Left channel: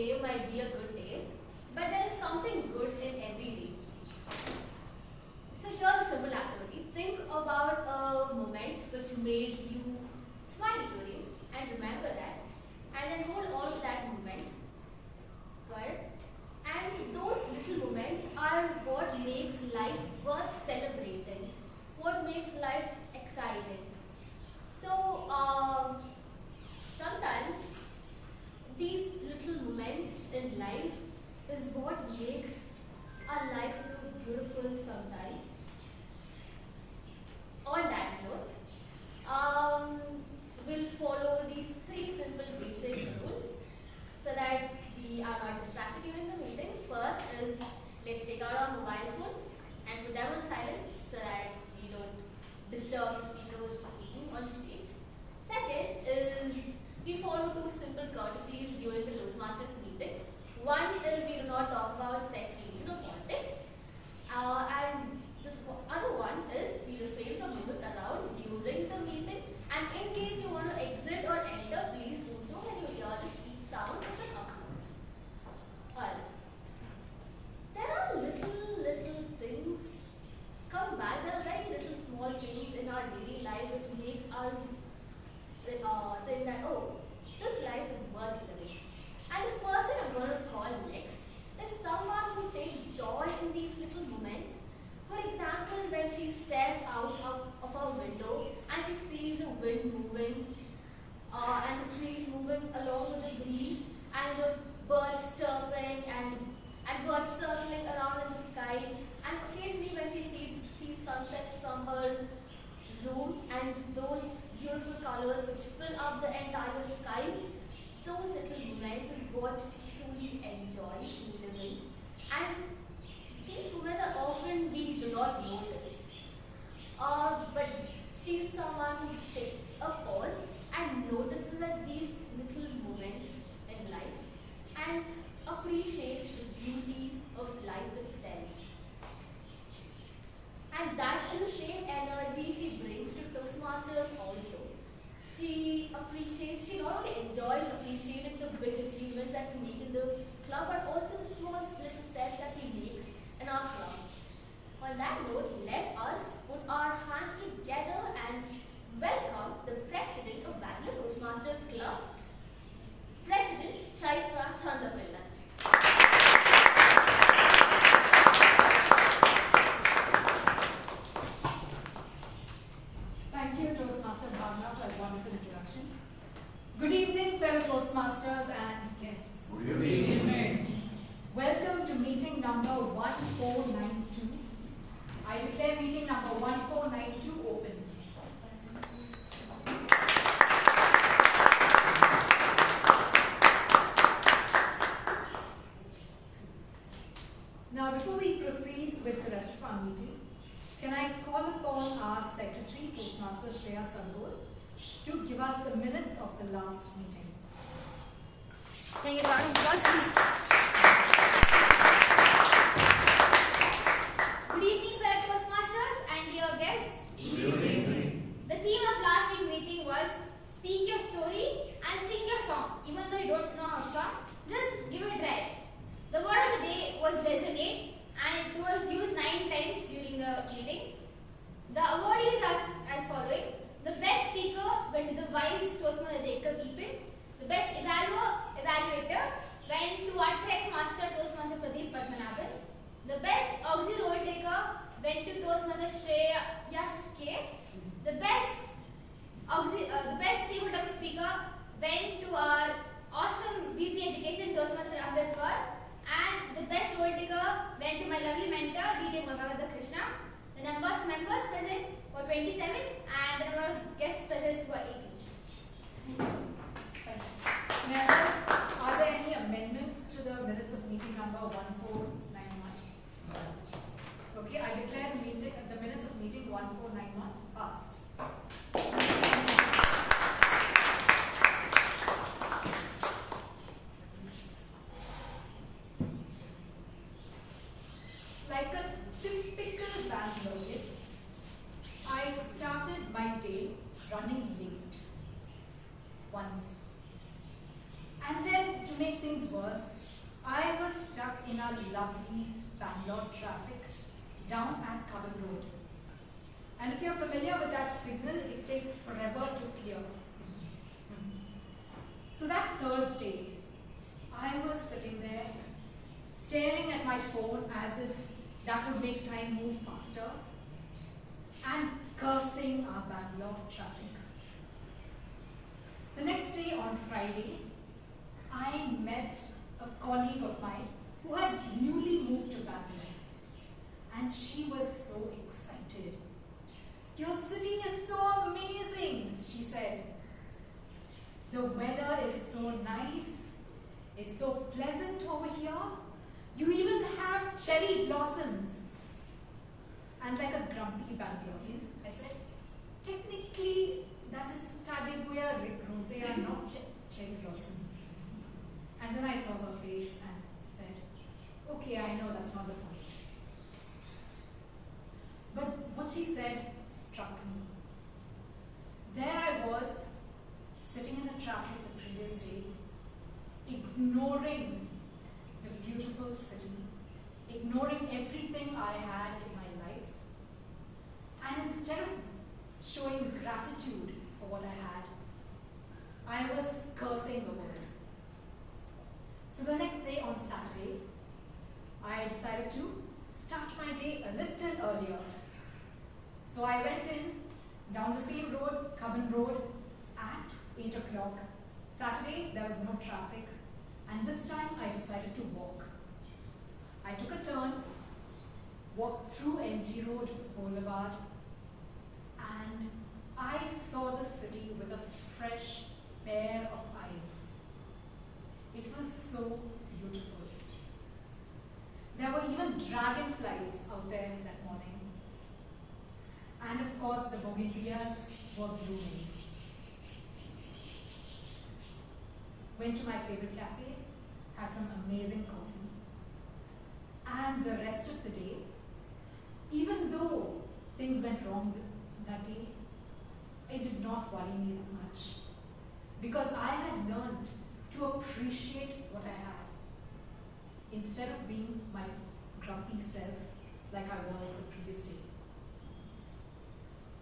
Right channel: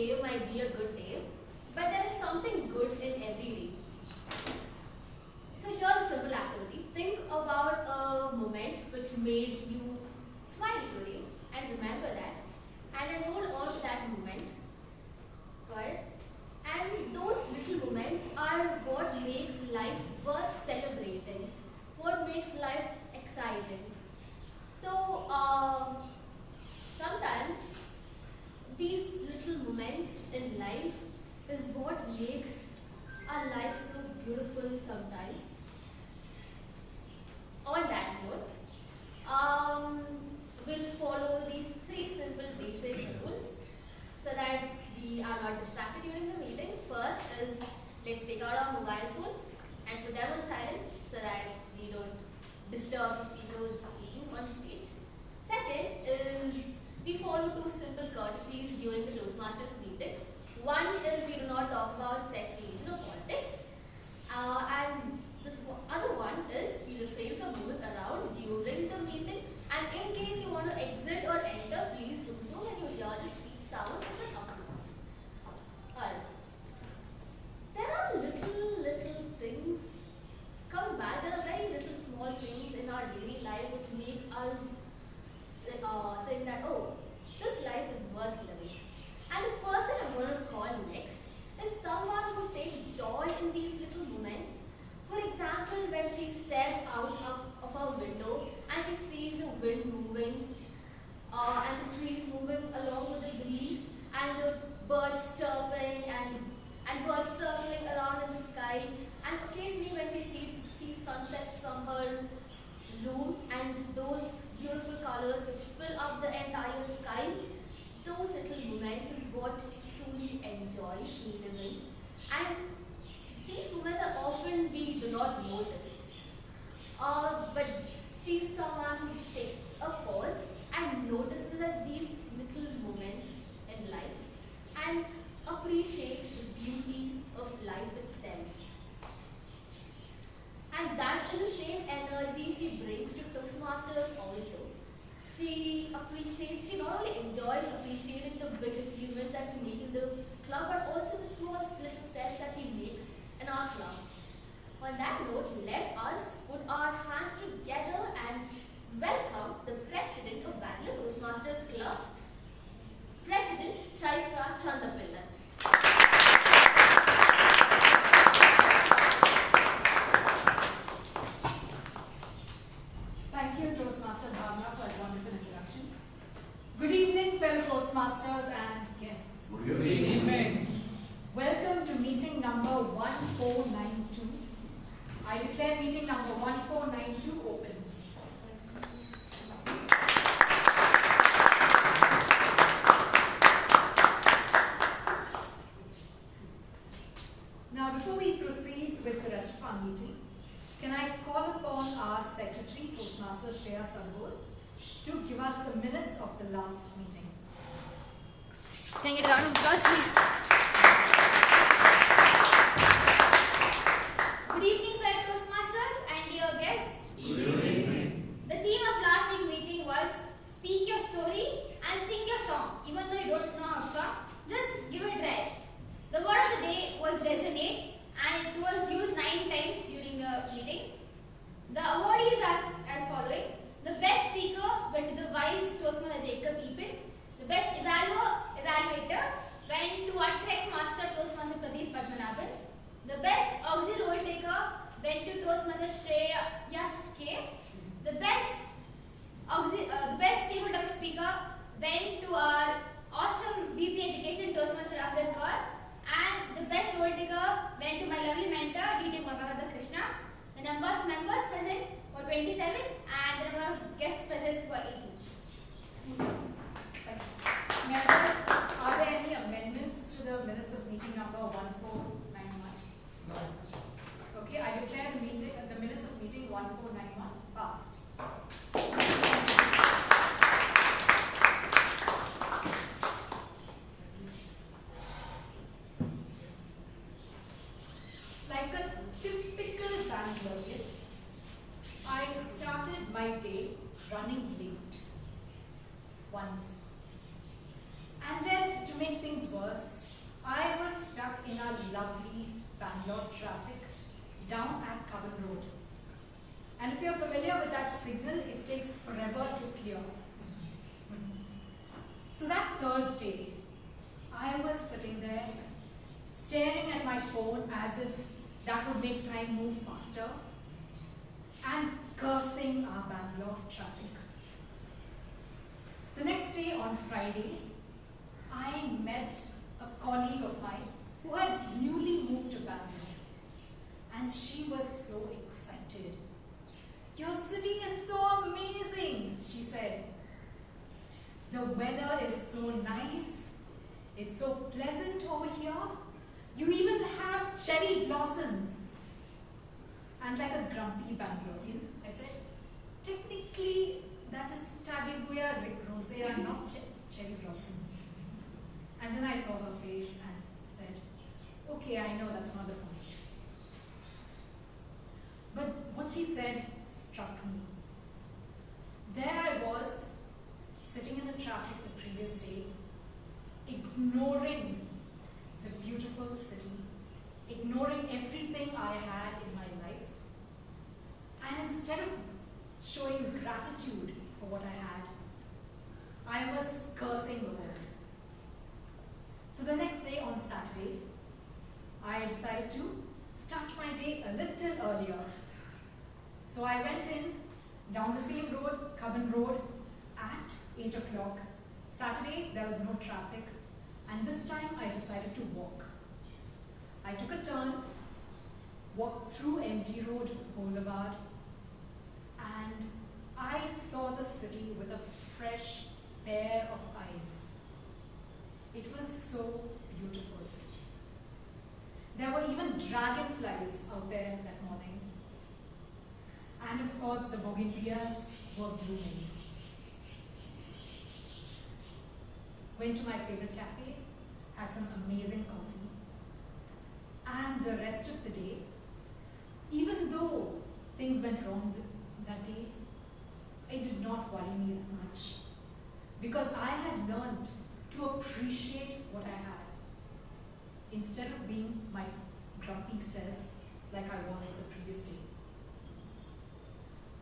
day might be a good day, but there is something good in every day. So here's a simple activity. Think about a moment which made you smile today and remember that, and then hold on to that moment. Good. And those little moments are what makes life worth celebrating, what makes life exciting. So sometimes these little moments in life is what makes our life so beautiful sometimes. On that note, we'll follow these 3 simple basic rules so that we are not distracted during the meeting. First is, let's take out our mobile phones and put them on silent so that we don't disturb the speaker who is speaking on stage. Second is, we follow 2 simple courtesies during the Toastmasters meeting. One is, we do not talk about sex, religion or politics. And the other one is, we refrain from moving around during the meeting. And in case you want to exit or enter, please do so when you hear the speech sound of an applause. Alright. There are little things coming back. There are very little small things in our daily life which makes us think that, oh, this life is worth living. And the person I'm going to call next is someone who takes joy in these little moments. For example, when she stares out of her window and she sees the wind moving and the trees moving along with the breeze and the birds chirping and birds circling around in the sky, and occasionally when she sees sunsets from her room and those beautiful colors which fill up the entire sky, those little moments is what she truly enjoys living. And these moments are often we do not notice. But she's someone who takes a pause and notices that these little moments in life and appreciates the beauty of life itself. And that is the same energy she brings to Toastmasters also. She not only enjoys appreciating the big achievements that we make in the club, but also the small little steps that we make in our club. On that note, let us put our hands together and welcome the President of Bangalore Toastmasters Club, President Chaitra Chandapillai. Thank you, Toastmaster Bhavana, for a wonderful introduction. Good evening, fellow Toastmasters and guests. Good evening. Welcome to meeting number 1492. I declare meeting number 1492 open. Now, before we proceed with the rest of our meeting, can I call upon our Secretary, Toastmaster Shreya Sambol, to give us the minutes of the last meeting. Can you get a round of applause, please? Good evening, fellow Toastmasters and dear guests. Good evening. The theme of last week's meeting was speak your story and sing your song. Even though you don't know how to song, just give it a try. The word of the day was resonate, and it was used 9 times during the meeting. The awardees are as following. The best speaker went to the Vice Toastmaster Jacob Epen. The best evaluator went to our Trek Master Toastmaster Pradeep Padmanabhan. The best auxiliary role taker went to Toastmaster Shreya K. The best tabletop speaker went to our awesome VP Education Toastmaster Amrith Kaur. And the best role taker went to my lovely mentor, Balakrishna. The number of members present were 27 and the number of guest presents were 18. Members, are there any amendments to the minutes of meeting number 1491? No. Okay, I declare the minutes of meeting 1491 passed. Like a typical Bangalorean, I started my day running late once. And then, to make things worse, was, I was stuck in our lovely Bangalore traffic down at Kaur Road. And if you're familiar with that signal, it takes forever to clear. So that Thursday, I was sitting there, staring at my phone as if that would make time move faster, and cursing our Bangalore traffic. The next day, on Friday, I met a colleague of mine who had newly moved to Bangalore, and she was so excited. "Your city is so amazing," she said. "The weather is so nice. It's so pleasant over here. You even have cherry blossoms." And like a grumpy Bangalorean, I said, "Technically, that is Tabeguya rosea, not cherry blossom." And then I saw her face and said, "Okay, I know that's not the point." But what she said struck me. There I was, sitting in the traffic the previous day, ignoring the beautiful city, ignoring everything I had in my life, and instead of showing gratitude for what I had, I was cursing the world. So the next day, on Saturday, I decided to start my day a little earlier. So I went in, down the same road, Kaur Road, at 8 o'clock. Saturday, there was no traffic, and this time I decided to walk. I took a turn, walked through MG Road Boulevard, and I saw the city with a fresh pair of eyes. It was so beautiful. There were even dragonflies out there that morning. And of course, the bougainvilleas were blooming. Went to my favorite cafe, had some amazing coffee. And the rest of the day, even though things went wrong that day, it did not worry me that much. Because I had learned to appreciate what I had, instead of being my grumpy self like I was the previous day.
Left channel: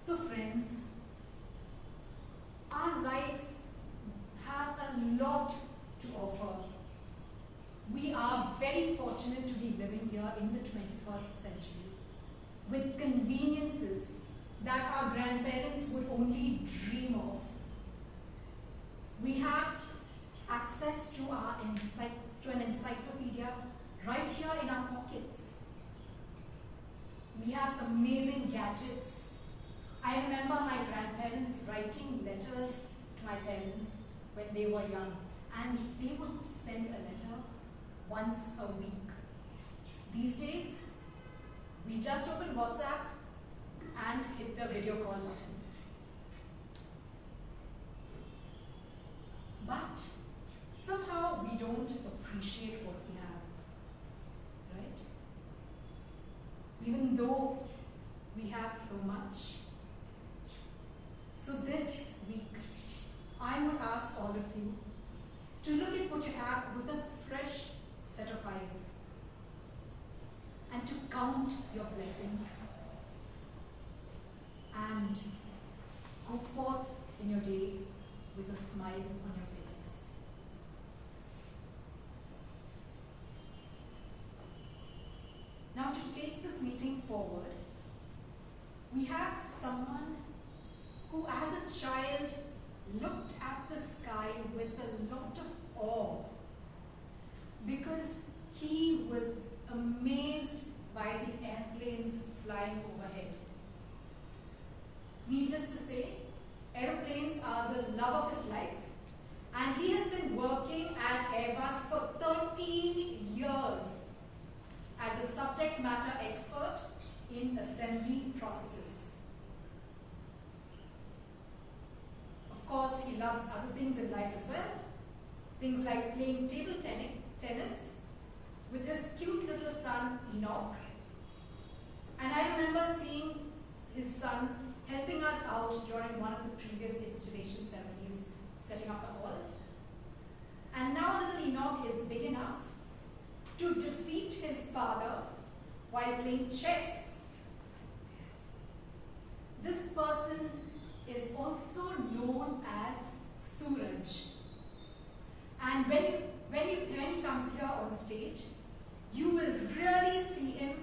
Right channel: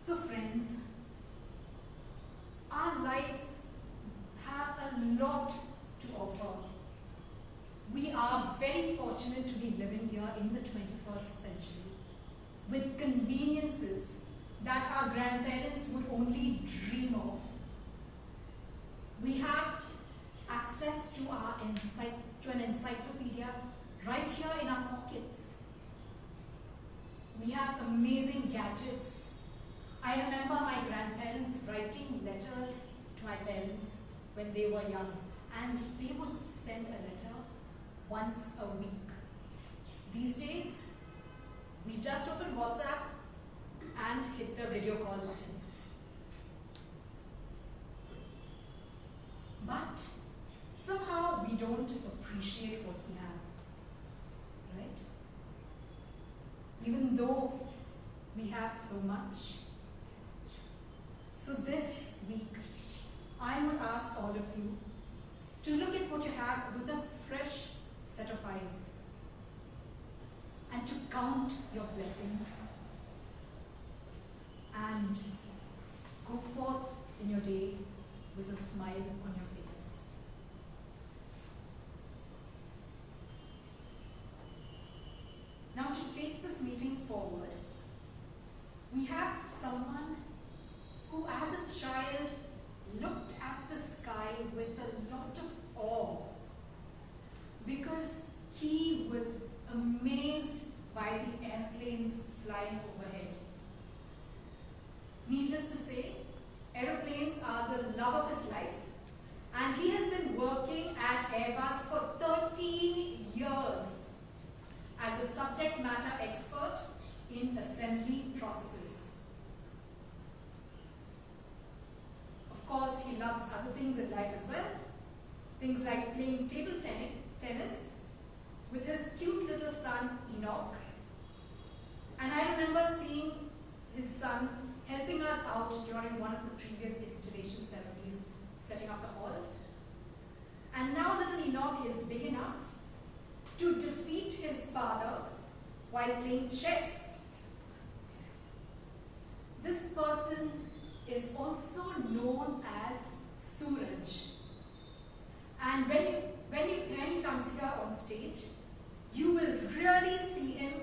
So friends, our lives have a lot to offer. We are very fortunate to be living here in the 21st century with conveniences that our grandparents would only dream of. We have access to an encyclopedia right here in our pockets. We have amazing gadgets. I remember my grandparents writing letters to my parents when they were young, and they would send a letter once a week. These days, we just open WhatsApp and hit the video call button. But somehow we don't appreciate what we have, right? Even though we have so much. So this week, I would ask all of you to look at what you have with a fresh set of eyes and to count your blessings and go forth in your day with a smile on your face. Now, to take this meeting forward, we have someone who as a child looked at the sky with a lot of awe because he was amazed by the airplanes flying overhead. Needless to say, aeroplanes are the love of his life, and he has been working at Airbus for 13 years as a subject matter expert in assembly processes. Of course, he loves other things in life as well. Things like playing table tennis with his cute little son, Enoch. And I remember seeing his son helping us out during one of the previous installation ceremonies, setting up the hall. And now little Enoch is big enough father while playing chess. This person is also known as Suraj. And when he comes here on stage, you will really see him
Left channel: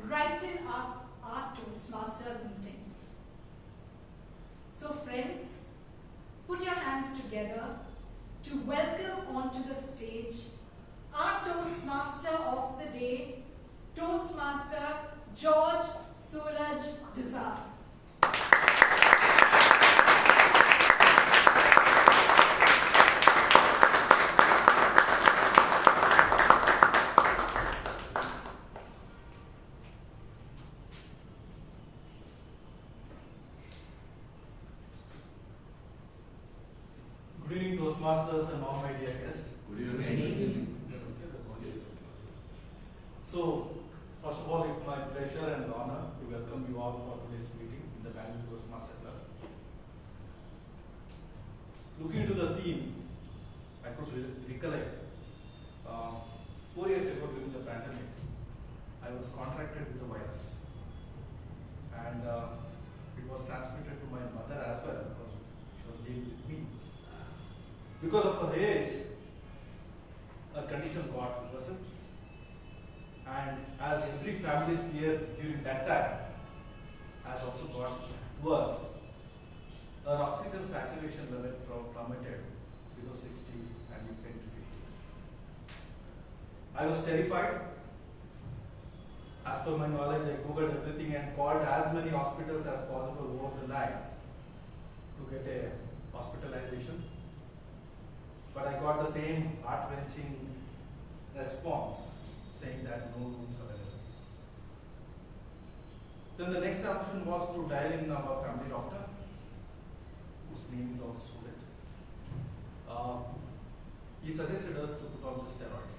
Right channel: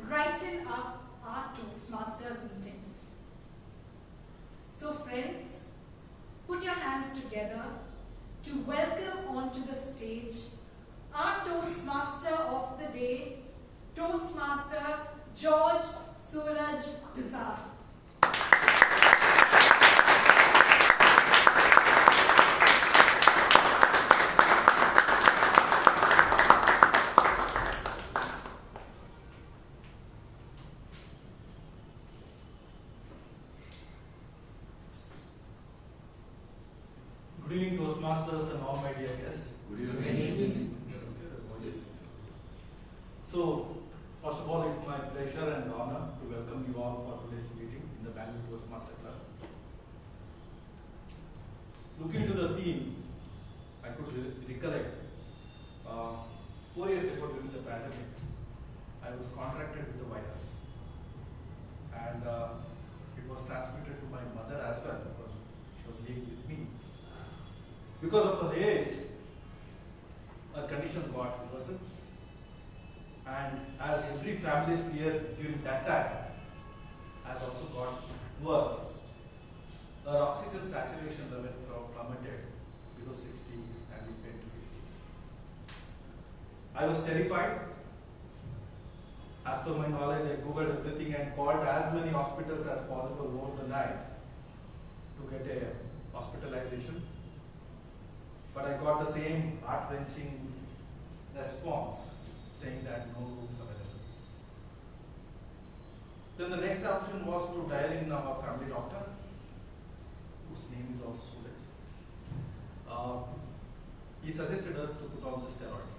brighten up our Toastmasters meeting. So friends, put your hands together to welcome onto the stage our Toastmaster of the day, Toastmaster George Dsa. Good evening, Toastmasters and all my dear guests. Good evening. So, first of all, it's my pleasure and honor to welcome you all for today's meeting in the Bangalore Toastmasters Club. Looking to the theme, I could recollect 4 years ago during the pandemic, I was contracted with the virus, and it was transmitted to my mother as well because she was living with me. Because of her age, her condition got worsened, and as every family's fear during that time has also got worse, her oxygen saturation level plummeted below 60 and it went to 50. I was terrified. As per my knowledge, I googled everything and called as many hospitals as possible over the night to get a hospitalization. But I got the same heart-wrenching response saying that no rooms available. Then the next option was to dial in our family doctor, whose name is also Suraj. He suggested us to put on the steroids.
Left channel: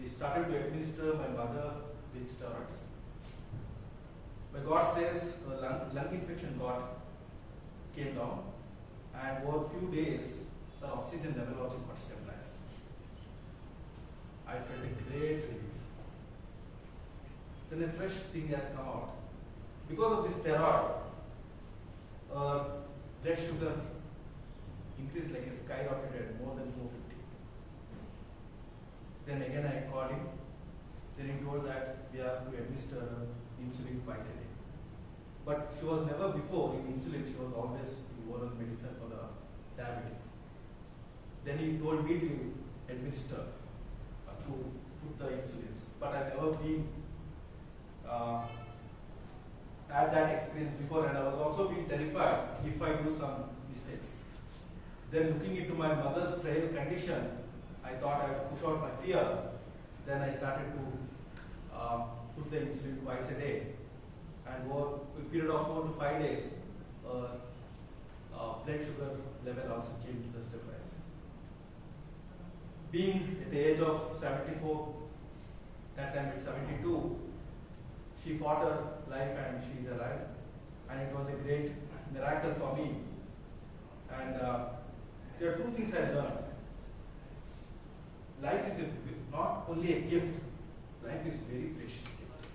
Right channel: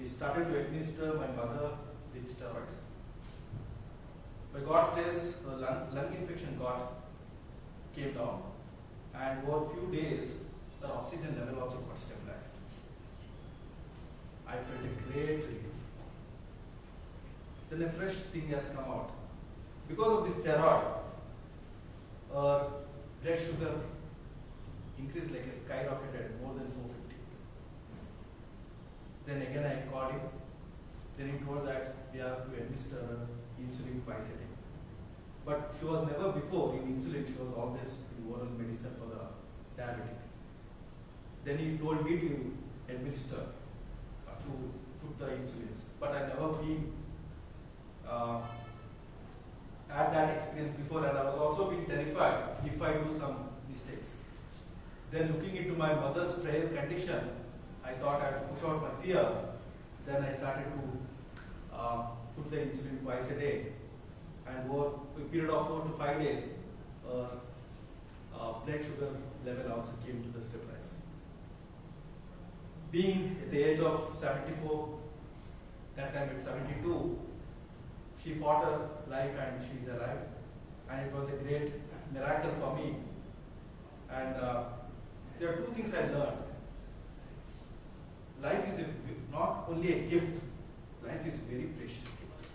We started to administer my mother with steroids. By God's grace, her lung infection came down, and over a few days, the oxygen level also got stabilized. I felt a great relief. Then a fresh thing has come out. Because of this steroid, blood sugar increased like a skyrocketed, more than 450. Then again I called him. Then he told that we have to administer insulin twice a day. But she was never before in insulin, she was always in oral medicine for the diabetic. Then he told me to administer, to put the insulins. But I never been had that experience before, and I was also being terrified if I do some mistakes. Then looking into my mother's frail condition, I thought I would push out my fear. Then I started to put the insulin twice a day, and over a period of 4 to 5 days, blood sugar level also came to the stabilize. Being at the age of 74, that time at 72, she fought her life and she's alive. And it was a great miracle for me. And there are 2 things I learned. Life is not only a gift, life is a very precious gift.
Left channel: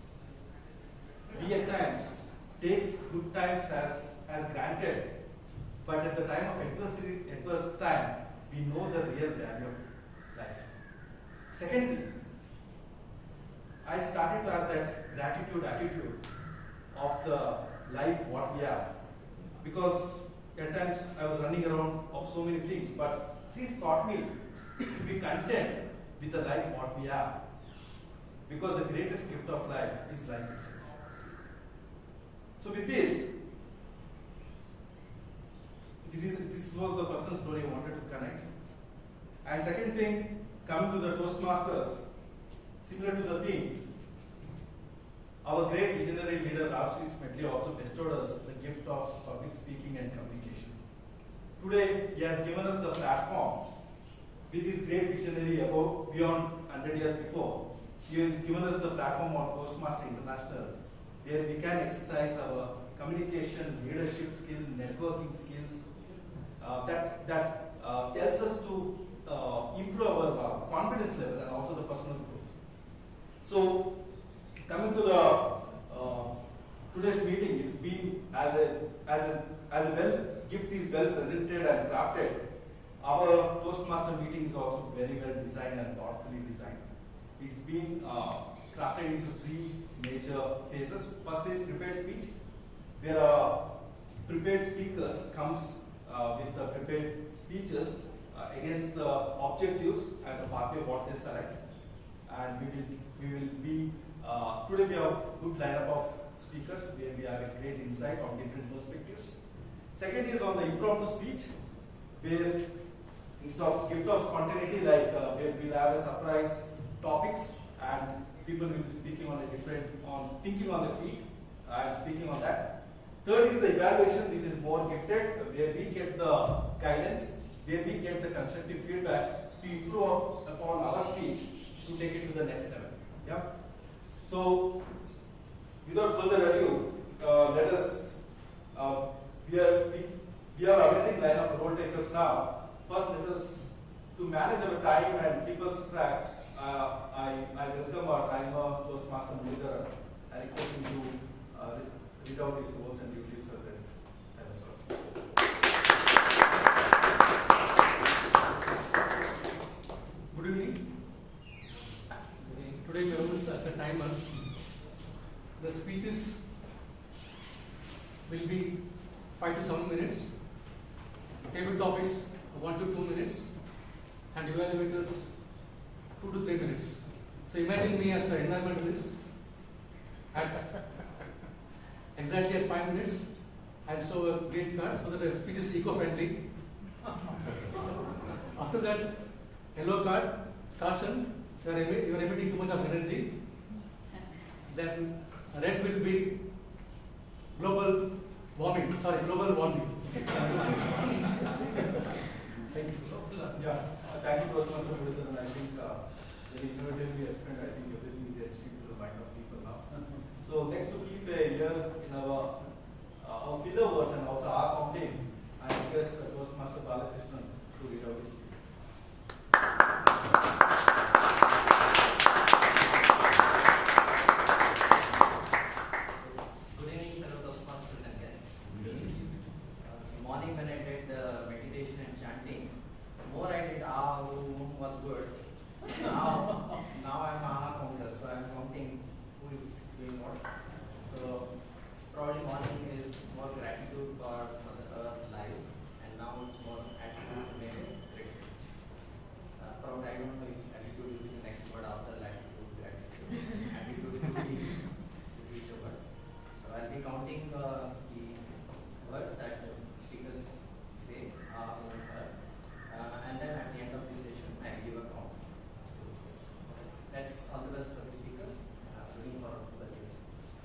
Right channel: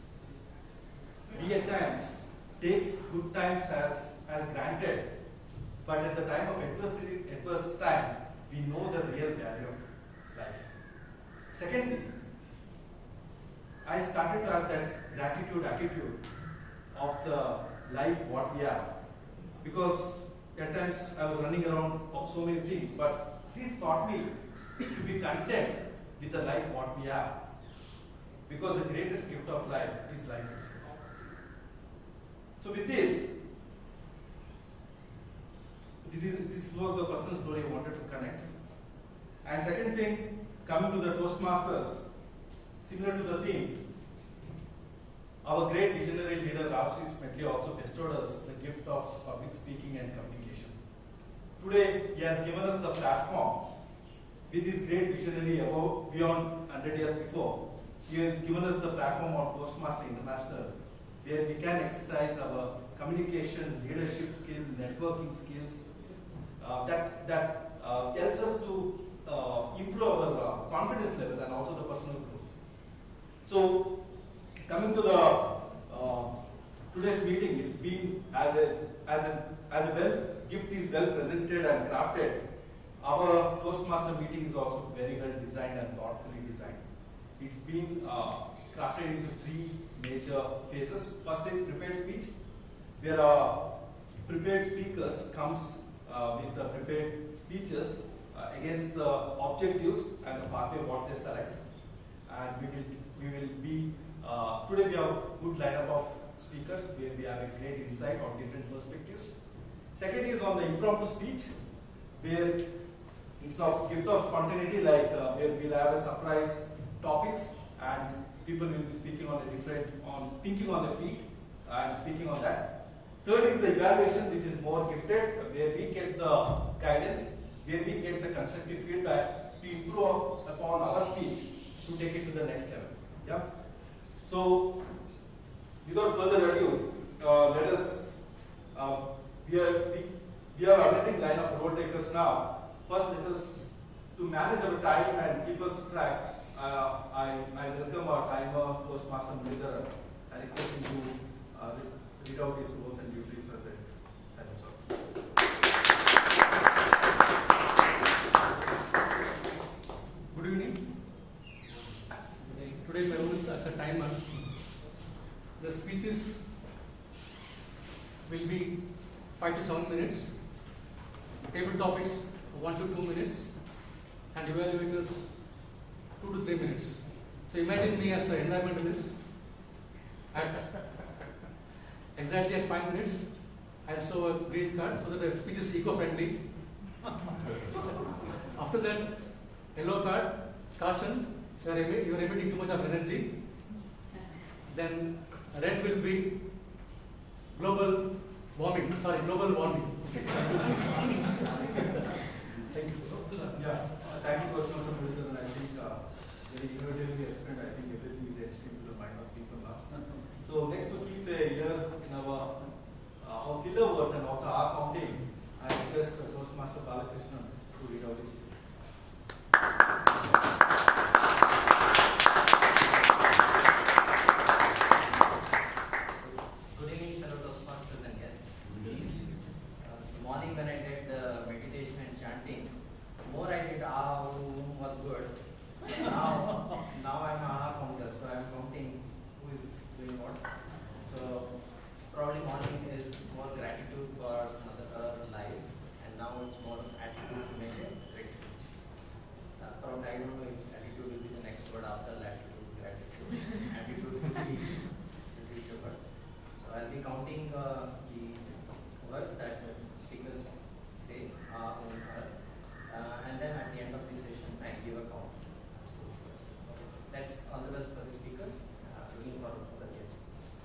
We at times takes good times as granted, but at the time of adverse time, we know the real value of life. Second thing, I started to have that gratitude attitude of the life what we are, because at times I was running around of so many things, but this taught me to be content with the life what we are, because the greatest gift of life is life itself. So with this was the personal story I wanted to connect. And second thing, coming to the Toastmasters, similar to the theme, our great visionary leader Rashi also bestowed us the gift of public speaking and communication. Today, he has given us the platform with his great visionary beyond 100 years before. He has given us the platform of Toastmaster International, where we can exercise our communication, leadership skills, networking skills that helps us to improve our confidence level and also the personal growth. So, coming to the today's meeting, it's been as a well gift is well presented and crafted. Our Toastmaster meeting is also very well designed and thoughtfully designed. It's been crafted into three major phases. First is prepared speech, where prepared speakers comes with the prepared speeches against the objectives and the pathway what they select. And we will be today we have a good lineup of speakers where we have a great insight on different perspectives. Second is on the impromptu speech, where it's of gift of spontaneity, like where we'll have a surprise topics and people will be speaking on thinking on their feet and speaking on that. Third is the evaluation, which is more gifted, where we get the guidance, where we get the constructive feedback to improve upon our speech to take it to the next level. Yeah. So, without further ado, let us. We are amazing line of role takers now. First, let us to manage our time and keep us track. I welcome our timer, Toastmaster leader. I request him to read out his roles and duties as a timer, sir. Good evening. Today my role is as a timer. The speeches will be 5 to 7 minutes. Table topics 1 to 2 minutes, and evaluators 2 to 3 minutes. So imagine me as an environmentalist. At exactly at 5 minutes, I'll show a green card so that the speech is eco-friendly. After that, yellow card, caution, you are emitting too much of energy. Then red will be global warming. Thank you. Yeah, thank you, Toastmaster Leader, and I think very innovatively explained. I think everything is etched into the mind of people now. So next to keep the ear in our filler words and also our counting, I request Toastmaster Balakrishna to read out his speech. Good evening, fellow Toastmasters and guests. This morning when I did meditation and chanting, the more I did was good. Now I'm a counter, so I'm counting who is doing what. So probably morning is more gratitude for Mother Earth life, and now it's more attitude to make a great speech. Probably I don't know if attitude will be the next word after latitude, gratitude. Attitude will be the future word. So I'll be counting the words that speakers say in her, and then at the end of the session, I'll give a count. That's all the best for the speakers. Looking forward to the great speakers.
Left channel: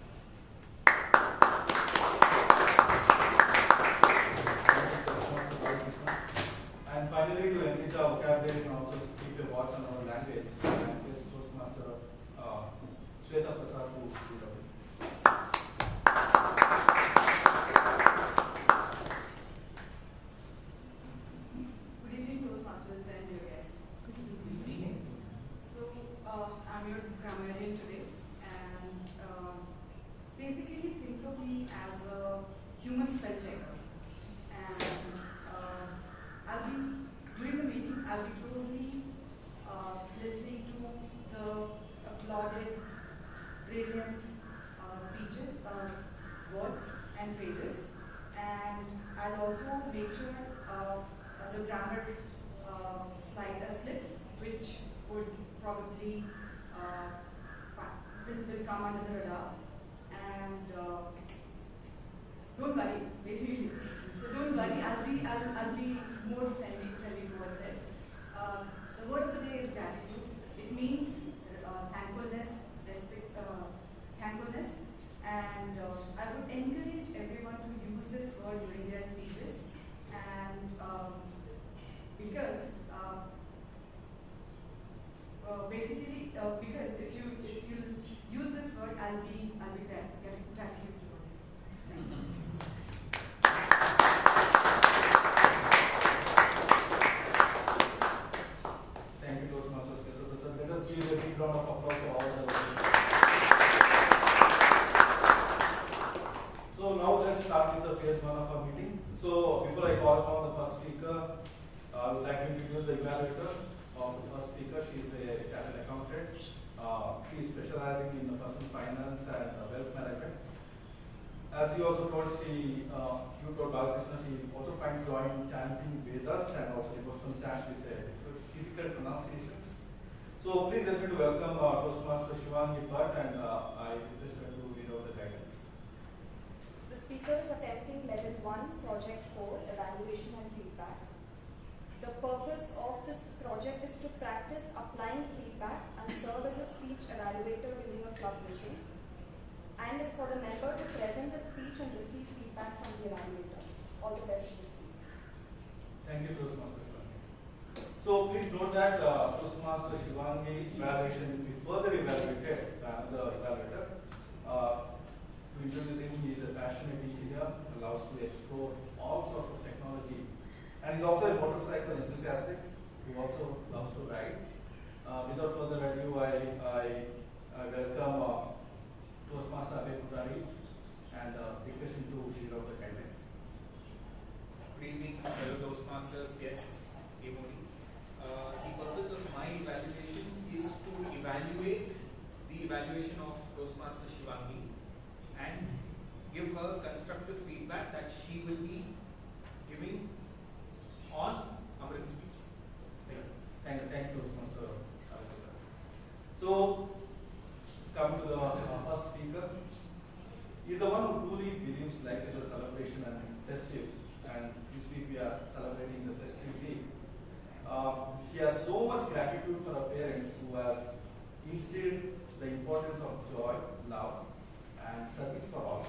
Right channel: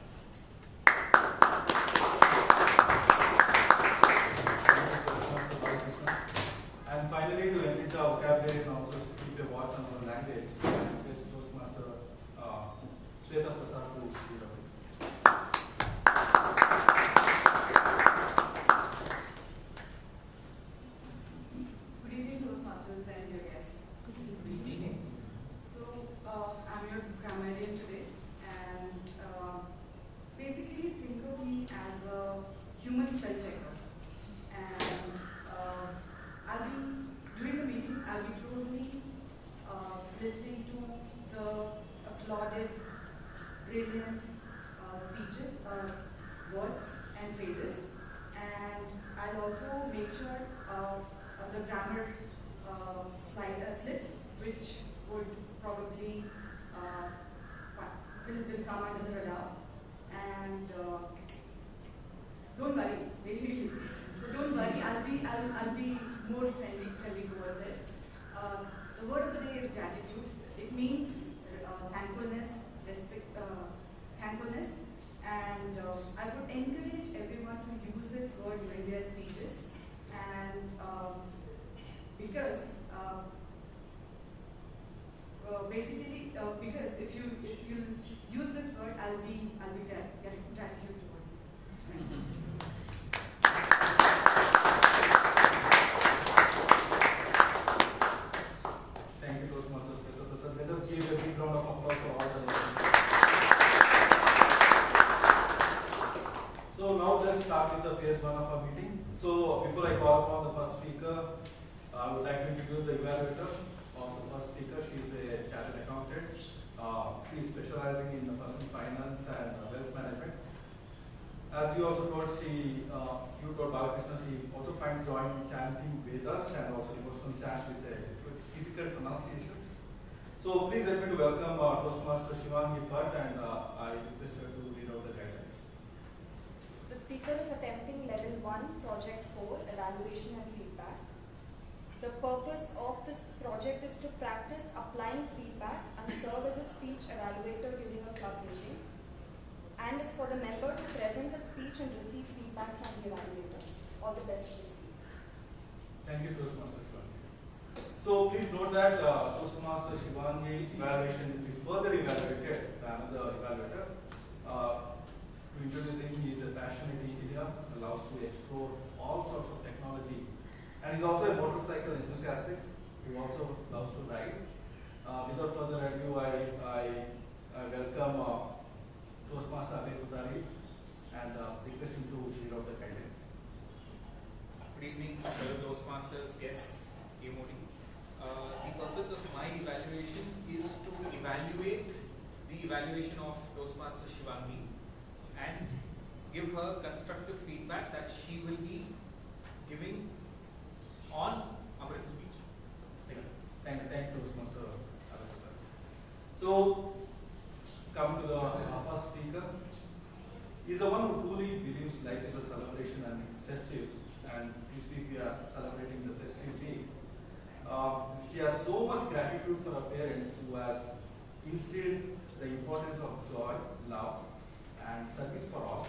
And finally, to enrich our vocabulary and also keep a watch on our language, I request Toastmaster Shweta Prasad to read out his speech. Good evening, Toastmasters and your guests. So, I'm your grammarian today, and basically think of me as a human spell checker. And I'll be during the meeting. I'll be closely listening to the applauded, brilliant speeches, words, and phrases, and I'll also make sure of the grammar slips, which would probably will come under the radar. And don't worry, basically. So don't worry, I'll be more friendly towards it. The word of the day is gratitude. It means thankfulness, respect, thankfulness, and I would encourage everyone to use this word during their speeches, and because basically because if you use this word, I'll be gratitude towards it. Thank you, Toastmasters. Let us give a big round of applause for all the I would like to introduce the evaluator of the first speaker. She is a chartered accountant. She is specializing in personal finance and wealth management. As you also told, you told Balakrishna, she also finds joy in chanting Vedas and also devotional chants with difficult pronunciations. So please help me to welcome Toastmaster Shivangi Bhatt, and I request her to read out the guidelines. The speaker is attempting level 1, project 4, evaluation and feedback. The purpose of this project is to practice applying feedback and serve as a speech evaluator during a club meeting, and is for the member to present a speech and receive feedback from the evaluator. All the best to the speaker. Thank you, Toastmaster Shivangi. So please note that Toastmaster Shivangi's evaluation will be further evaluated by another evaluator. To introduce him, he is a passionate engineer, allows to explore all sorts of technology, and he's also a motorcycle enthusiastic who also loves to ride. Without further ado, I welcome Toastmaster Pradhan and request him to read out the guidelines. Good evening, fellow Toastmasters, guests, MOD. The purpose of my evaluation is to evaluate the evaluation of Toastmaster Shivangi and give her constructive feedback that she will be giving on Amrith's speech. Thank you, Toastmaster. So, come to the first speaker. He's the one who truly believes life is a celebration and festives. And this week we are celebrating the festive week. She has so much gratitude for her parents who has instilled the importance of joy, love, and service for all.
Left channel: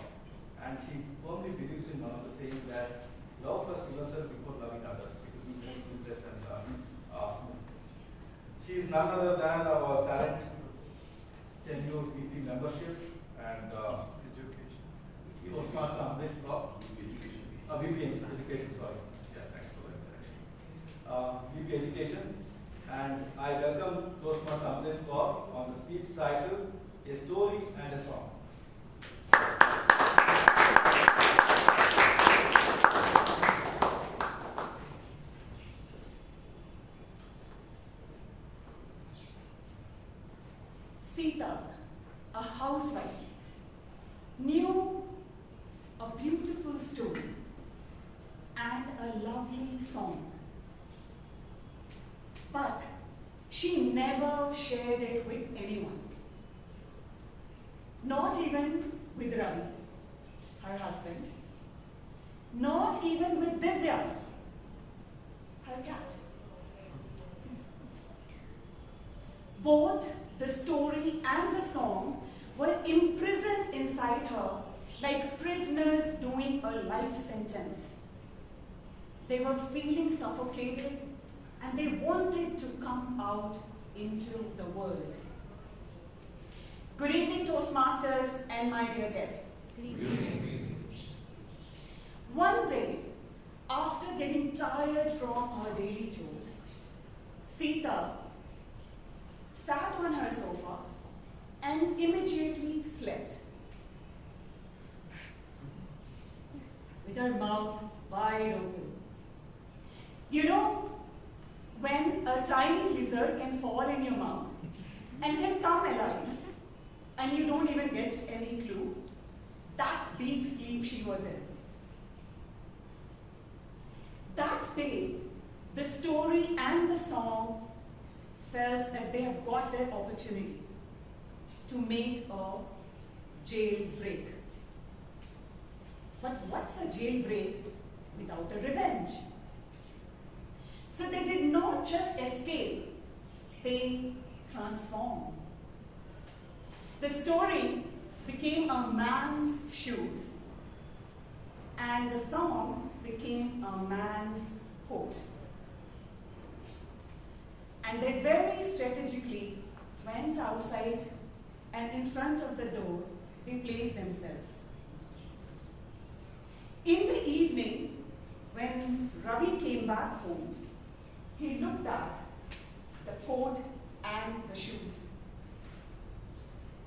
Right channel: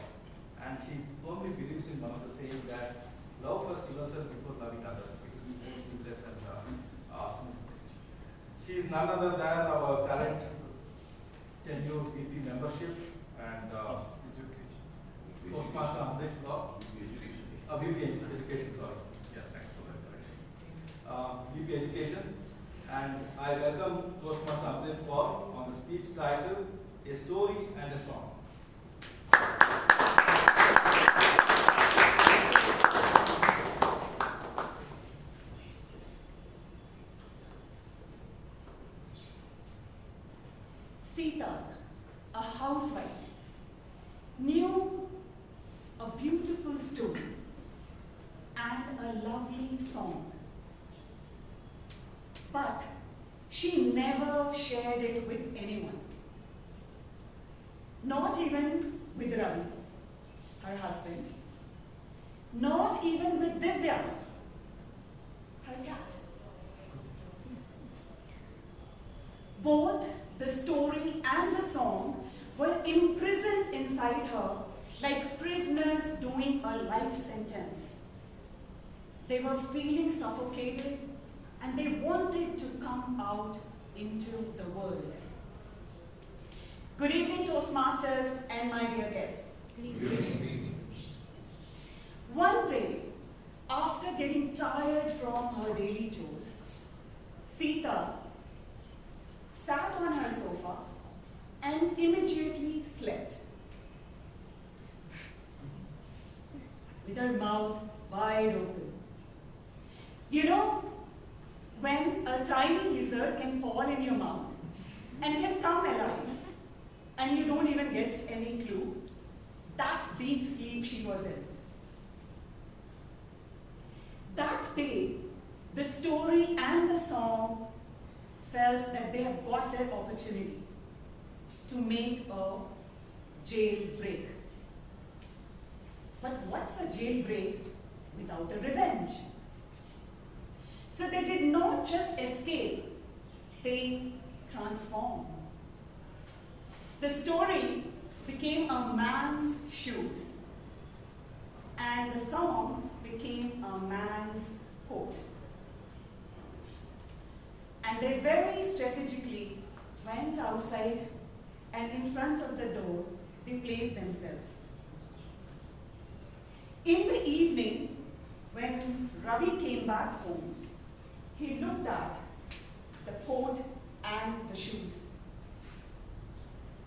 And she firmly believes in one of the saying that love first yourself before loving others. It will be more seamless and smooth. She is none other than our current tenured VP membership and Toastmaster Amrith VP Education, sorry. Yeah, thanks for that correction. VP Education, and I welcome Toastmaster Amrith Kaur on the speech title, A Story and a Song. Sita, a housewife, knew a beautiful story and a lovely song. But she never shared it with anyone. Not even with Ravi, her husband. Not even with Divya, her cat. Both the story and the song were imprisoned inside her like prisoners doing a life sentence. They were feeling suffocated and they wanted to come out into the world. Good evening, Toastmasters and my dear guests. Good evening. One day, after getting tired from her daily chores, Sita sat on her sofa and immediately slept. With her mouth wide open. You know, when a tiny lizard can fall in your mouth and can come alive, and you don't even get any clue, that deep sleep she was in. That day, the story and the song felt that they have got their opportunity to make a jailbreak. But what's a jailbreak without a revenge? So they did not just escape, they transformed. The story became a man's shoes, and the song became a man's coat. And they very strategically went outside, and in front of the door, they placed themselves. In the evening, when Ravi came back home, he looked at the coat and the shoes.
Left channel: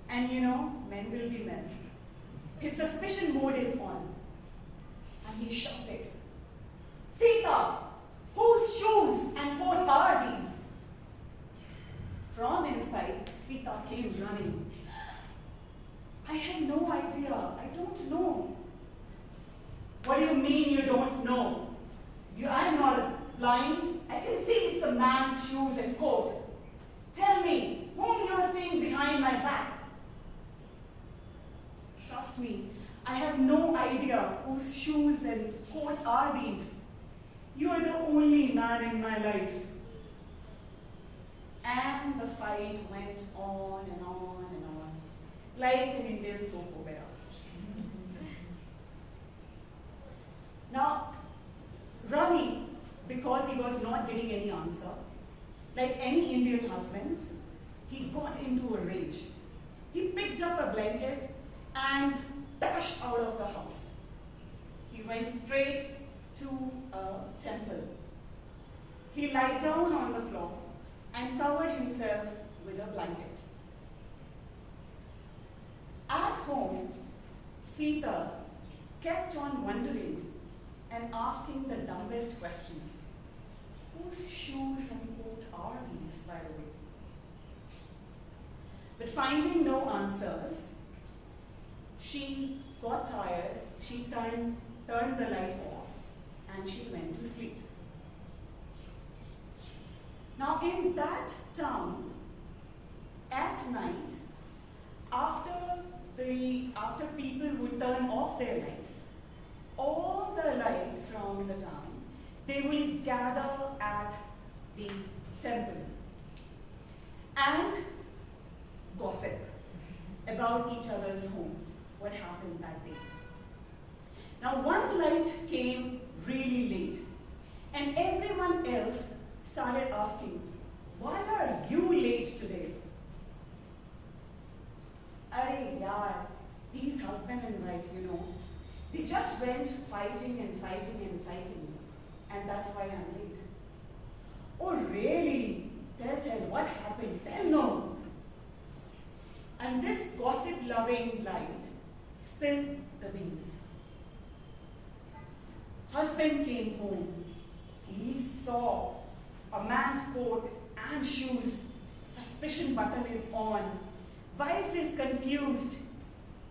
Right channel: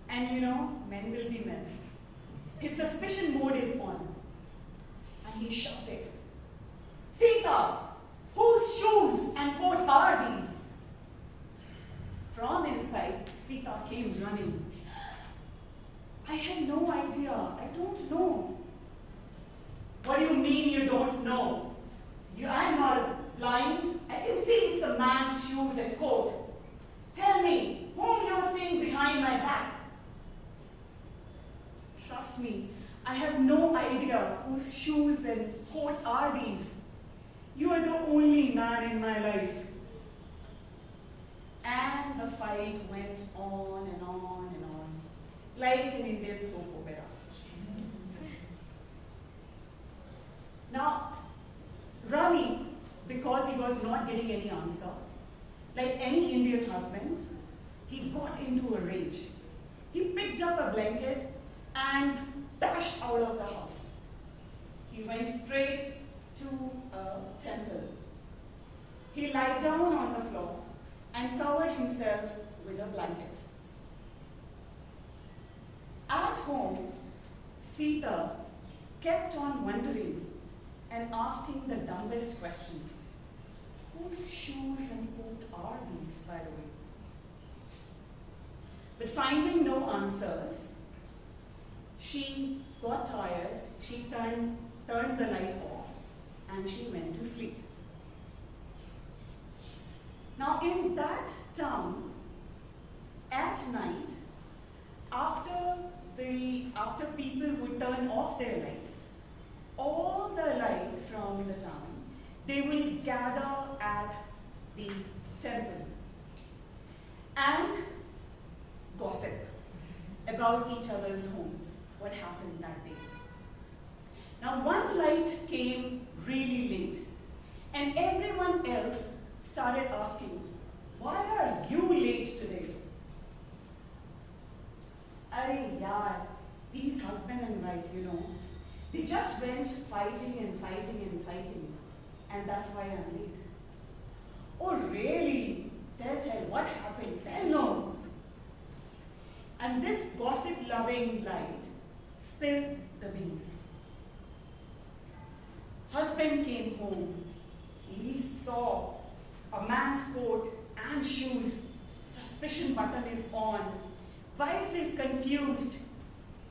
And you know, men will be men. His suspicion mode is on. And he shouted, "Sita, whose shoes?" came running. I had no idea. I don't know. What do you mean you don't know? I'm not blind. I can see it's a man's shoes and coat. Tell me, whom you're seeing behind my back? Trust me, I have no idea whose shoes and coat are these. You are the only man in my life. And the fight went on and on and on, like an Indian soap opera. Now, Ravi, because he was not getting any answer, like any Indian husband, he got into a rage. He picked up a blanket and dashed out of the house. He went straight to a temple. He lay down on the floor and covered himself with a blanket. At home, Sita kept on wondering and asking the dumbest question. Whose shoes and coat are these, by the way? But finding no answers, she got tired, she turned the light off, and she went to sleep. Now in that town, at night, after people would turn off their lights, all the lights from the town, they will gather at the temple and gossip about each other's homes, what happened that day. Now one light came really late, and everyone else started asking, why are you late today? Arey yaar, these husband and wife, they just went fighting and fighting and fighting, and that's why I'm late. Oh really? Tell, what happened? Tell no. And this gossip-loving light spilled the beans. Husband came home. He saw a man's coat and shoes. Suspicion button is on. Wife is confused.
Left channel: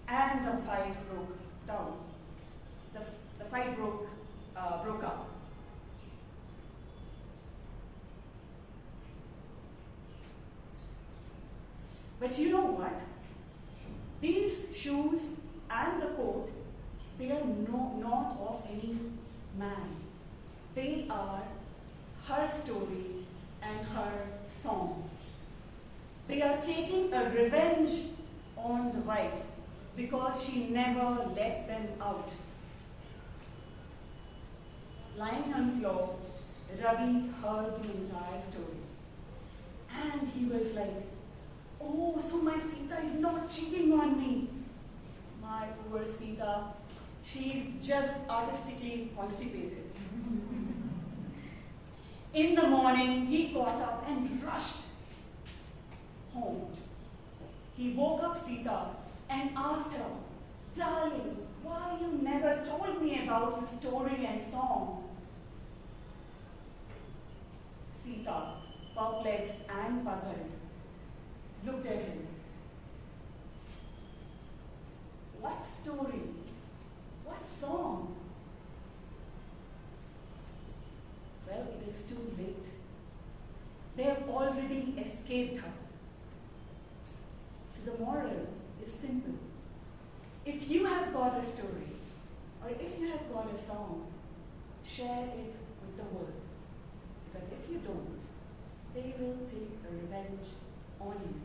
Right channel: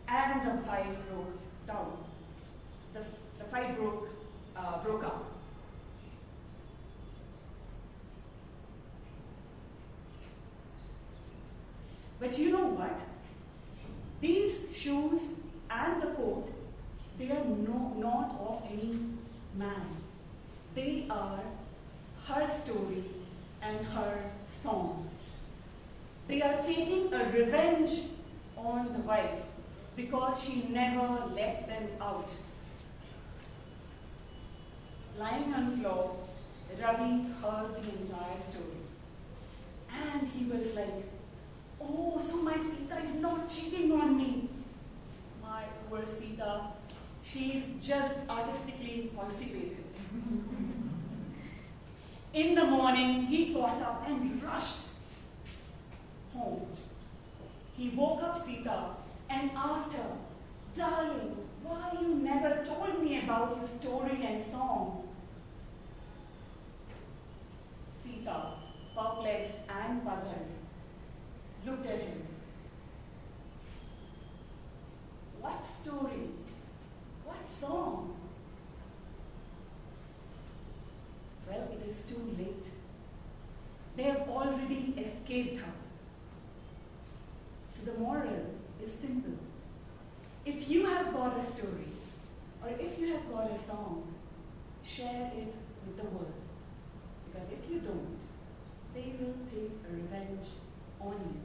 And the fight broke down. The fight broke up. But you know what? These shoes and the coat, they are not of any man. They are her story and her song. They are taking a revenge on the wife because she never let them out. Lying on the floor, Ravi heard the entire story. And he was like, oh, so my Sita is not cheating on me. My poor Sita, she's just artistically constipated. In the morning, he got up and rushed home. He woke up Sita and asked her, darling, why you never told me about your story and song? Sita, perplexed and puzzled, looked at him. What story? What song? Well, it is too late. They have already escaped her. So the moral is simple. If you have got a story, or if you have got a song, share it with the world. Because if you don't, they will take a revenge on you.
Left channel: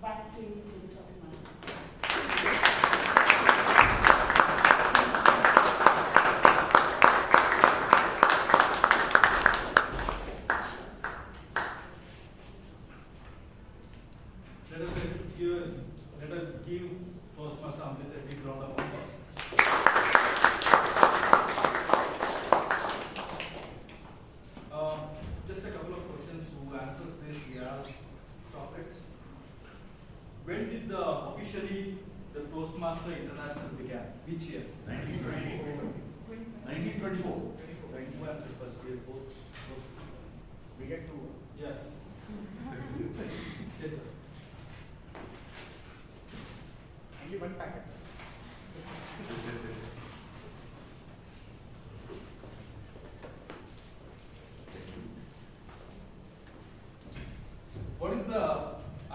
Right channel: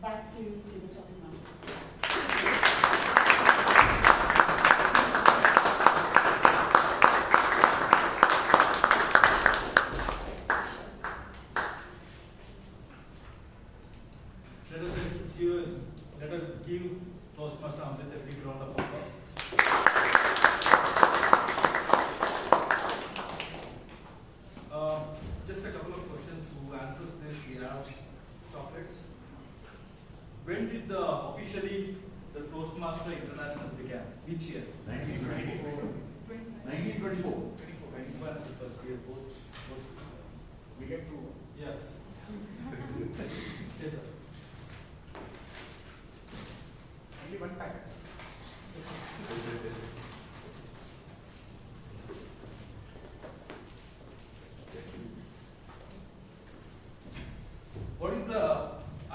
Back to the Toastmaster. Let us give Toastmaster Amrith a big round of applause. Just a couple of questions. Who answers this? We have chocolates. When did officially the Toastmaster International began? Which year? 1924. 1924. Who answered first? We have both. We get to. Yes. Chaitra.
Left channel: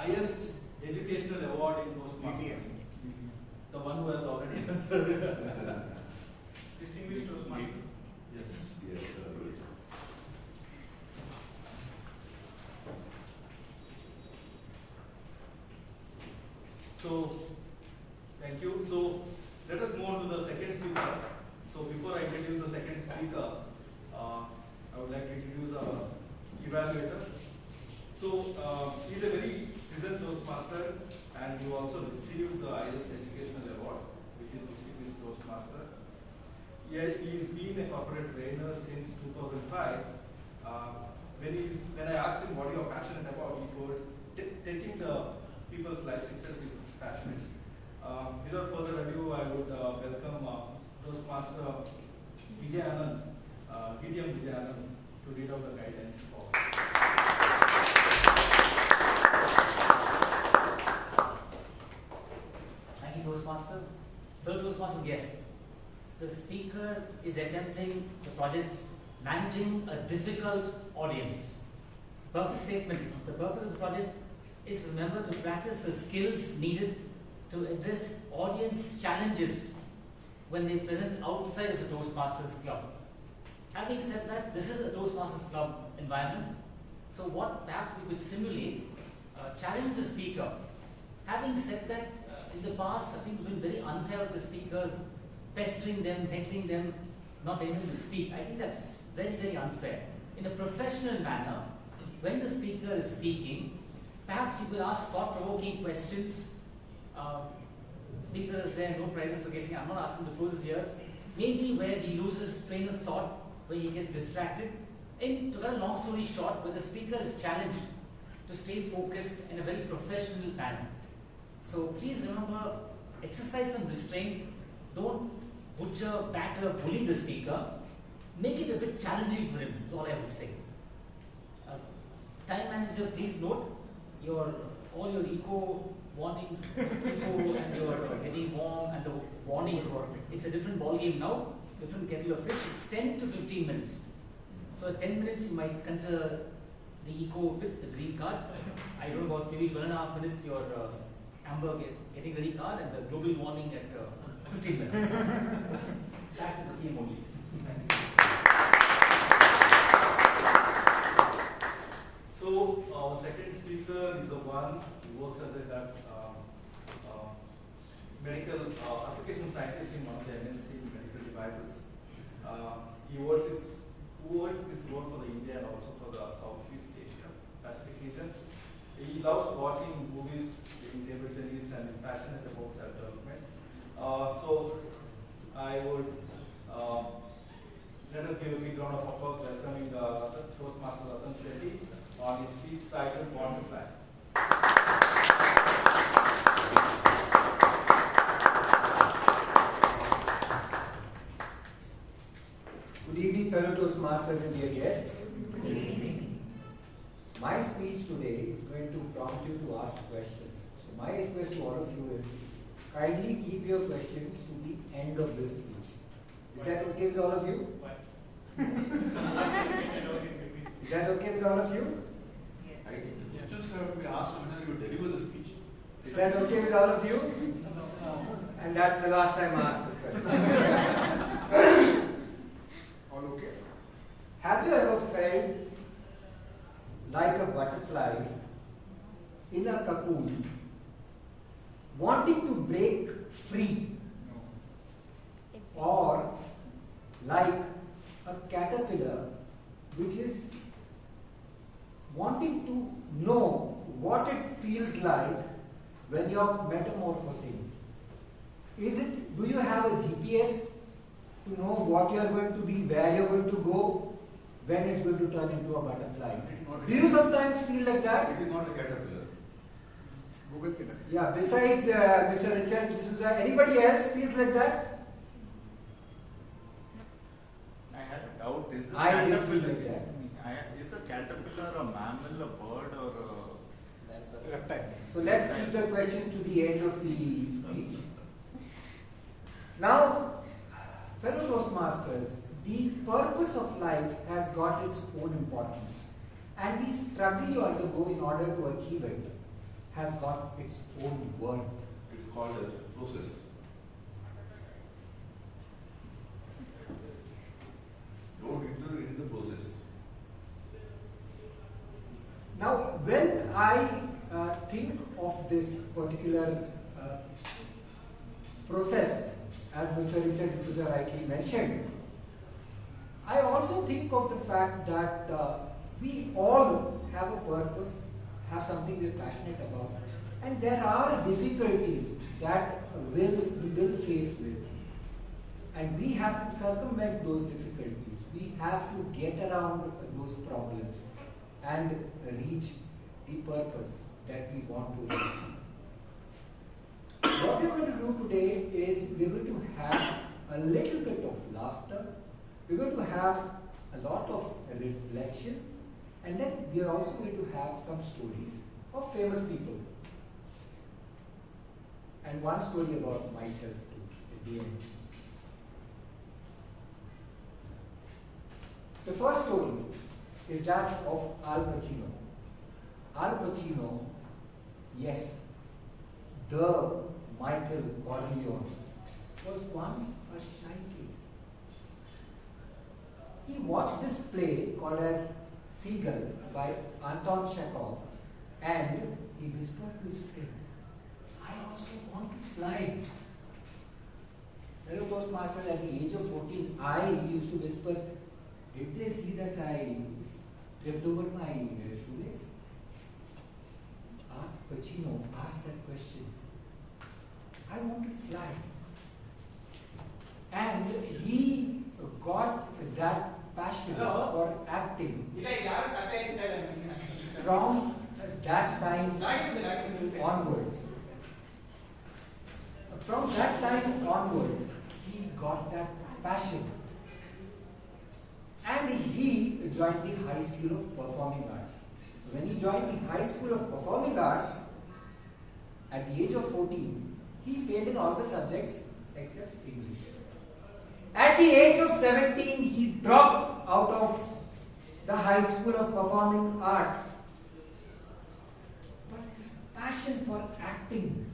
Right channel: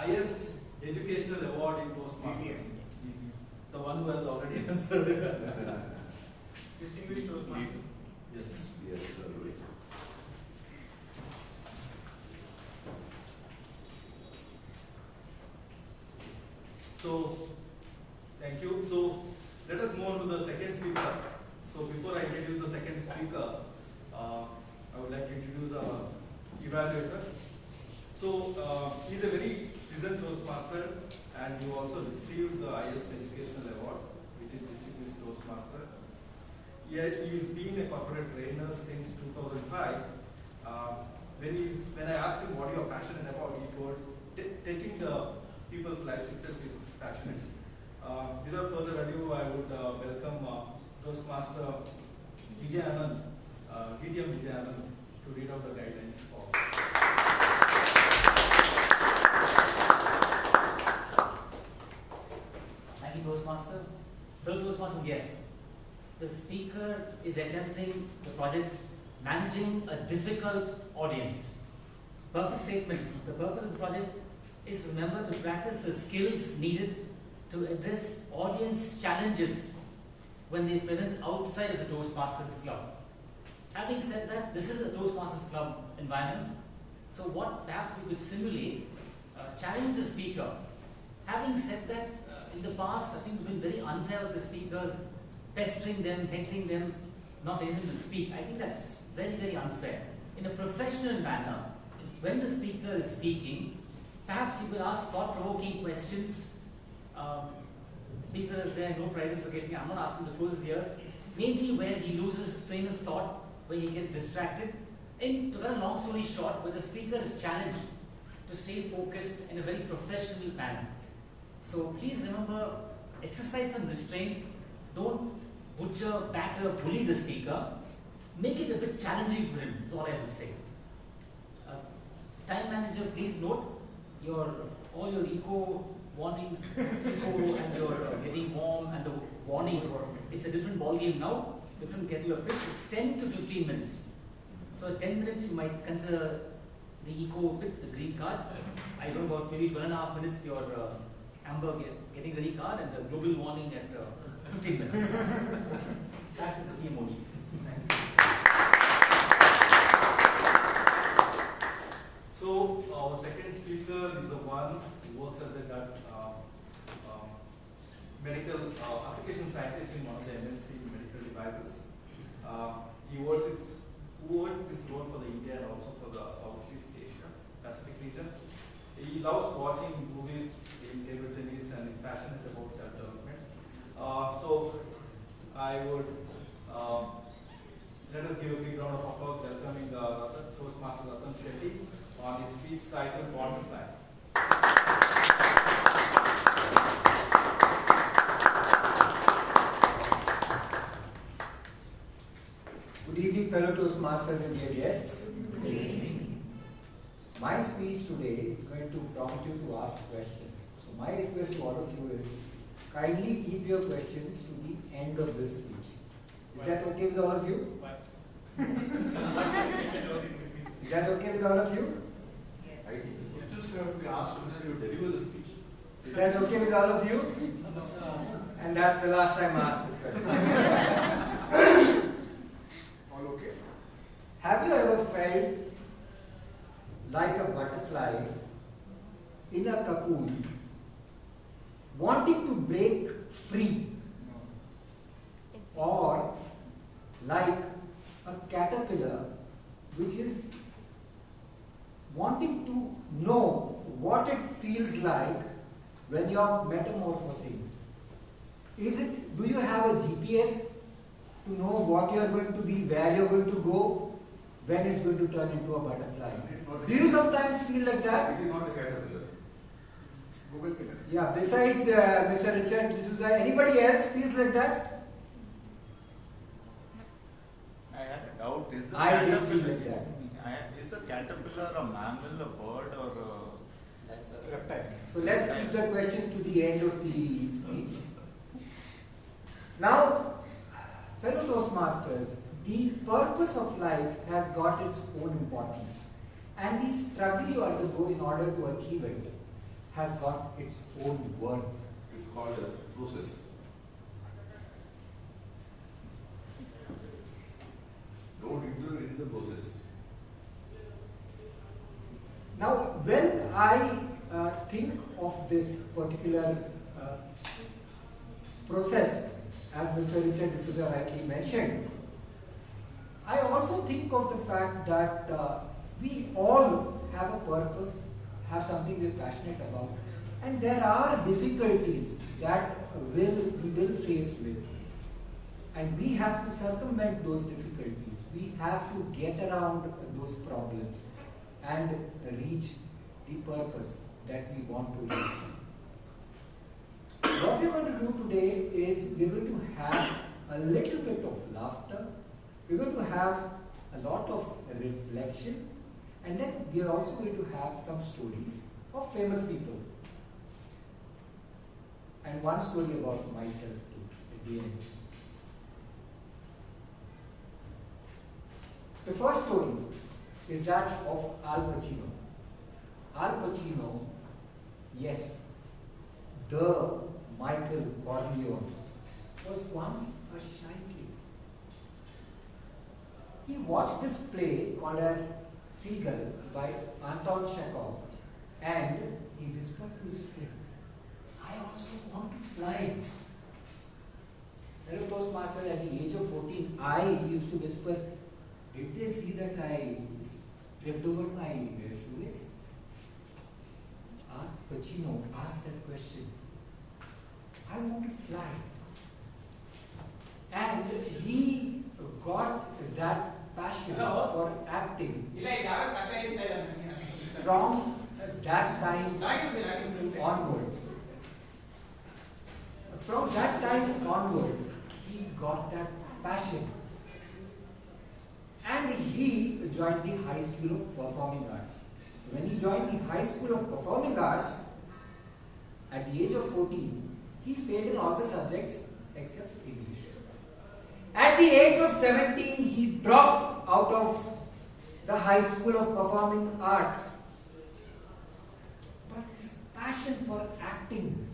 highest educational award in Toastmasters? The one who has already answered. Distinguished Toastmaster. Yes. Yes, right. So, thank you. So, let us move on to the second speaker. So, before I introduce the second speaker, I would like to introduce our evaluator. So, he's a very seasoned Toastmaster, and he also received the highest educational award, which is Distinguished Toastmaster. Yet he's been a corporate trainer since 2005. When I asked him what you are passionate about, he told teaching the people's lives itself is passionate. Without further ado, I would welcome Toastmaster Vijayan, Vijayan, to read out the guidelines for. Thank you, Toastmaster. Hello, Toastmaster. Yes, the speaker is attempting the project managing a difficult audience. Purpose statement. The purpose of the project is to remember to practice the skills needed to address audience challenges when they present outside of the Toastmasters Club. Having said that, this is a Toastmasters Club environment. So what perhaps we could simulate, challenge the speaker. Having said that, in the past, I think we've been very unfair with the speakers, pestering them, heckling them, not letting them to speak. I think that's very, very unfair. In a professional manner, when the speaker is speaking, perhaps you could ask thought-provoking questions. Speaker is there, no prizes for guessing. I'm not asking to close his ears. Maybe where he loses train of thought, where he gets distracted. To cut a long story short, where the speaker is challenged to stay focused in a very professional manner. So please remember, exercise some restraint. Don't butcher, batter, bully the speaker. Make it a bit challenging for him, is all I would say. Time manager, please note all your eco warnings, eco and your getting warm and the warnings. It's a different ball game now, different kettle of fish. It's 10 to 15 minutes. So at 10 minutes, you might consider the eco with the green card. I don't know, about maybe 12.5 minutes, your amber getting ready card, and the global warning at 15 minutes. Back to the theme only. Thank you. So, our second speaker is the one who works as a medical application scientist in one of the MNC medical devices. He holds this role for the India and also for the Southeast Asia Pacific region. He loves watching movies, playing table tennis, and is passionate about self-development. So, I would let us give a big round of applause welcoming Toastmaster Shetty on his speech titled Born to Fly. Good evening, fellow Toastmasters and dear guests. Good evening. My speech today is going to prompt you to ask questions. So my request to all of you is kindly keep your questions to the end of this speech. Is that okay with all of you? Is that okay with all of you? Right? You just have to be asked whether you deliver the speech. Is that okay with all of you? And that's the last time I asked this question. All okay? Have you ever felt like a butterfly in a cocoon, wanting to break free? Or like a caterpillar which is wanting to know what it feels like when you're metamorphosing? Do you have a GPS to know what you are going to be, where you're going to go, when it's going to turn into a butterfly? Do you sometimes feel like that? It is not a caterpillar. Google can. Yeah, besides Mr. Richard D'Souza, anybody else feels like that? I had a doubt. Is a I did feel caterpillar- like that. Is a caterpillar a mammal, a bird, or That's a reptile? So let's keep the questions to the end of the speech. Now, fellow Toastmasters, the purpose of life has got its own importance, and the struggle you undergo in order to achieve it has got its own worth. It's called as process. Don't include in the process. Now, when I think of this particular process, as Mr. Richard D'Souza rightly mentioned, I also think of the fact that we all have a purpose, have something we're passionate about, and there are difficulties that we will face with. And we have to circumvent those difficulties. We have to get around those problems and reach the purpose that we want to reach. What we're going to do today is we're going to have a little bit of laughter, we're going to have a lot of reflection, and then we are also going to have some stories of famous people. And one story about myself too at the end. The first story is that of Al Pacino. Al Pacino, yes, the Michael Corleone, was once a shy kid. He watched this play called as Seagull by Anton Chekhov, and he whispered to his friend, "I also want to fly." Hello, Toastmaster, at the age of 14, I used to whisper, "Did they see that I tripped over my shoelace?" Al Pacino asked that question. I want to fly. And he got that passion for acting from that time onwards. From that time onwards, he got that passion. And he joined the High School of Performing Arts. When he joined the High School of Performing Arts, at the age of 14, he failed in all the subjects except English. At the age of 17, he dropped out of the High School of Performing Arts. But his passion for acting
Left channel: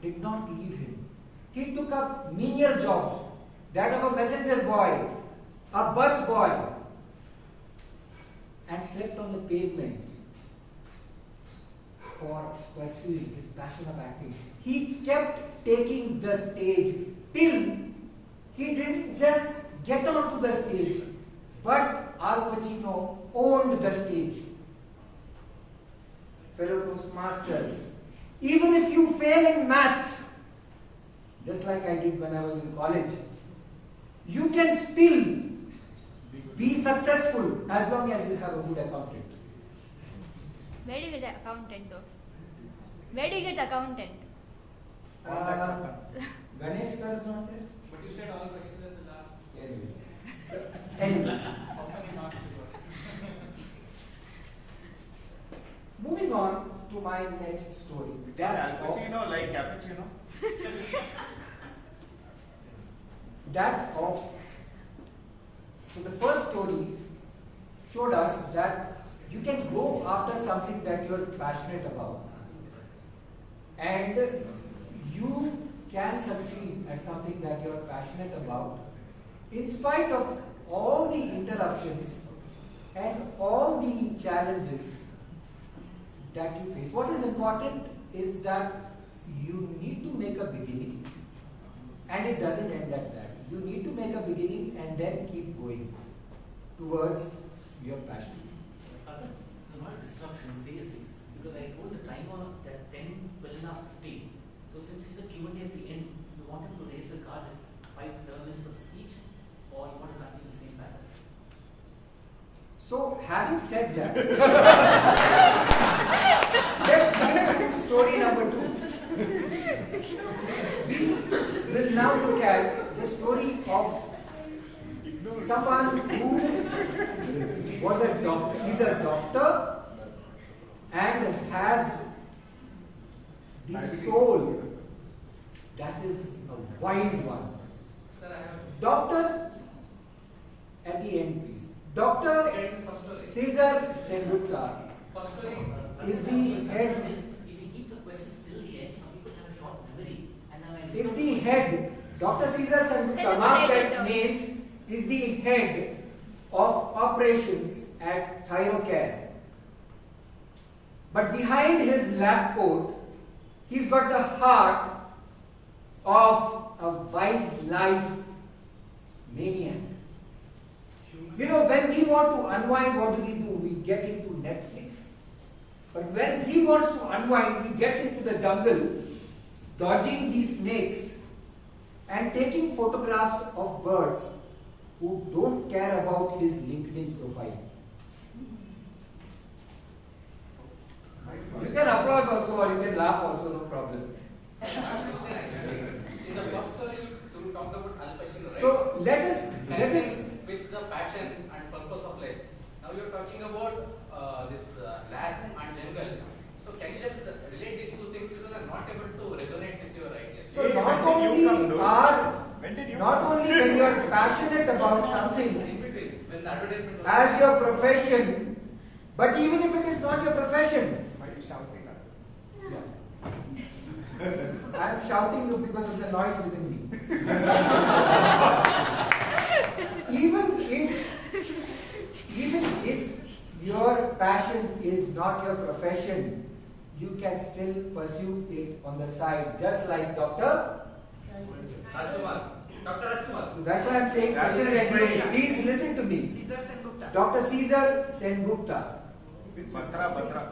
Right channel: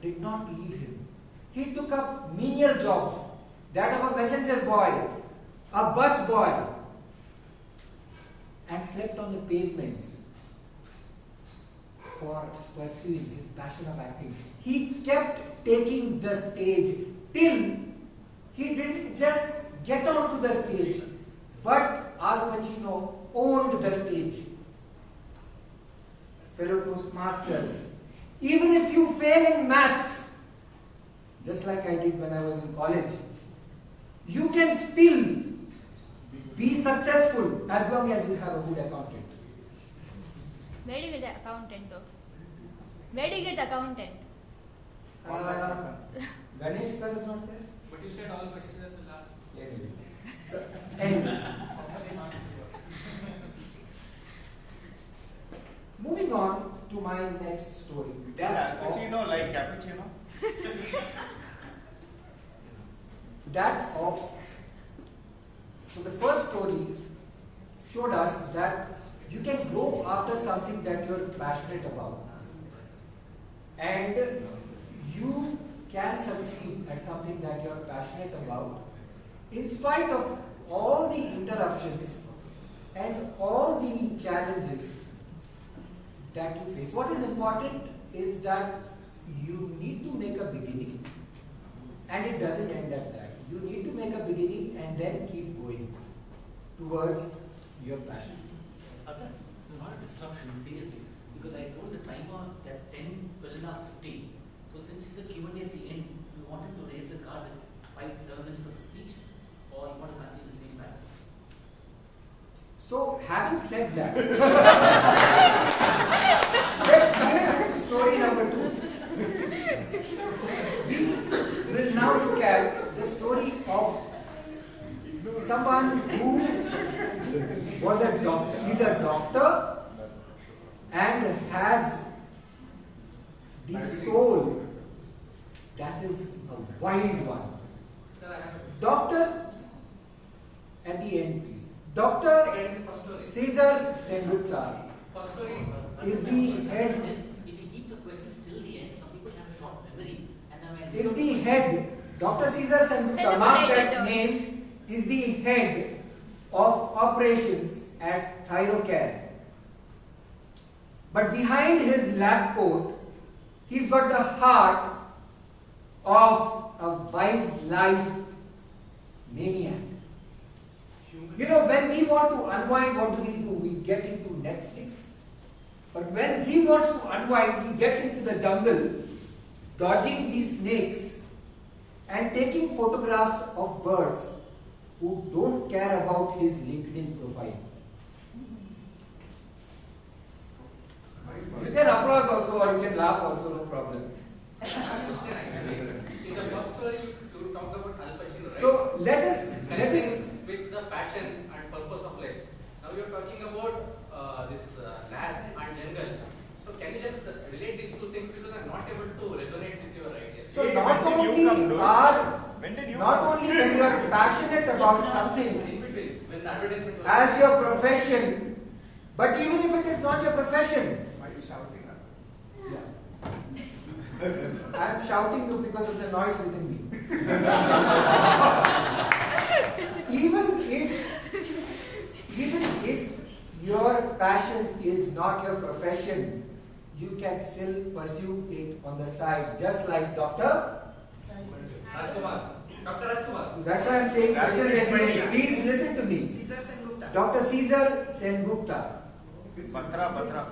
did not leave him. He took up menial jobs, that of a messenger boy, a bus boy, and slept on the pavements for pursuing his passion of acting. He kept taking the stage till he didn't just get onto the stage, but Al Pacino owned the stage. Fellow Toastmasters, even if you fail in maths, just like I did when I was in college, you can still be successful as long as you have a good accountant. Where do you get the accountant though? Where do you get the accountant? Ganesh sir is not there? But you said all questions at the last. Anyway. So, anyway. Moving on to my next story. Cappuccino, like cappuccino? So the first story showed us that you can go after something that you're passionate about. And you can succeed at something that you're passionate about in spite of all the interruptions and all the challenges that you face. What is important is that you need to make a beginning, and it doesn't end at that. You need to make a beginning and then keep going towards your passion. There's not a disruption, seriously, because I told the timer that 10, 12 and a half, 15. So since it's a Q&A at the end, you wanted to raise the cards at 5, 7 minutes of speech, or you want to continue the same pattern? So, having said that, let's move to story number 2. We will now look at the story of someone who was a doctor. He's a doctor and has the soul that is a wild one. Doctor, at the end please. Dr. Cesar Sengupta is the head. If you keep is the head. Dr. Caesar Sengupta, mark that name, is the head of operations at Thyrocare. But behind his lab coat, he's got the heart of a wildlife maniac. You know, when we want to unwind, what do? We get into Netflix. But when he wants to unwind, he gets into the jungle, dodging these snakes and taking photographs of birds who don't care about his LinkedIn profile. You can applause also or you can laugh also, no problem. In the first story, you talked about Al-Pacino, right? So let us with the passion and purpose of life. Now you're talking about this lab and jungle. So can you just relate these two things, because I'm not able to resonate with your ideas. So not only when you are passionate about something when the advertisement was as your profession, but even if it is not your profession. Why are you shouting? I am shouting you because of the noise within me. Even if your passion is not your profession, you can still pursue it on the side, just like Dr. Rajkumar. That's why I'm saying questions at the end. Please listen to me. Dr. Caesar Sengupta. Batra.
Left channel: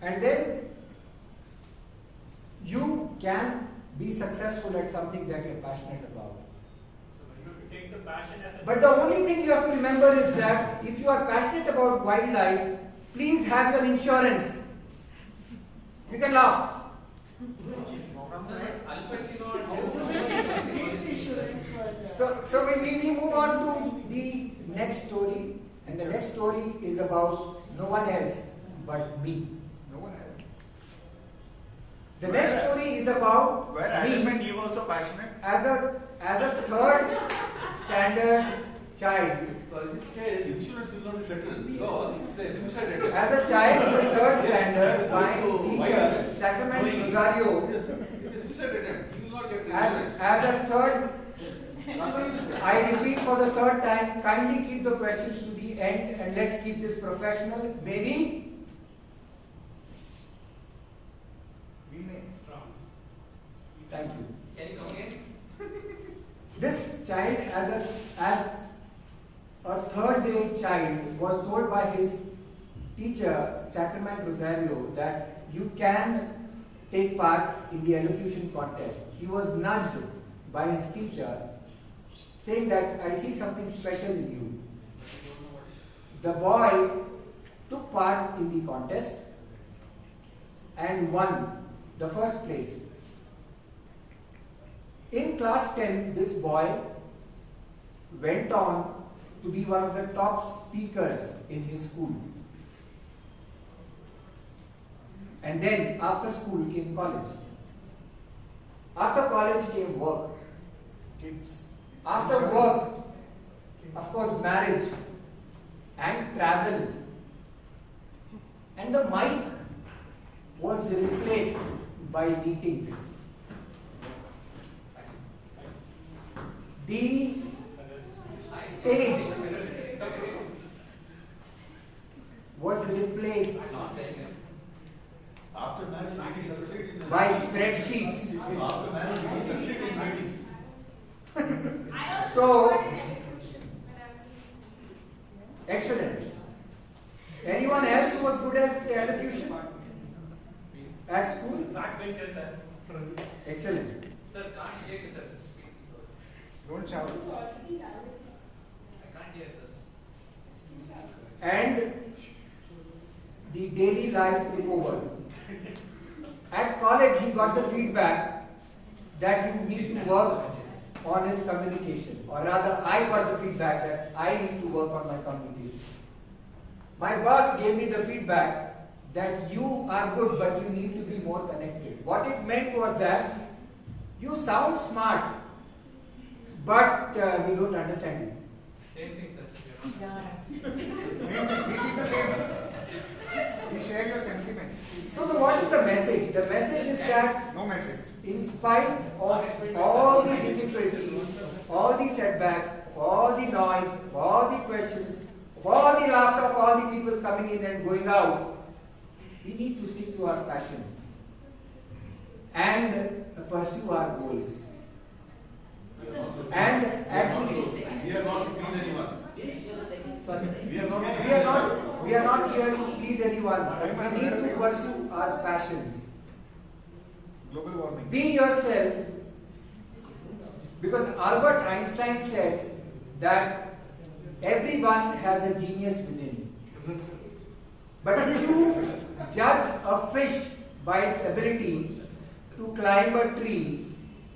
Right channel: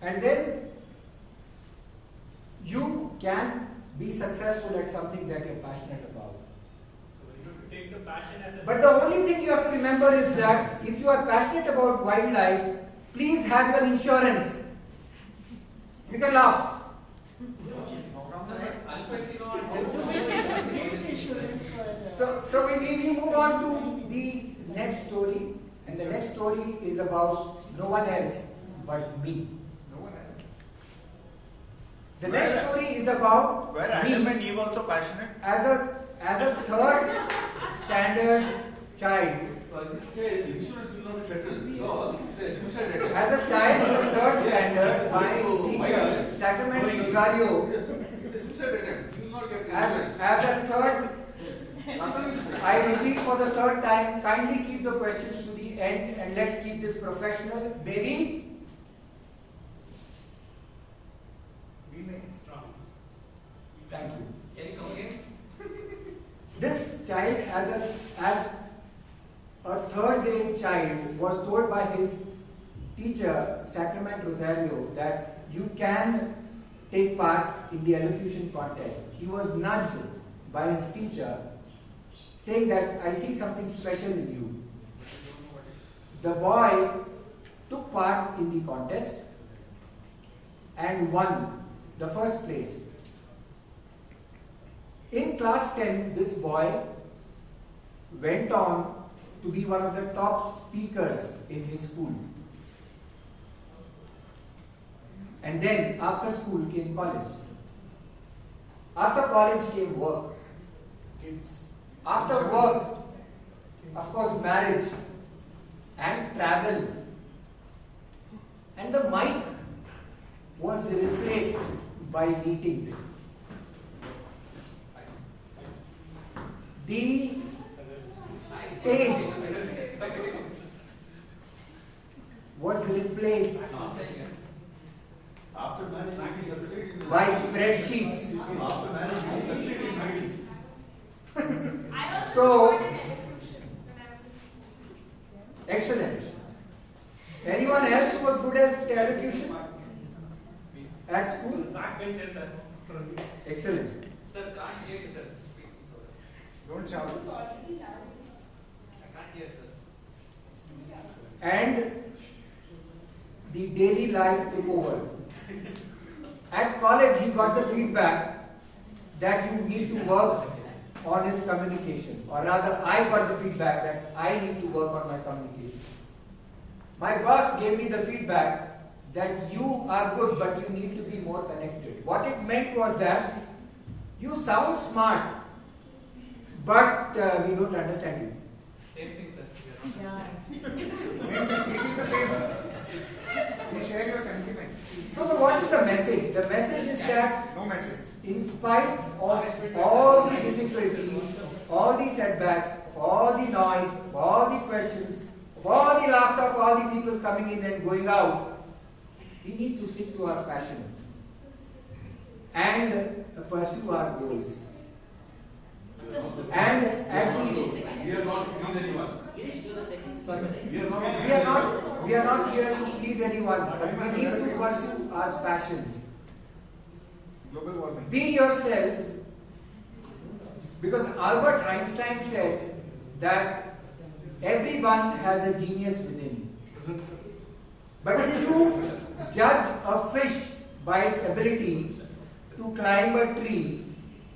And then you can be successful at something that you're passionate about. But the only thing you have to remember is that if you are passionate about wildlife, please have your insurance. You can laugh. So we move on to the next story, and the next story is about no one else but me. The next story is about me you also passionate? as a third standard child. As a child in the third standard, my teacher, Sacramento Rosario, as a third, I repeat for the third time, kindly keep the questions to the end and let's keep this professional. Baby? Thank you. Can you come again? This child, as a third grade child, was told by his teacher, Sacramento Rosario, that you can take part in the elocution contest. He was nudged by his teacher, saying that I see something special in you. The boy took part in the contest and won the first place. In class 10, this boy went on to be one of the top speakers in his school. And then after school came college. After college came work. After work, of course, marriage and travel. And the mic was replaced by meetings. The stage was replaced by spreadsheets. So, excellent. Anyone else who was good at elocution at school? Excellent. Sir, can't hear you, sir. Don't shout. I can't hear, sir. And the daily life took over. At college, he got the feedback that you need to work on his communication, or rather, I got the feedback that I need to work on my communication. My boss gave me the feedback that you are good, but you need to be more connected. What it meant was that you sound smart, but we don't understand you. Same thing, sir. You share your sentiments. So what is the message? The message is that no message. In spite of all the difficulties, all the setbacks, of all the noise, of all the questions, of all the laughter, of all the people coming in and going out, we need to stick to our passion and pursue our goals. And at the We are not to please anyone. sorry, We are not. we are not here to please anyone, but we need to pursue our passions. Global warming. Be yourself, because Albert Einstein said that everyone has a genius within. But if you judge a fish by its ability to climb a tree,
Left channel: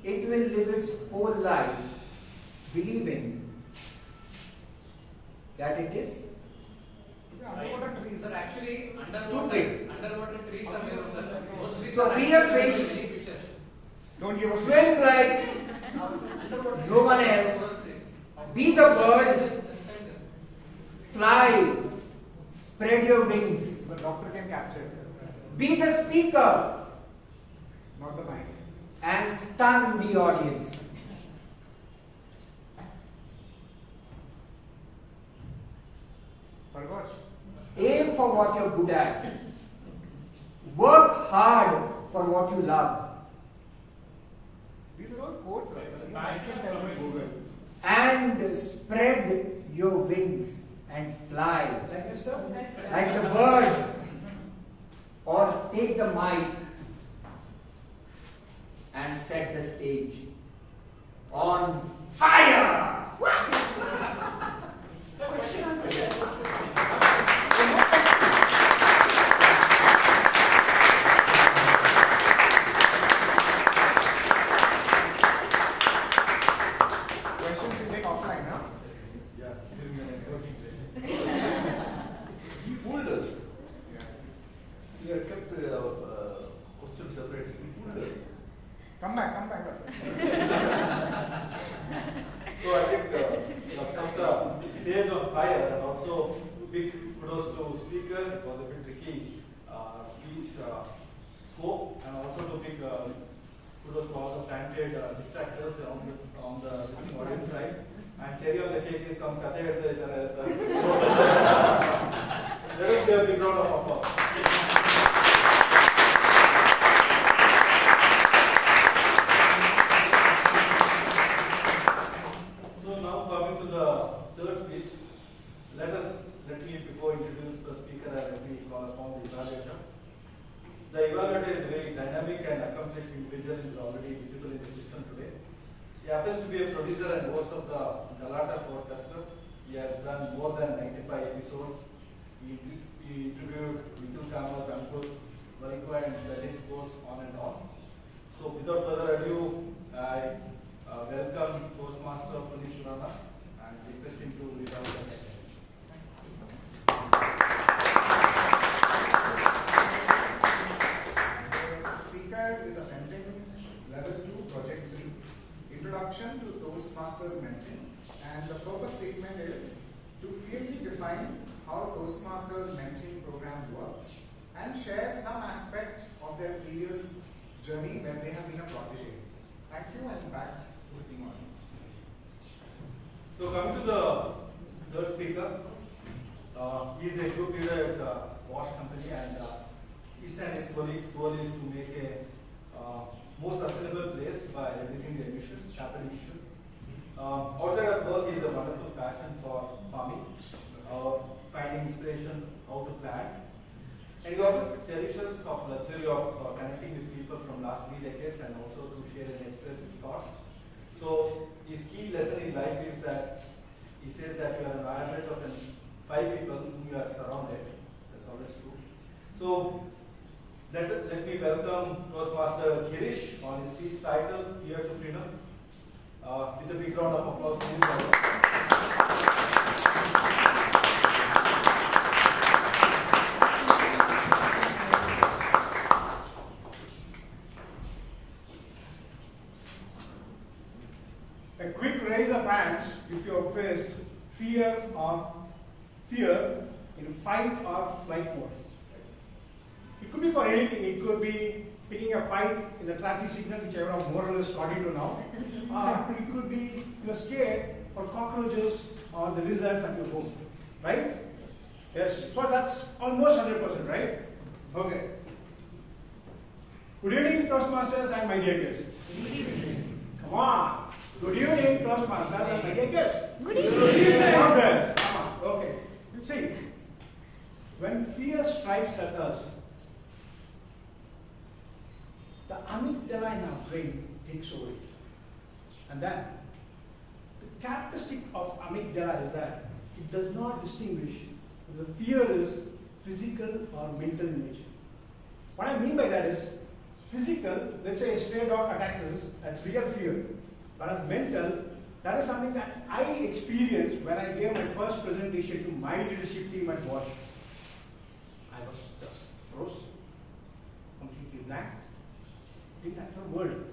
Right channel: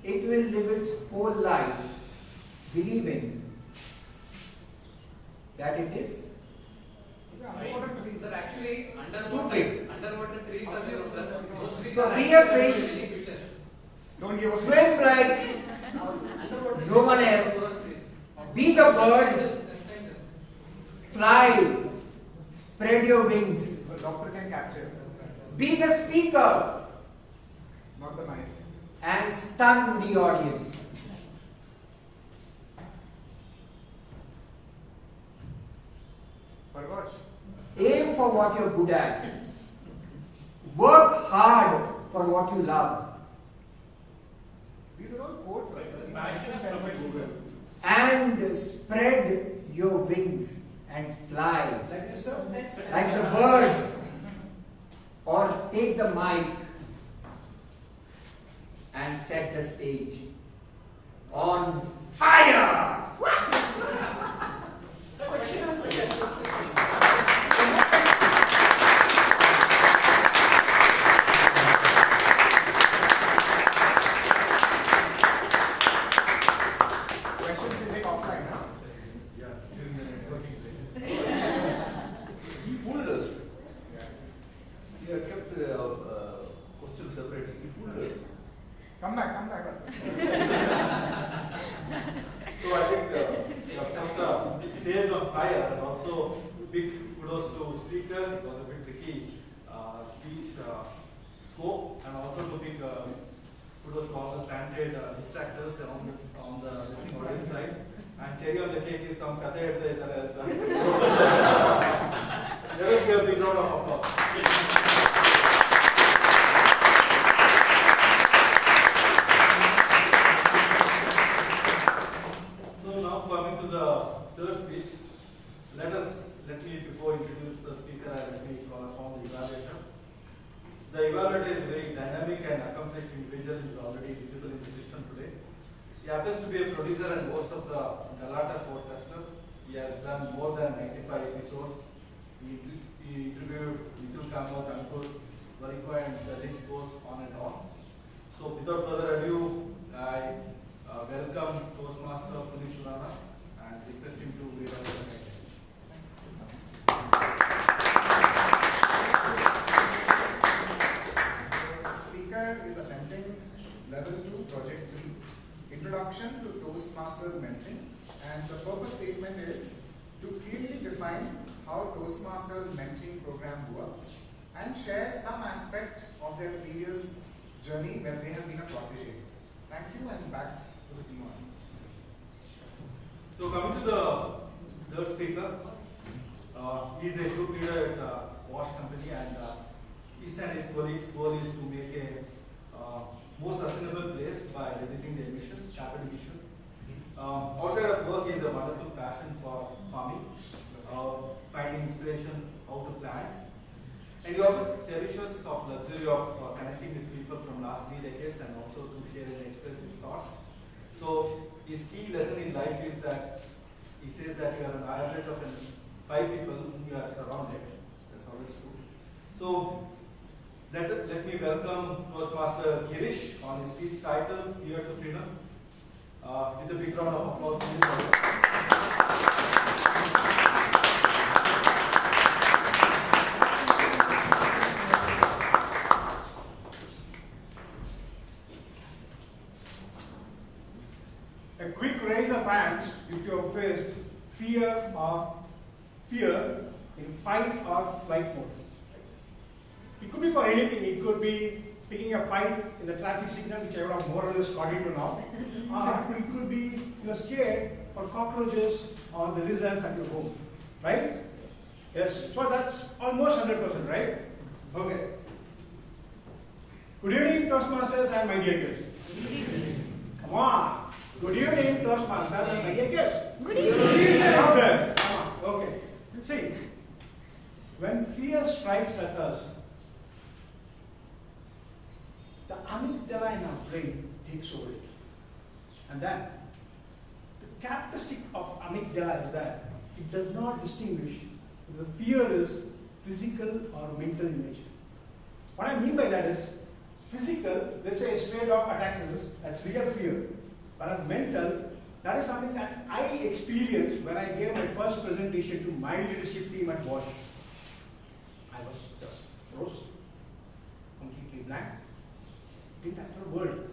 it will live its whole life believing that it is Underwater trees. Sir, actually, stupid. underwater trees are there. Those trees So are be a actually fish. many fishes. Don't give a Swim like no one else. Be the bird. Fly. Spread your wings. The doctor can capture. Be the speaker Not the mind. and stun the audience. Forgot. Aim for what you're good at. Work hard for what you love. These are all quotes, right? The passion can be Google. And spread your wings and fly Like this, sir? like the birds. Or take the mic and set the stage on fire. Questions you take offline, now. Yeah, still networking. He fooled us. We have kept questions separately. He fooled us. Come back. So I think set the stage on fire, and also big kudos to speaker. It was a bit tricky speech scope, and also to big kudos to all the talented distractors on the listening audience side. And cherry on the cake is some kathe at the very good big round of applause. So now coming to the third speech, let me before introduce the speaker, let me call upon the evaluator. The evaluator is a very dynamic and accomplished individual who is already visible in the system today. He happens to be a producer and host of the Galata podcaster. He has done more than 95 episodes. He interviewed Nitu Kamath, Ankur, Varikwa, and the list goes on and on. So without further ado, I welcome Toastmaster Srinivas and request him to read out the sentence. The speaker is attending Level 2, Project 3, Introduction to Toastmasters Mentoring, and the purpose statement is to clearly define how Toastmasters mentoring program works and share some aspect of their previous journey when they have been a protege. Thank you, and back to the team audience. So coming to the third speaker, he is a group leader at Wash Company, and his and his colleagues' goal is to make a more sustainable place by reducing the capital emission. Outside of work, he has a wonderful passion for farming, finding inspiration how to plant. And he also cherishes of luxury of connecting with people from last 3 decades and also to share and express his thoughts. So his key lesson in life is that he says that you are an average of 5 people whom you are surrounded. That's always true. So let me welcome Toastmaster Girish on his speech title, Fear to Freedom. With a big round of applause, please. A quick raise of hands if you have faced fear in fight or flight mode. It could be for anything. It could be picking a fight in the traffic signal, which I would have more or less got into now. It could be you're scared for cockroaches or the lizards at your home, right? Yes, so that's almost 100%, right? Okay. Good evening, Toastmasters and my dear guests. Good evening. Come on. Good evening, Toastmasters and my dear guests. Good evening. Good evening, others. Come on. Okay. See, when fear strikes at us, the amygdala in our brain takes over it. And then, the characteristic of amygdala is that it does not distinguish if the fear is physical or mental in nature. What I mean by that is, physical, let's say a stray dog attacks us, that's real fear. But as mental, that is something that I experienced when I gave my first presentation to my leadership team at Bosch. I was just froze, completely blank, didn't utter a word.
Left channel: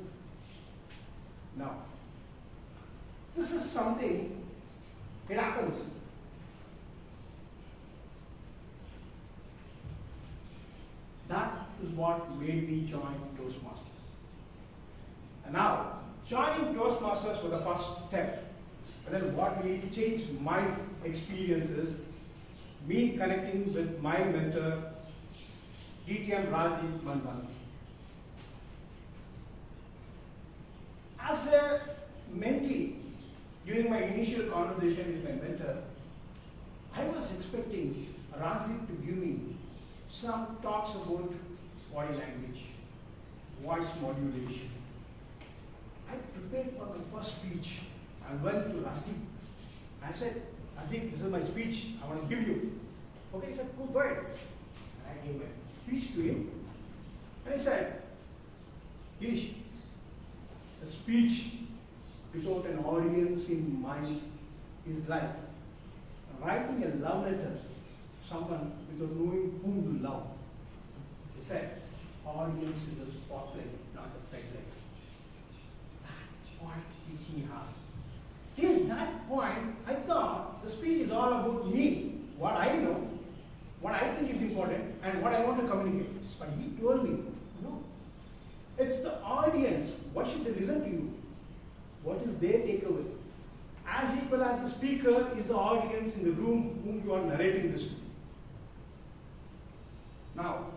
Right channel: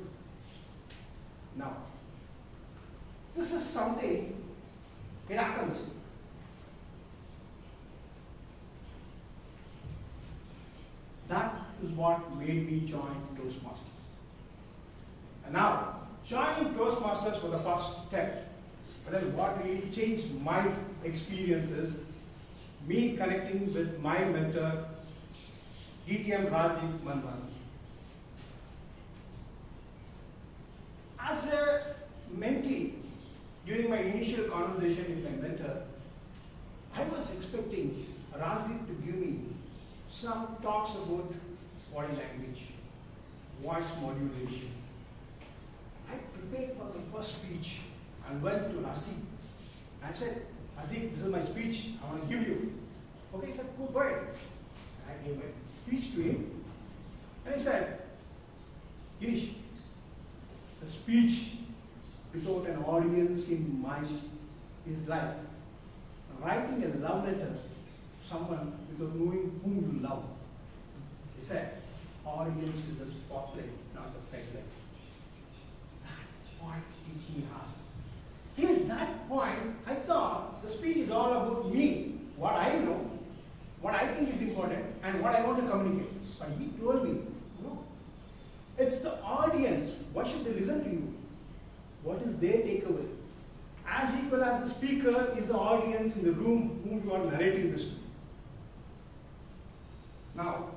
Now, this is something, it happens. That is what made me join Toastmasters. And now, joining Toastmasters was the first step. But then what really changed my experiences, me connecting with my mentor, DTM Rajiv Manvan. As a mentee, during my initial conversation with my mentor, I was expecting Rajiv to give me some talks about body language, voice modulation. I prepared for my first speech and went to Rajiv. I said, Rajiv, this is my speech, I want to give you. Okay, he said, go ahead. And I gave my speech to him. And he said, Girish, a speech without an audience in mind is like writing a love letter to someone without knowing whom you love. He said, audience is the spotlight, not the fake light. That point hit me hard. Till that point, I thought the speech is all about me, what I know, what I think is important, and what I want to communicate. But he told me, no, it's the audience. Why should they listen to you? What is their takeaway? As equal as the speaker is the audience in the room whom you are narrating this to. Now,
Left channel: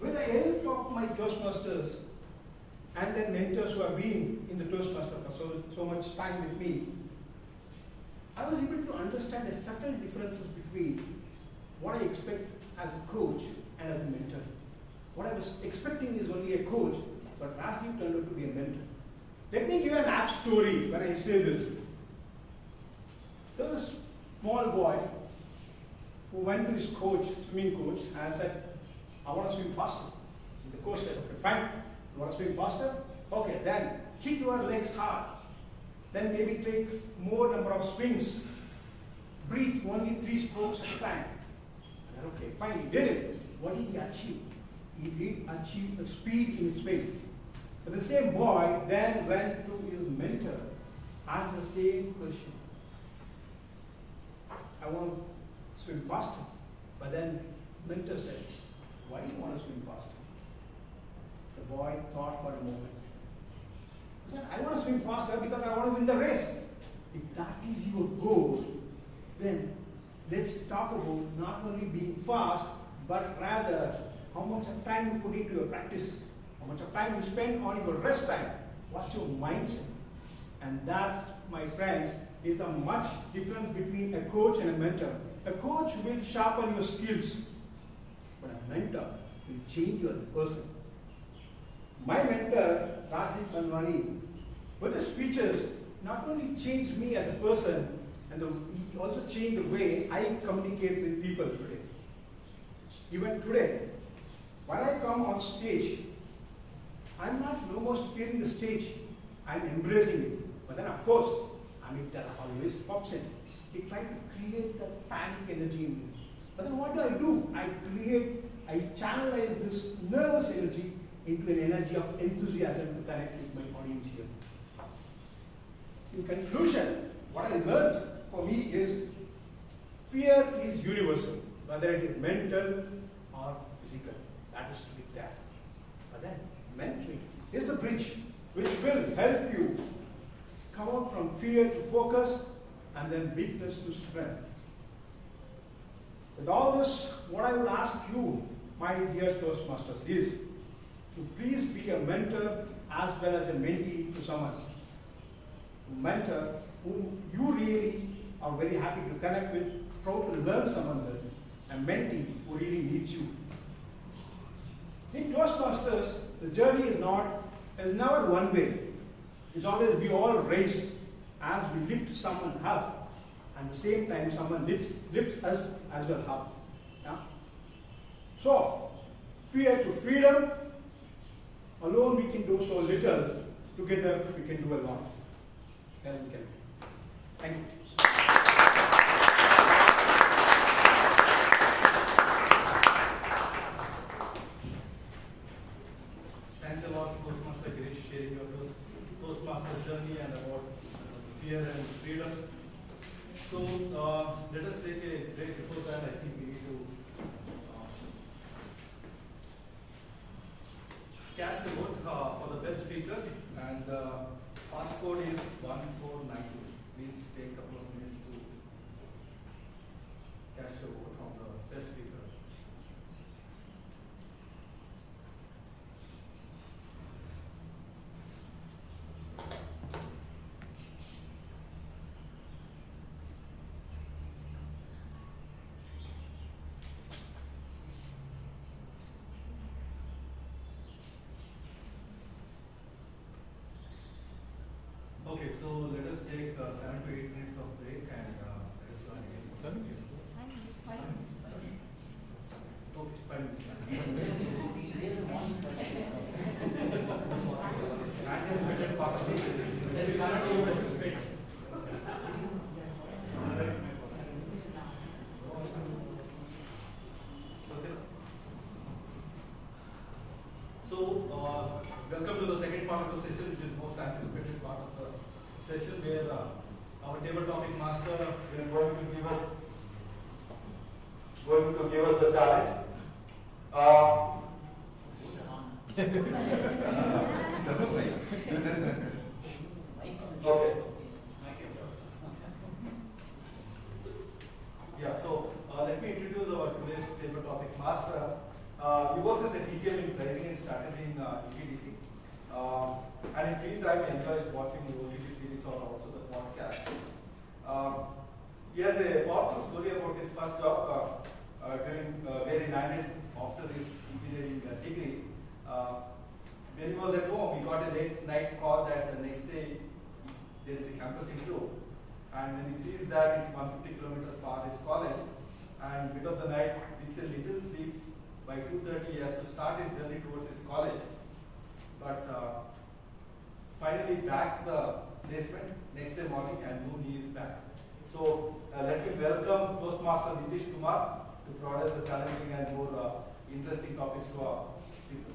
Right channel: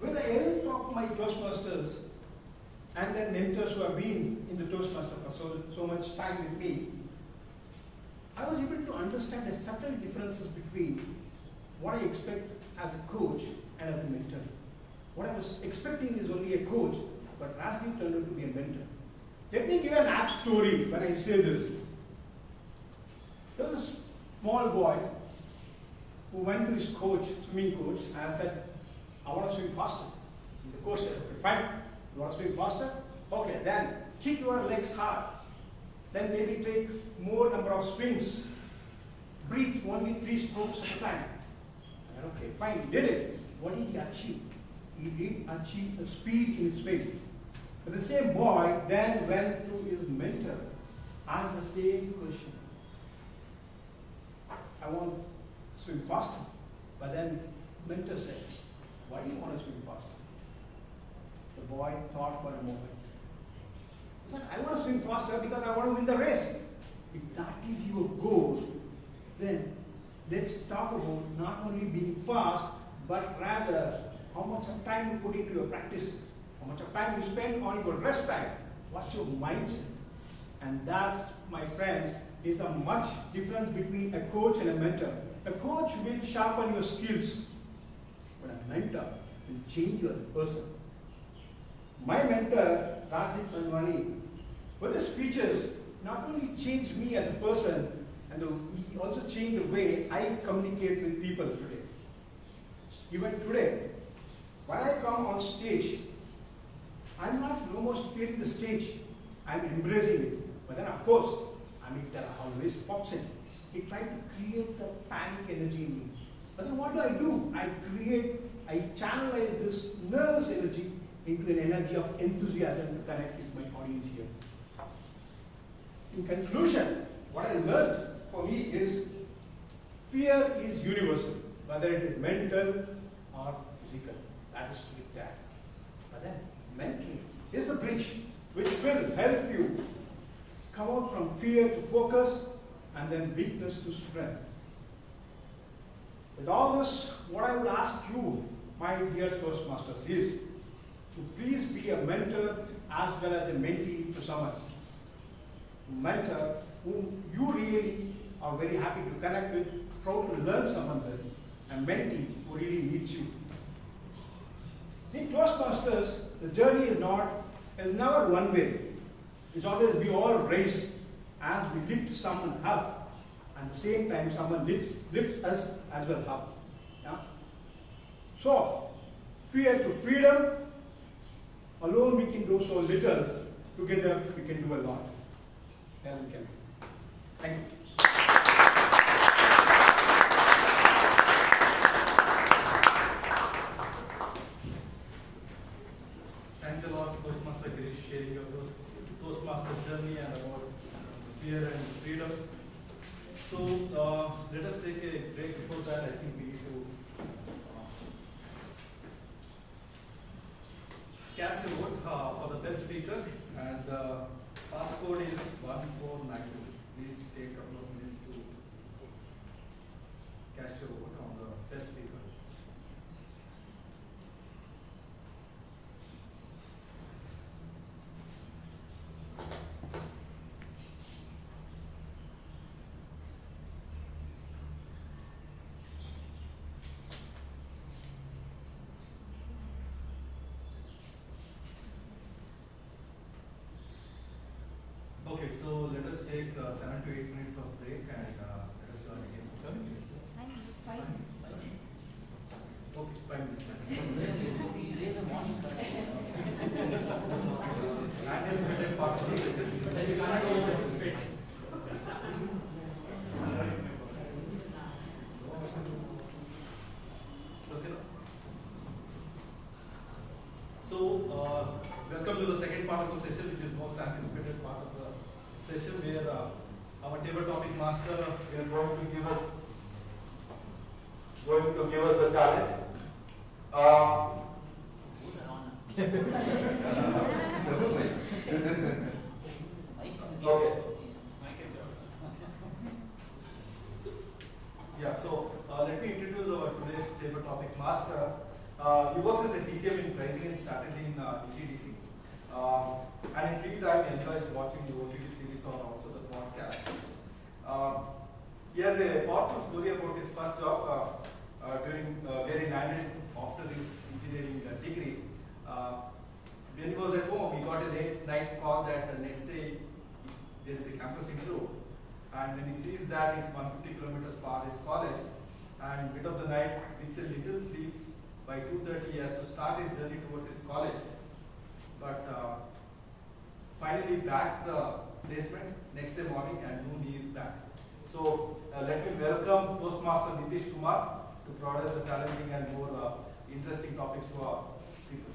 with the help of my Toastmasters and then mentors who have been in the Toastmaster for so much time with me, I was able to understand the subtle differences between what I expect as a coach and as a mentor. What I was expecting is only a coach, but Rajiv turned out to be a mentor. Let me give an apt story when I say this. There was a small boy who went to his coach, swimming coach, and said, I want to swim faster. And the coach said, okay, fine. You want to swim faster? Okay, then kick your legs hard. Then maybe take more number of swings. Breathe only 3 strokes at a time. And then, okay, fine, he did it. What did he achieve? He did achieve a speed in his swing. But the same boy then went to his mentor, asked the same question. I want to swim faster. But then mentor said, why do you want to swim faster? The boy thought for a moment. He said, I want to swim faster because I want to win the race. If that is your goal, then let's talk about not only being fast, but rather how much of time you put into your practice, how much of time you spend on your rest time, what's your mindset. And that, my friends, is a much difference between a coach and a mentor. A coach will sharpen your skills, but a mentor will change you as a person. My mentor, Rajiv Manvani, with his speeches, not only changed me as a person, and he also changed the way I communicate with people today. Even today, when I come on stage, I'm not no more fearing the stage, I'm embracing it. But then of course, amygdala always pops in. It tries to create the panic energy in me. But then what do? I channelize this nervous energy into an energy of enthusiasm to connect with my audience here. In conclusion, what I learned for me is fear is universal, whether it is mental or physical. That is to be that. But then, mentoring is the bridge which will help you come out from fear to focus and then weakness to strength. With all this, what I would ask you, my dear Toastmasters, is to please be a mentor as well as a mentee to someone. A mentor whom you really are very happy to connect with, proud to learn someone with, and mentee who really needs you. In Toastmasters, the journey is never one way. It's always we all race as we lift someone up, and at the same time someone lifts us as well up. Yeah? So, fear to freedom. Alone we can do so little. Together we can do a lot. Then we can. Thank you. Thanks a lot, Toastmaster Girish, sharing your Toastmaster journey and about fear and freedom. So let us take a break. Before that, I think we need to cast a vote for the best speaker, and passcode is 1492. Please take a couple of minutes to cast your vote on the best speaker. Okay, so let us take 7 to 8 minutes of break and let us join again. 7 minutes? 5 minutes. Okay, 5 minutes. Anticipated part of the session. Then you cannot overparticipate. Okay. So, welcome to the second part of the session, which is most anticipated part of the session, where our table topic master is going to give us the challenge. Okay. Yeah. So let me introduce our today's table topic master. He works as a TGM in pricing and strategy in ETDC. And in free time, he enjoys watching the OTT series or also the podcast. He has a powerful story about his first job where he landed after his engineering degree. When he was at home, he got a late night call that the next day there is a campus interview. And when he sees that it's 150 kilometers far his college, and mid of the night with a little sleep, by 2:30 he has to start his journey towards his college. But finally backs the placement next day morning, and noon he is back. So let me welcome Toastmaster Nitesh Kumar to provide us the challenging and more interesting topics to our speaker.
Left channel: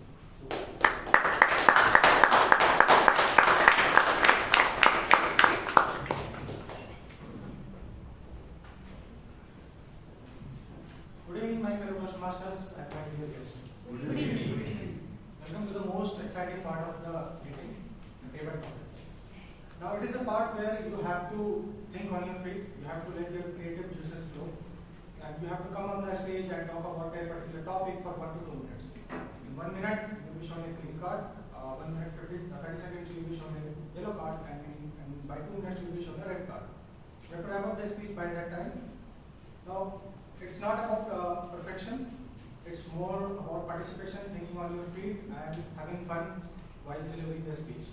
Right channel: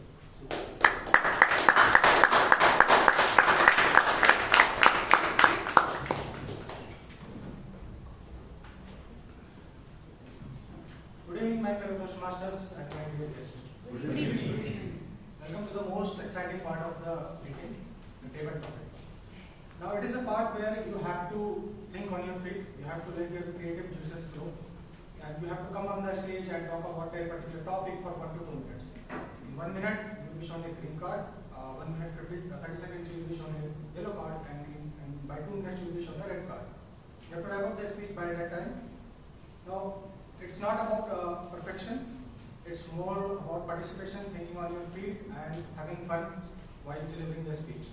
Good evening, my fellow Toastmasters and my dear guests. Good evening. Welcome to the most exciting part of the meeting, the table topics. Now, it is a part where you have to think on your feet, you have to let your creative juices flow, and you have to come on the stage and talk about a particular topic for 1 to 2 minutes. In 1 minute, you will be shown a green card, 1 minute 30 seconds, you will be shown a yellow card, and by 2 minutes, you will be shown a red card. You have to wrap up the speech by that time. Now, it's not about perfection. It's more about participation, thinking on your feet, and having fun while delivering the speech.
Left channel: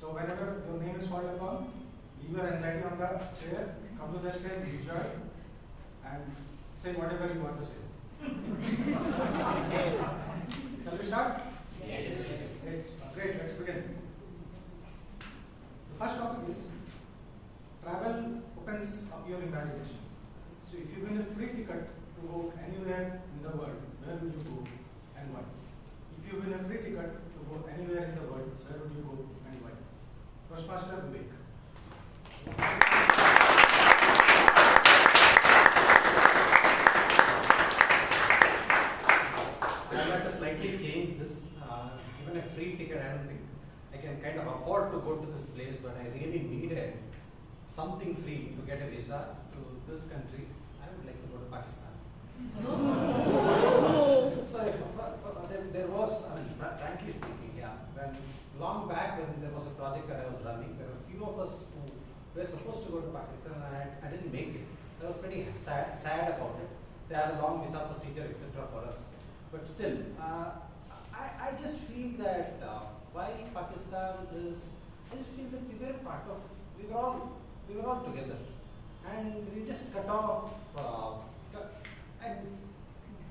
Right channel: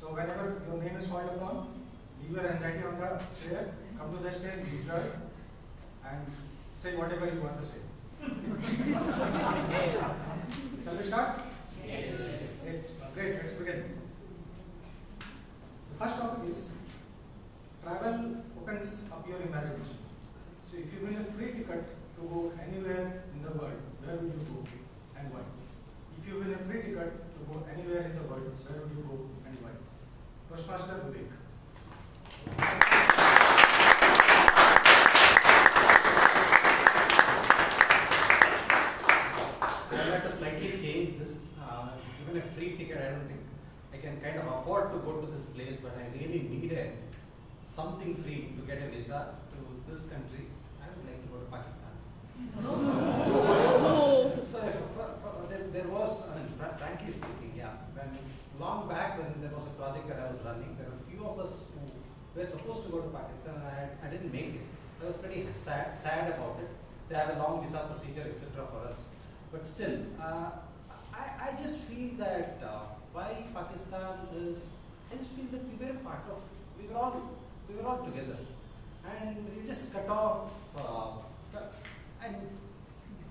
So whenever your name is called upon, leave your anxiety on the chair, come to the stage, enjoy, and say whatever you want to say. Shall we start? Yes. Great, let's begin. The first topic is, travel opens up your imagination. So if you win a free ticket to go anywhere in the world, where will you go and why? If you win a free ticket to go anywhere in the world, where would you go and why? Toastmaster Vivek. And kind of afford to go to this place, but I really needed something free to get a visa to this country, I would like to go to Pakistan. So there was, I mean, frankly speaking, yeah, when long back when there was a project that I was running, there were a few of us who were supposed to go to Pakistan and I didn't make it. I was pretty sad about it. They have a long visa procedure, etc. for us. But still, I just feel that why Pakistan is, I just feel that we were part of, we were all together. And we just cut off, and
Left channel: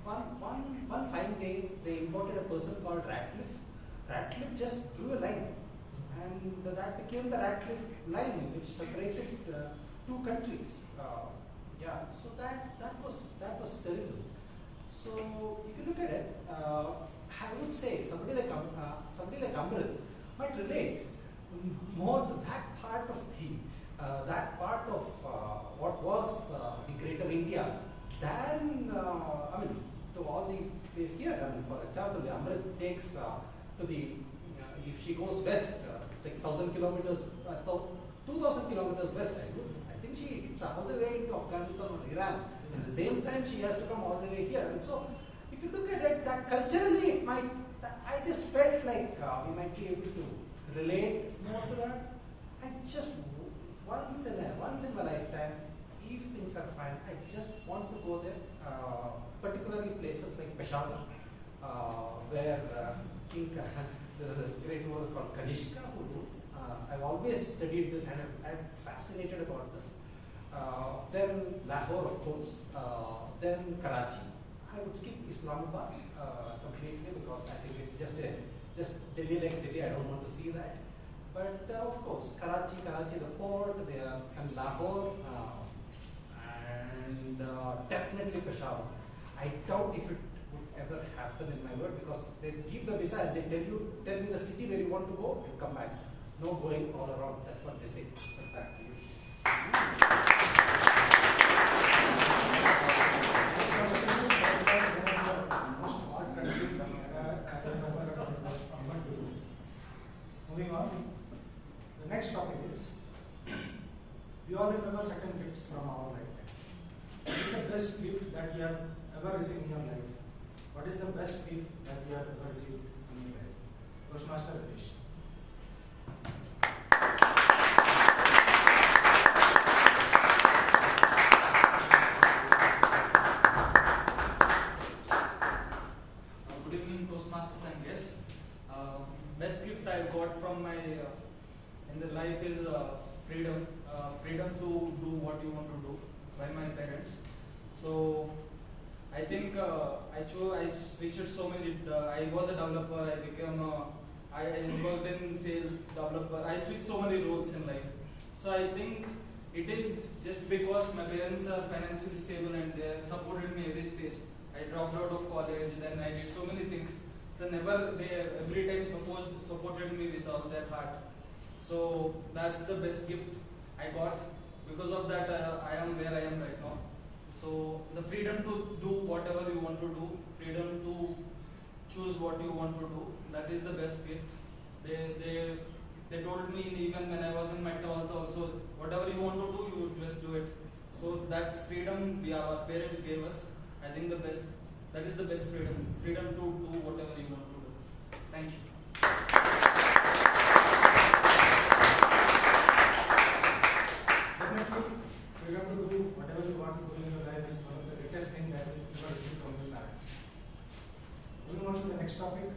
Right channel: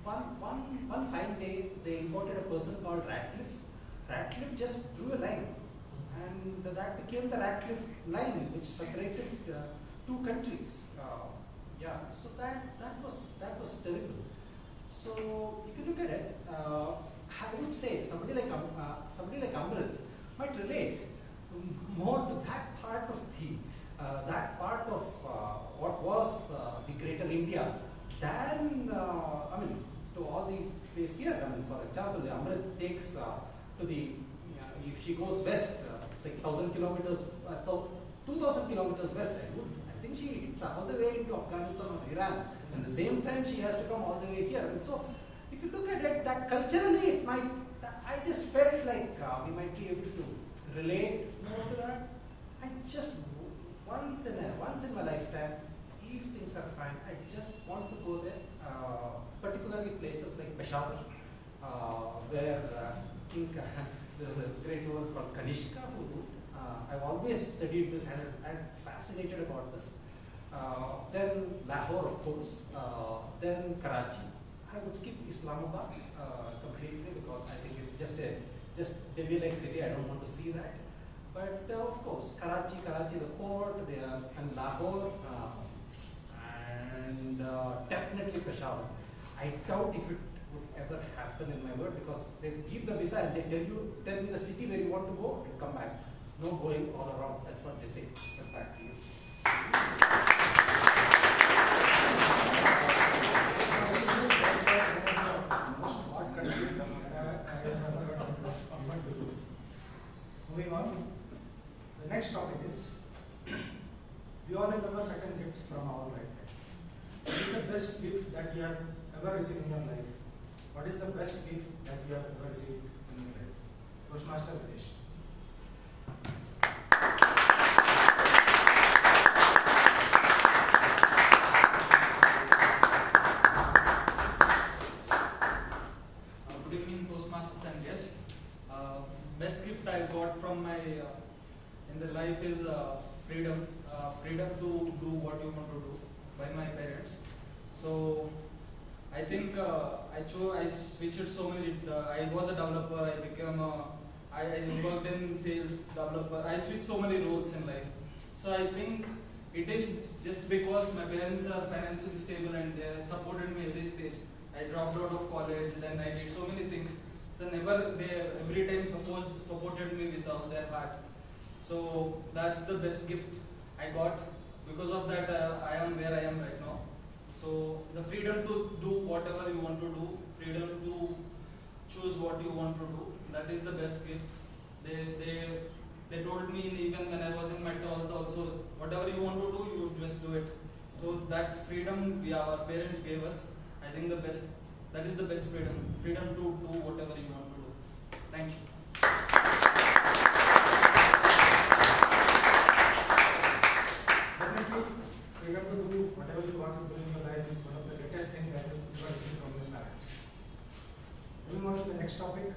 one fine day, they imported a person called Ratcliffe. Ratcliffe just drew a line. And that became the Ratcliffe line, which separated two countries. Yeah, so that was terrible. So if you look at it, I would say somebody like Amrith might relate more to that part of what was the greater India than I mean to all the place here. I mean, for example, Amrith takes to the if she goes west, like 1,000 kilometers, 2,000 kilometers west, I think she hits all the way into Afghanistan or Iran. And at the same time, she has to come all the way here. And so, if you look at it, that culturally, it might. I just felt like we might be able to relate more to that. I just once in my lifetime, if things are fine, I just want to go there. Particularly places like Peshawar, where I think there is a great work called Kanishka who wrote. I've always studied this and I'm fascinated about this. Then Lahore, of course. Then Karachi. I would skip Islamabad completely because I think it's just Delhi-like city. I don't want to see that. But of course, Karachi, the port, and Lahore, and definitely Peshawar. I doubt if it would ever happen in my world because they give the visa and they tell me the city where you want to go and come back. No going all around. That's what they say. But back to you. Moving on, the next topic is, we all remember certain gifts from our life. What is the best gift that you have ever received in your life? What is the best gift that you have ever received in your life? Toastmaster Riteesh. Good evening, Toastmasters and guests. Best gift I got from my in the life is freedom. Freedom to do what you want to do by my parents. So I think I switched so many. I was a developer. I became I worked in sales, developer. I switched so many roles in life. So I think it is just because my parents are financially stable and they supported me every stage. I dropped out of college, then I did so many things. So every time supported me with all their heart. So that's the best gift I got. Because of that, I am where I am right now. So the freedom to do whatever you want to do, freedom to choose what you want to do, that is the best gift. They told me even when I was in my 12th also, whatever you want to do, you just do it. So that freedom our parents gave us, I think that is the best freedom. Freedom to do whatever you want to do. Thank you. Definitely, freedom to do whatever you want to do in your life is one of the greatest things that you ever receive from your parents. Moving on to the next topic.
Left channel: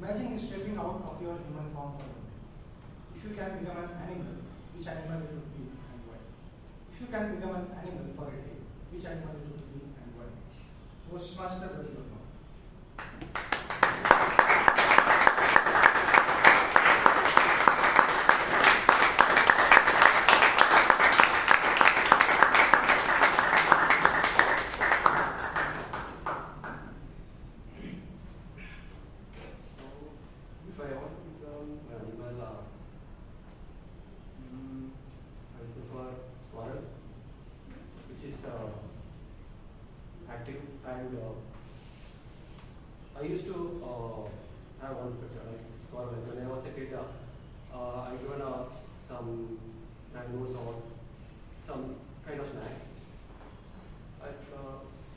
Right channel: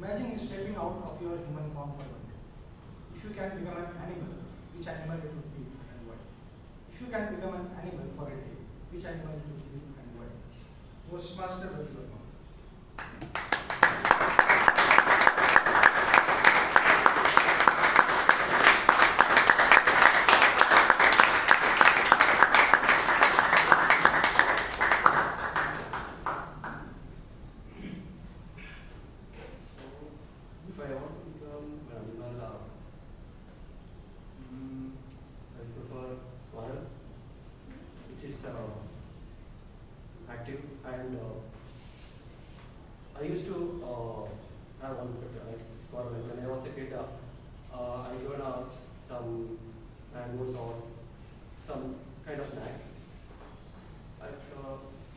Imagine you stepping out of your human form for one day. If you can become an animal, which animal it would be and why? If you can become an animal for a day, which animal it would be and why? Toastmaster Ravivarma. If I want to become an animal, I prefer squirrel, which is active, and I used to have one pet, like mangoes or some kind of snacks. But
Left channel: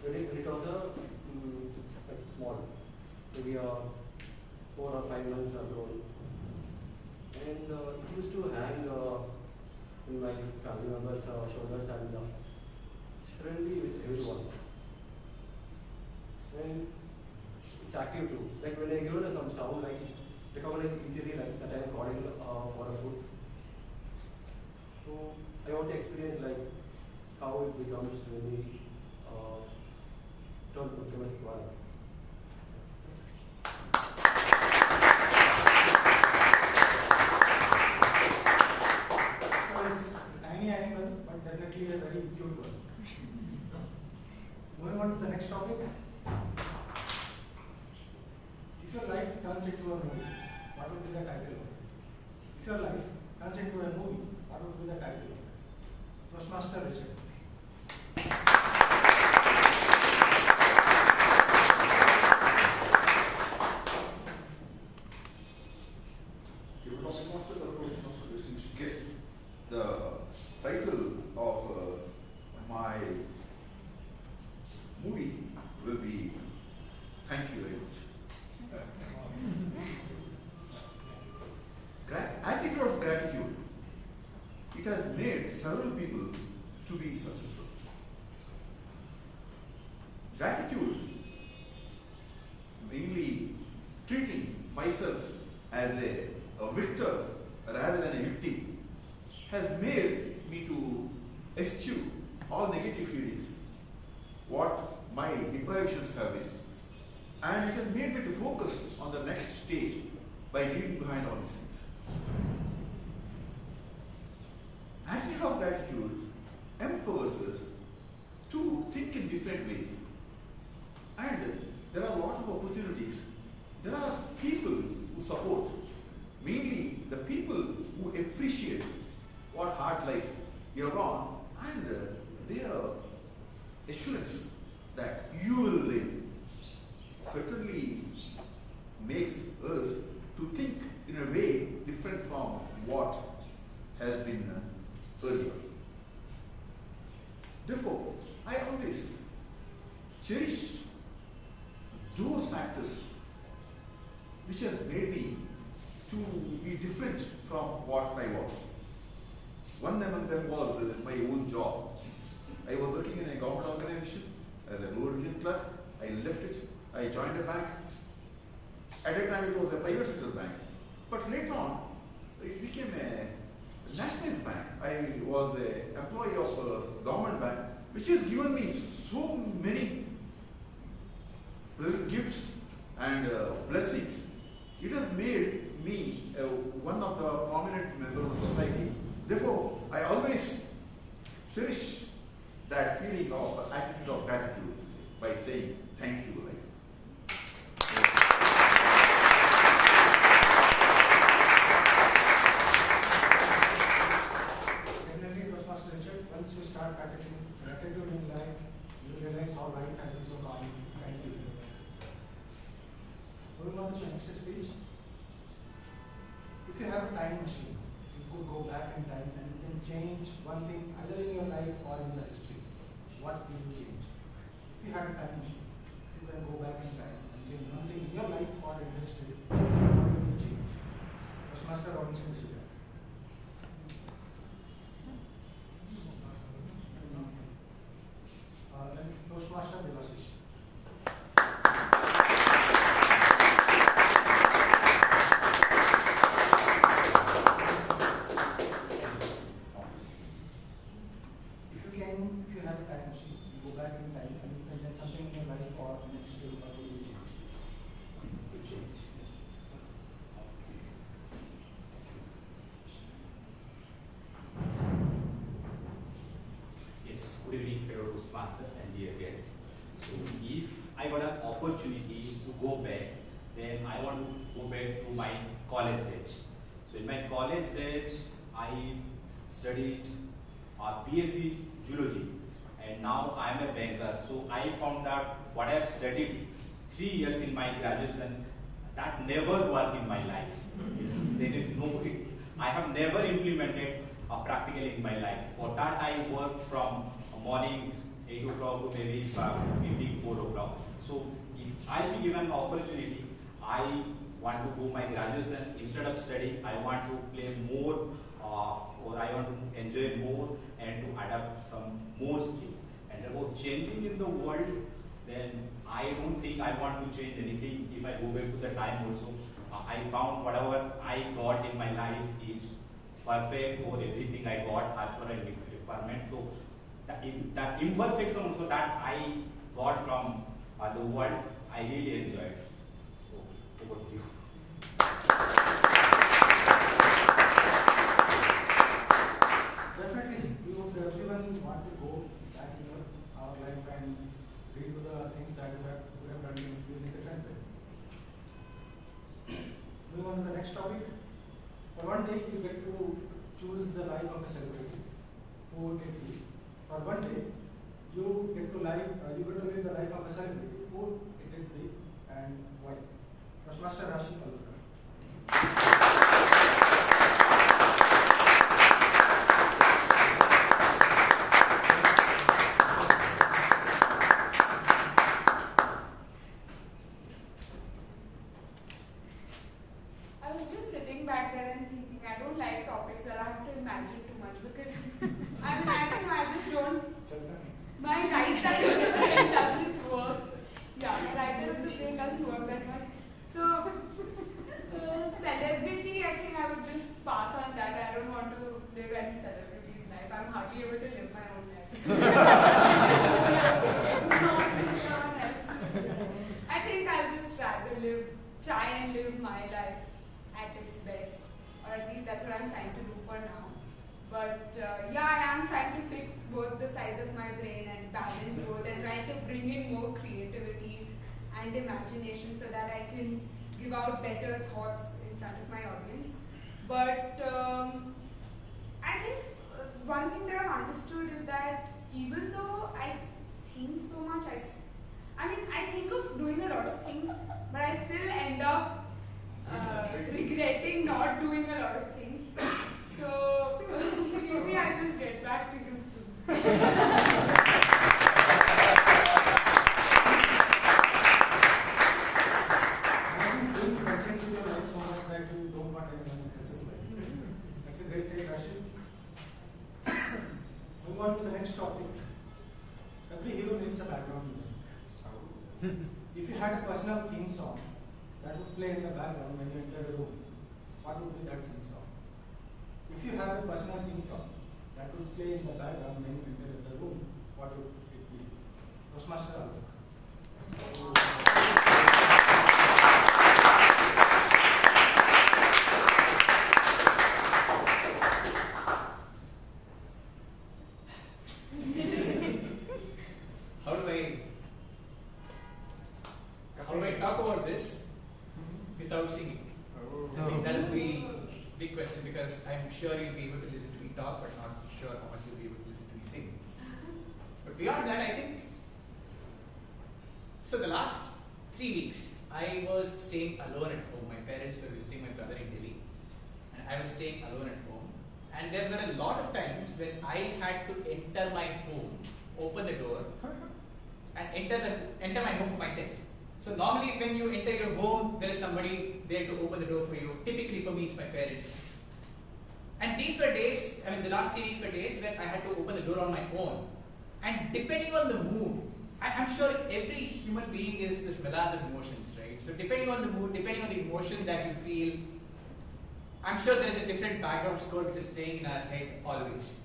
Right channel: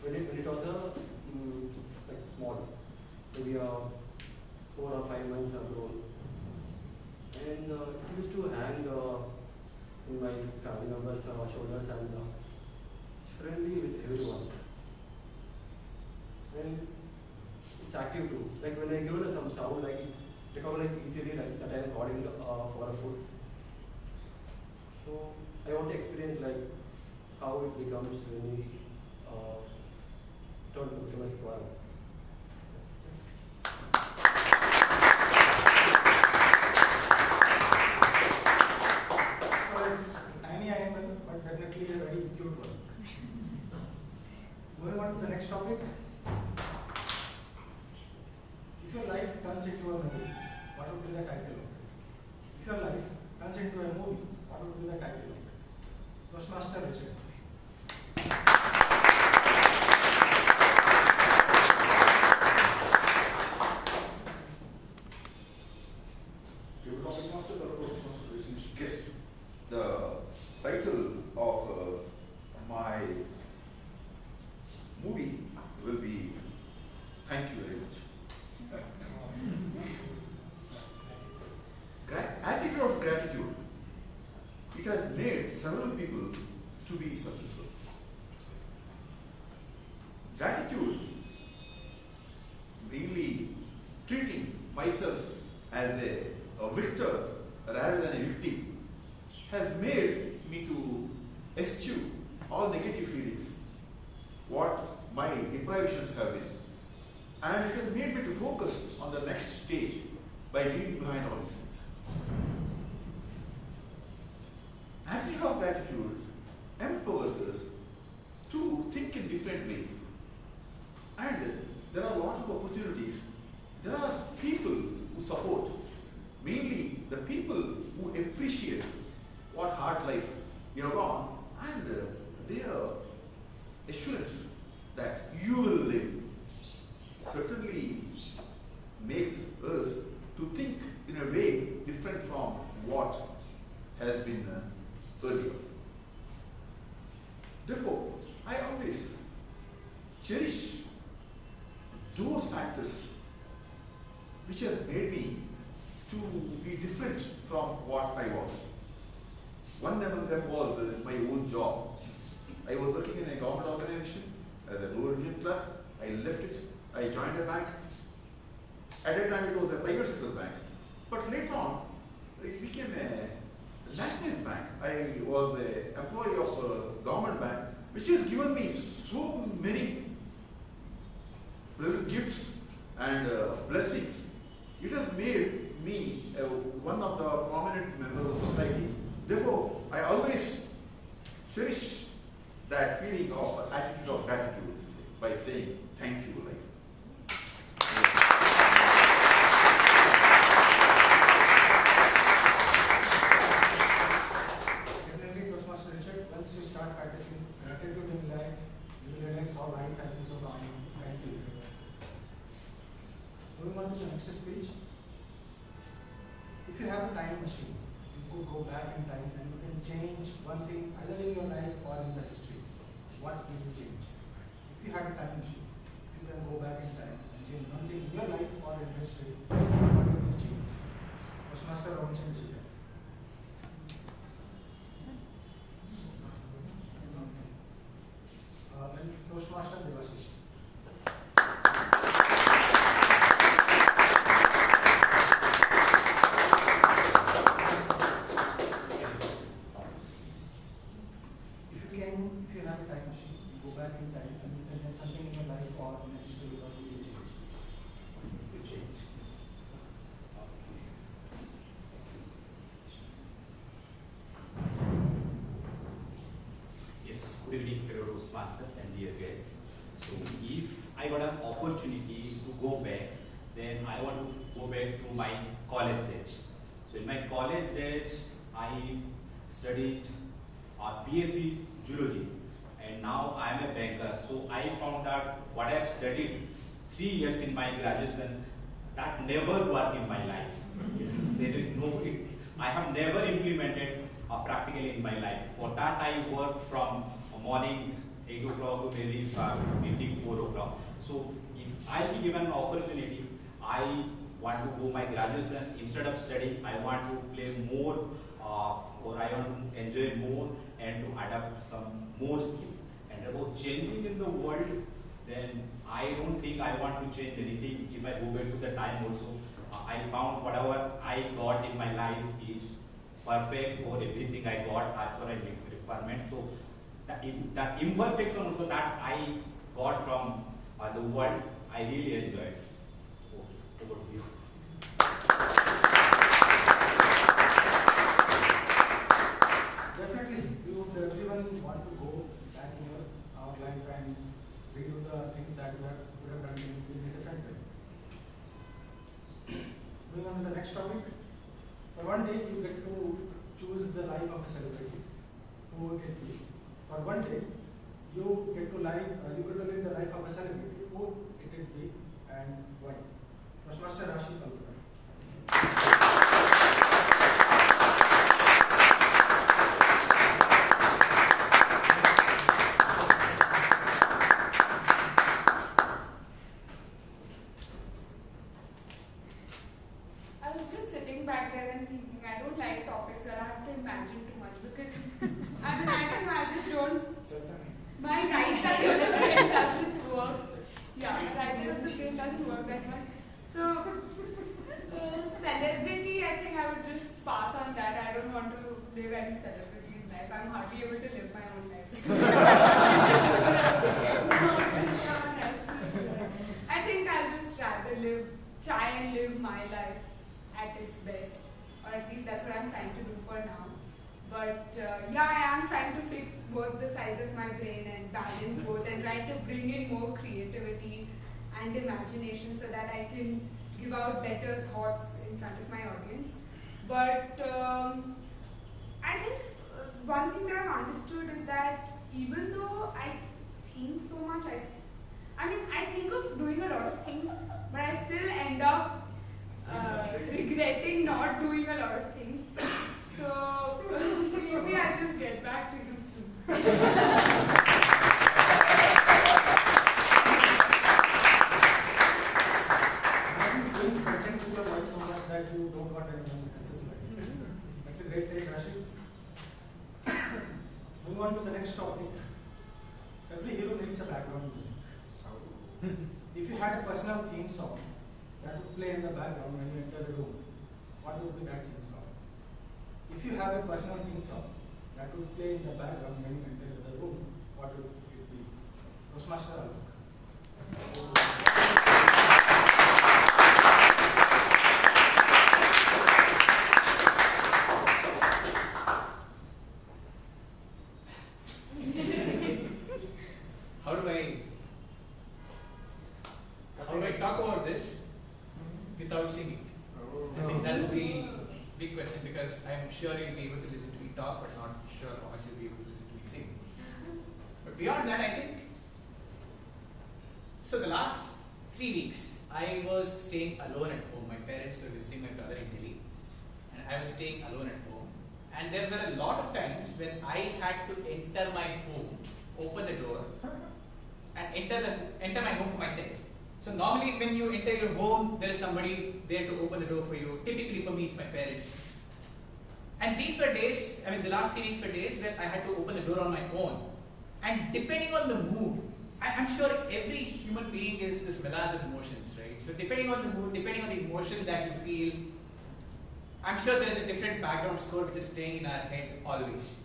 when it was like small, maybe 4 or 5 months grown, and it used to hang in my family members' shoulders, and it's friendly with everyone. And it's active too. Like when I give it some sound, like it recognizes easily like that I am calling for a food. So I want to experience like how it becomes when we turn to become a squirrel. It's a tiny animal, but definitely a very cute one. Moving on to the next topic. If your life turns into a movie, what would be the title of it? If your life turns into a movie, what would be the title of it? Toastmaster Richard. Guess the title of my movie will be Thank You Very Much. Attitude of gratitude. It has made several people to be successful. Gratitude, mainly treating myself as a victor rather than a victim, has made me to eschew all negative feelings, what my deprivations have been. And it has made me to focus on the next stage by leaving behind all these things. Attitude of gratitude empowers us to think in different ways. And there are a lot of opportunities. There are people who support, mainly the people who appreciate what hard life you have gone, and their assurance that you will live certainly makes us to think in a way different from what has been earlier. Therefore, I always cherish those factors which has made me to be different from what I was. One among them was my own job. I was working in a government organization as a lower region clerk. I left it. I joined a bank. At that time, it was a private sector bank. But later on, it became a nationalized bank. I was an employee of a government bank, which has given me so many gifts and blessings. It has made me one of the prominent members of society. Therefore, I always cherish that feeling of attitude of gratitude by saying thank you. Definitely, Toastmaster Richard, once you start practicing gratitude in life, you will realize how life has been so calming. Thank you. Moving on to the next speech. If you have a time machine, you could go back in time and you can change one thing either in your life or in your history. What will you change? If you had a time machine, you can go back in time and change one thing in your life or in history. What will you change? Toastmaster Robinson is here. Then Toastmaster Debasish. Toastmasters and dear guests. So if I got an opportunity to go back, then I want to go back to my college days. So in my college days, I studied BSc Zoology, and now I am a banker. So I found that what I have studied 3 years in my graduation, that never worked in my life. There is no, I have never implemented practically in my life. For that, I work from morning 8 o'clock to maybe evening 4 o'clock. So if I'll be given an opportunity, I want to go my graduation. Instead of studying, I want to play more or I want to enjoy more and to adapt some more skills. And about changing in the world, then I don't think I want to change anything. If I go back to the time also, I found whatever I got in my life is perfect, or everything I got as per a requirement. So that imperfection also that I got from the world, I really enjoyed. Okay, over to you. Definitely, we would everyone want to go back in our life and redo the things that we would have done in a different way. Moving on to the next topic. For one day, you get to choose the life of a celebrity. Who would it be? For one day, you get to live the life of a celebrity. Who would it be and why? Toastmaster Rashi, Palgota. I was just sitting back there and thinking, I don't like topics where I have to imagine too much because I don't know, I just don't. My right side of the brain doesn't work. Yeah, my right side of the brain doesn't work that much. So, celebrity, I think I would just pass on that. I don't want to live any celebrity's life. I'm hardly able to live my own life. I think I'll just rather try and live my life at its best, or at least that's what I'm trying to do for now. But yeah, I am trying to fix both the sides of my brain and balance both and trying to bring in more creativity and imagination so that I can give out better thoughts in front of my audience. But I think one thing that I've understood is that even though I think so much, I think of doing a lot of things, but I still end up regretting not doing a lot of things. So maybe I'll just get back to you soon. Doing content in your life so much that you don't want anyone else's life. That's a great take, Rashi. Moving on to the next topic. Every hero needs a background music. If you had a personal theme song that would play in the background when you enter a room, what would be that theme song? If you have a personal theme song that would play in the background when you enter the room, what would it be? Toastmaster Alok. How do I talk about this without singing? I think that is the big question, because I'm sure you'll be able to listen to me talk, but not sure how much you'll be able to listen to me sing. But beyond that, I think, so the last 3 weeks, I was staying alone at home. My parents were visiting my brother in Delhi, and I was staying alone at home. And there were a lot of times when I had to enter my home, open the door, and enter my home for myself. So normally when you enter your home, there is somebody there to open the door for you. Typically for me, it's my parents. And these were days, the last 3 weeks were days where I had to open the door on my own. And depending on the mood, I'm sure every human being is this melange of emotions, right? So depending on the mood, depending on the emotion that you feel, I'm sure there is a different background score which is playing in our head always.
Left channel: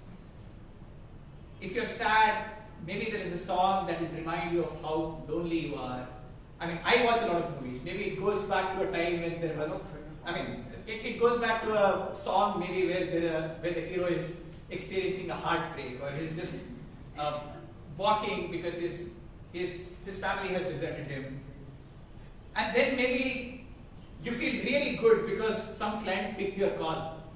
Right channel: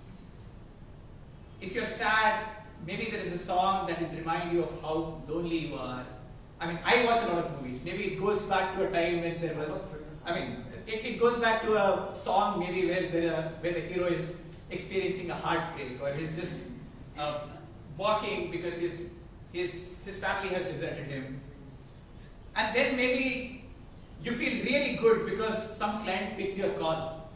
If you're sad, maybe there is a song that will remind you of how lonely you are. I watch a lot of movies. Maybe it goes back to a time when there was, it goes back to a song maybe where the hero is experiencing a heartbreak, or he's just walking because his family has deserted him. And then maybe you feel really good because some client picked your call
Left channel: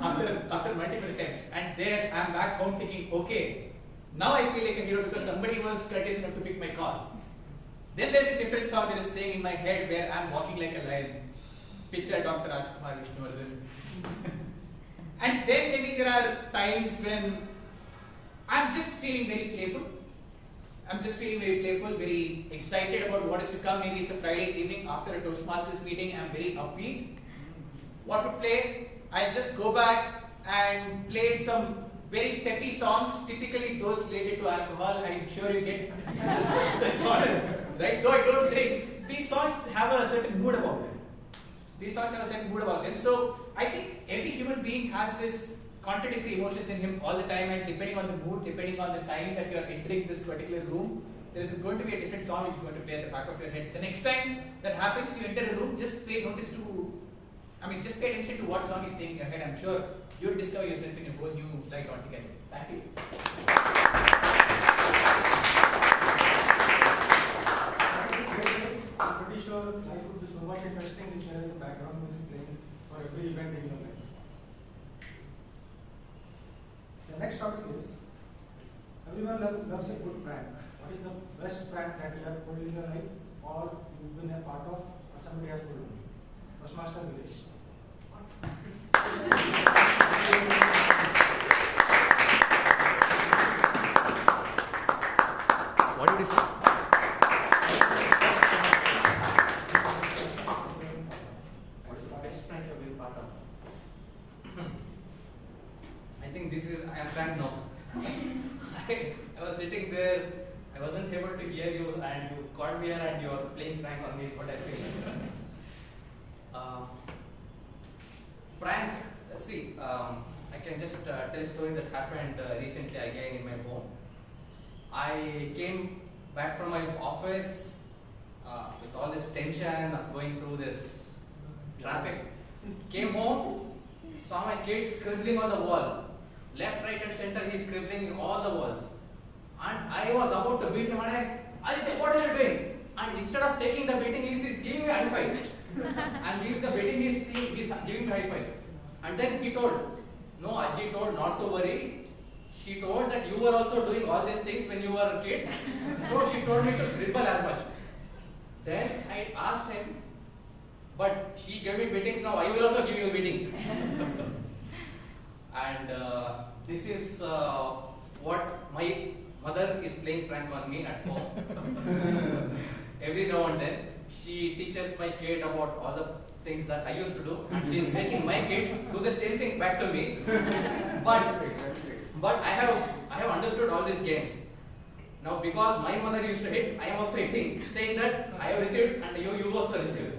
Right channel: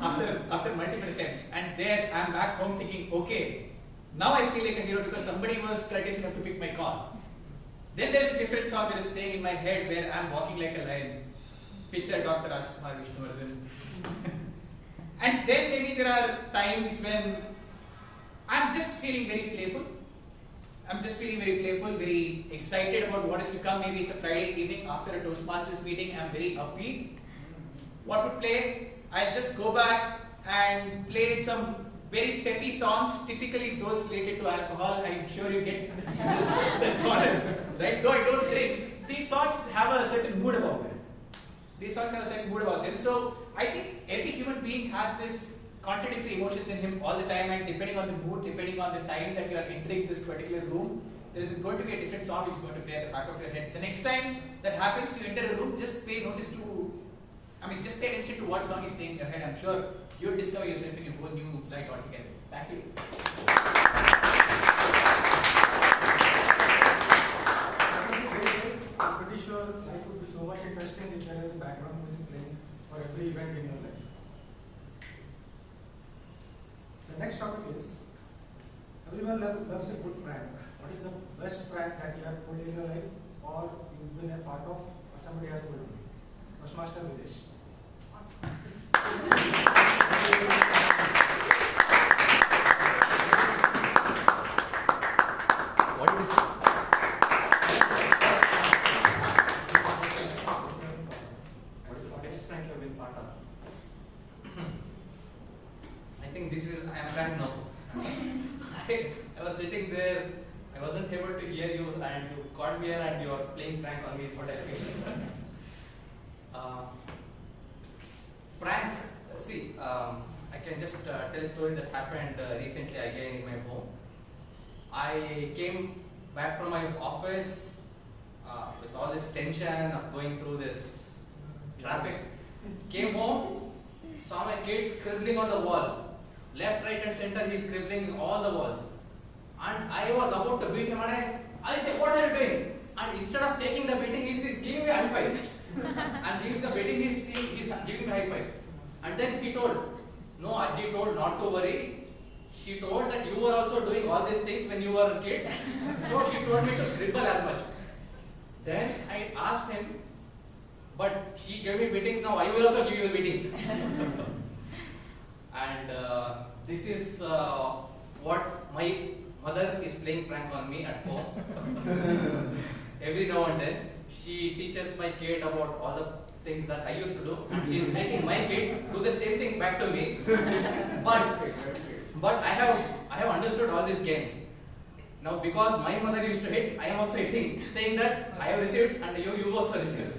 after multiple attempts. And there I'm back home thinking, okay, now I feel like a hero because somebody was courteous enough to pick my call. Then there's a different song that is playing in my head where I'm walking like a lion. Picture Dr. Kumar Vishnuvardhan. And then maybe there are times when I'm just feeling very playful. Very excited about what is to come. Maybe it's a Friday evening after a Toastmasters meeting. I'm very upbeat. What to play? I'll just go back and play some very peppy songs, typically those related to alcohol. I'm sure you get the genre, right? Though I don't drink, these songs have a certain mood about them. So I think every human being has this contradictory emotions in him all the time, and depending on the mood, depending on the time that you are entering this particular room, there is going to be a different song which is going to play at the back of your head. The next time that happens, you enter a room, just pay attention to what song is playing in your head. I'm sure you'll discover yourself in a whole new light altogether. Thank you. I'm pretty sure life would be so much interesting if there is a background music playing for every event in your life. The next topic is, everyone loves a good prank. What is the best prank that you have pulled in your life, or you've been a part of, or somebody has pulled you? Toastmaster Viresh. What did you say? What is the best prank you've been part of? I think I am frank now. I was sitting there, I wasn't able to hear you, and you called me here and you are playing prank on me, is what I feel. Pranks, see, I can just tell a story that happened recently again in my home. I came back from my office with all this tension of going through this traffic. Came home, saw my kid scribbling on the wall. Left, right and center, he's scribbling all the walls. And I was about to beat him, and I said, what are you doing? And instead of taking the beating, he's giving me a high five. And giving the beating, he's giving me a high five. And then he told, no, Ajji told not to worry. She told that you were also doing all these things when you were a kid. So she told me to scribble as much. Then I asked him, but she gave me beatings, now I will also give you a beating. And this is what my mother is playing prank on me at home. Every now and then, she teaches my kid about all the things that I used to do, and she is making my kid do the same thing back to me. But I have understood all these games. Now, because my mother used to hit, I am also hitting, saying that I have received and you also received.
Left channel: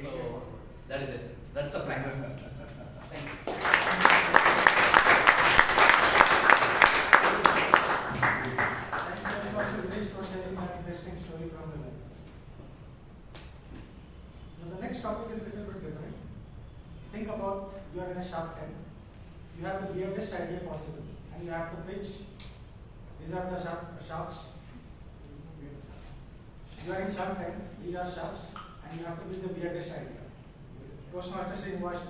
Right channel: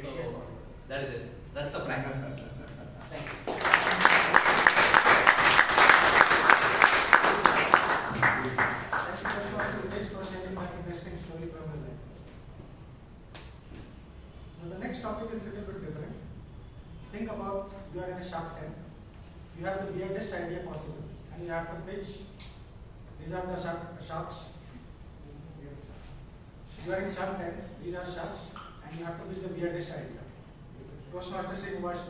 So that is it. That's the prank. Thank you. Interesting story from the life. Now the next topic is a little bit different. Think about you are in a Shark Tank. You have the weirdest idea possible, and you have to pitch. These are the sharks. You are in Shark Tank. These are sharks, and you have to pitch the weirdest idea. Toastmaster Srinivas.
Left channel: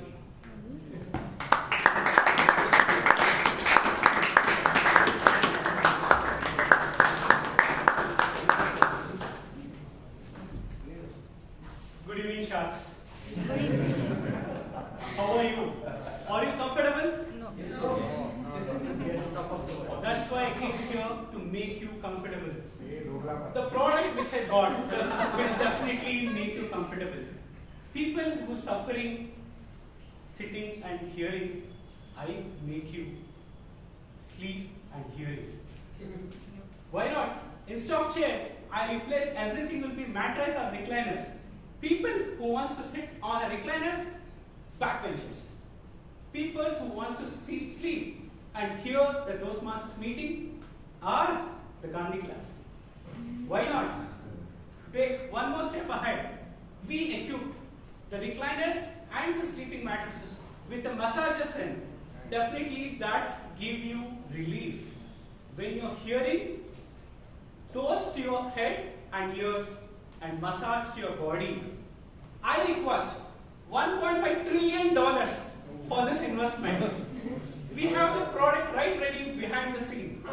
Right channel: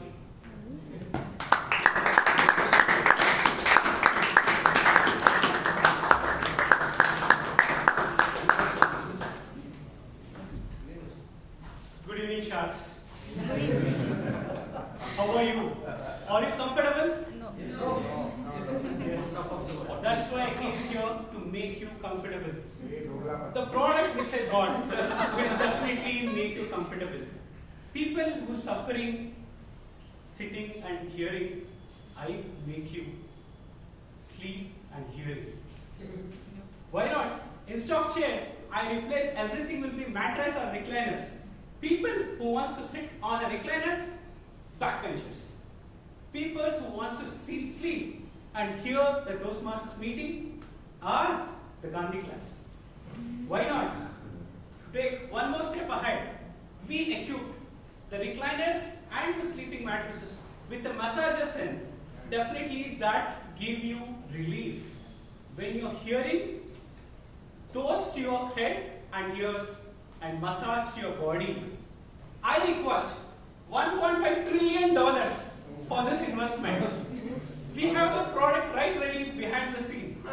Good evening, sharks. Good evening. How are you? Are you comfortable? No. Yes. That's why I came here to make you comfortable. The product which I got will definitely make you comfortable. People who are suffering, sitting and hearing, I make you sleep and hearing. Why not? Instead of chairs, I replace everything will be mattress or recliners. People who wants to sit on a recliners, backbenchers. People who wants to sleep and hear the Toastmasters meeting are the Gandhi class. Why not? Take one more step ahead. We equipped the recliners and the sleeping mattresses with the massagers in. Definitely that give you relief. When you're hearing, toast to your head and ears and massage to your body. I request $1.5 trillion for this investment. We have the product right ready behind the scene.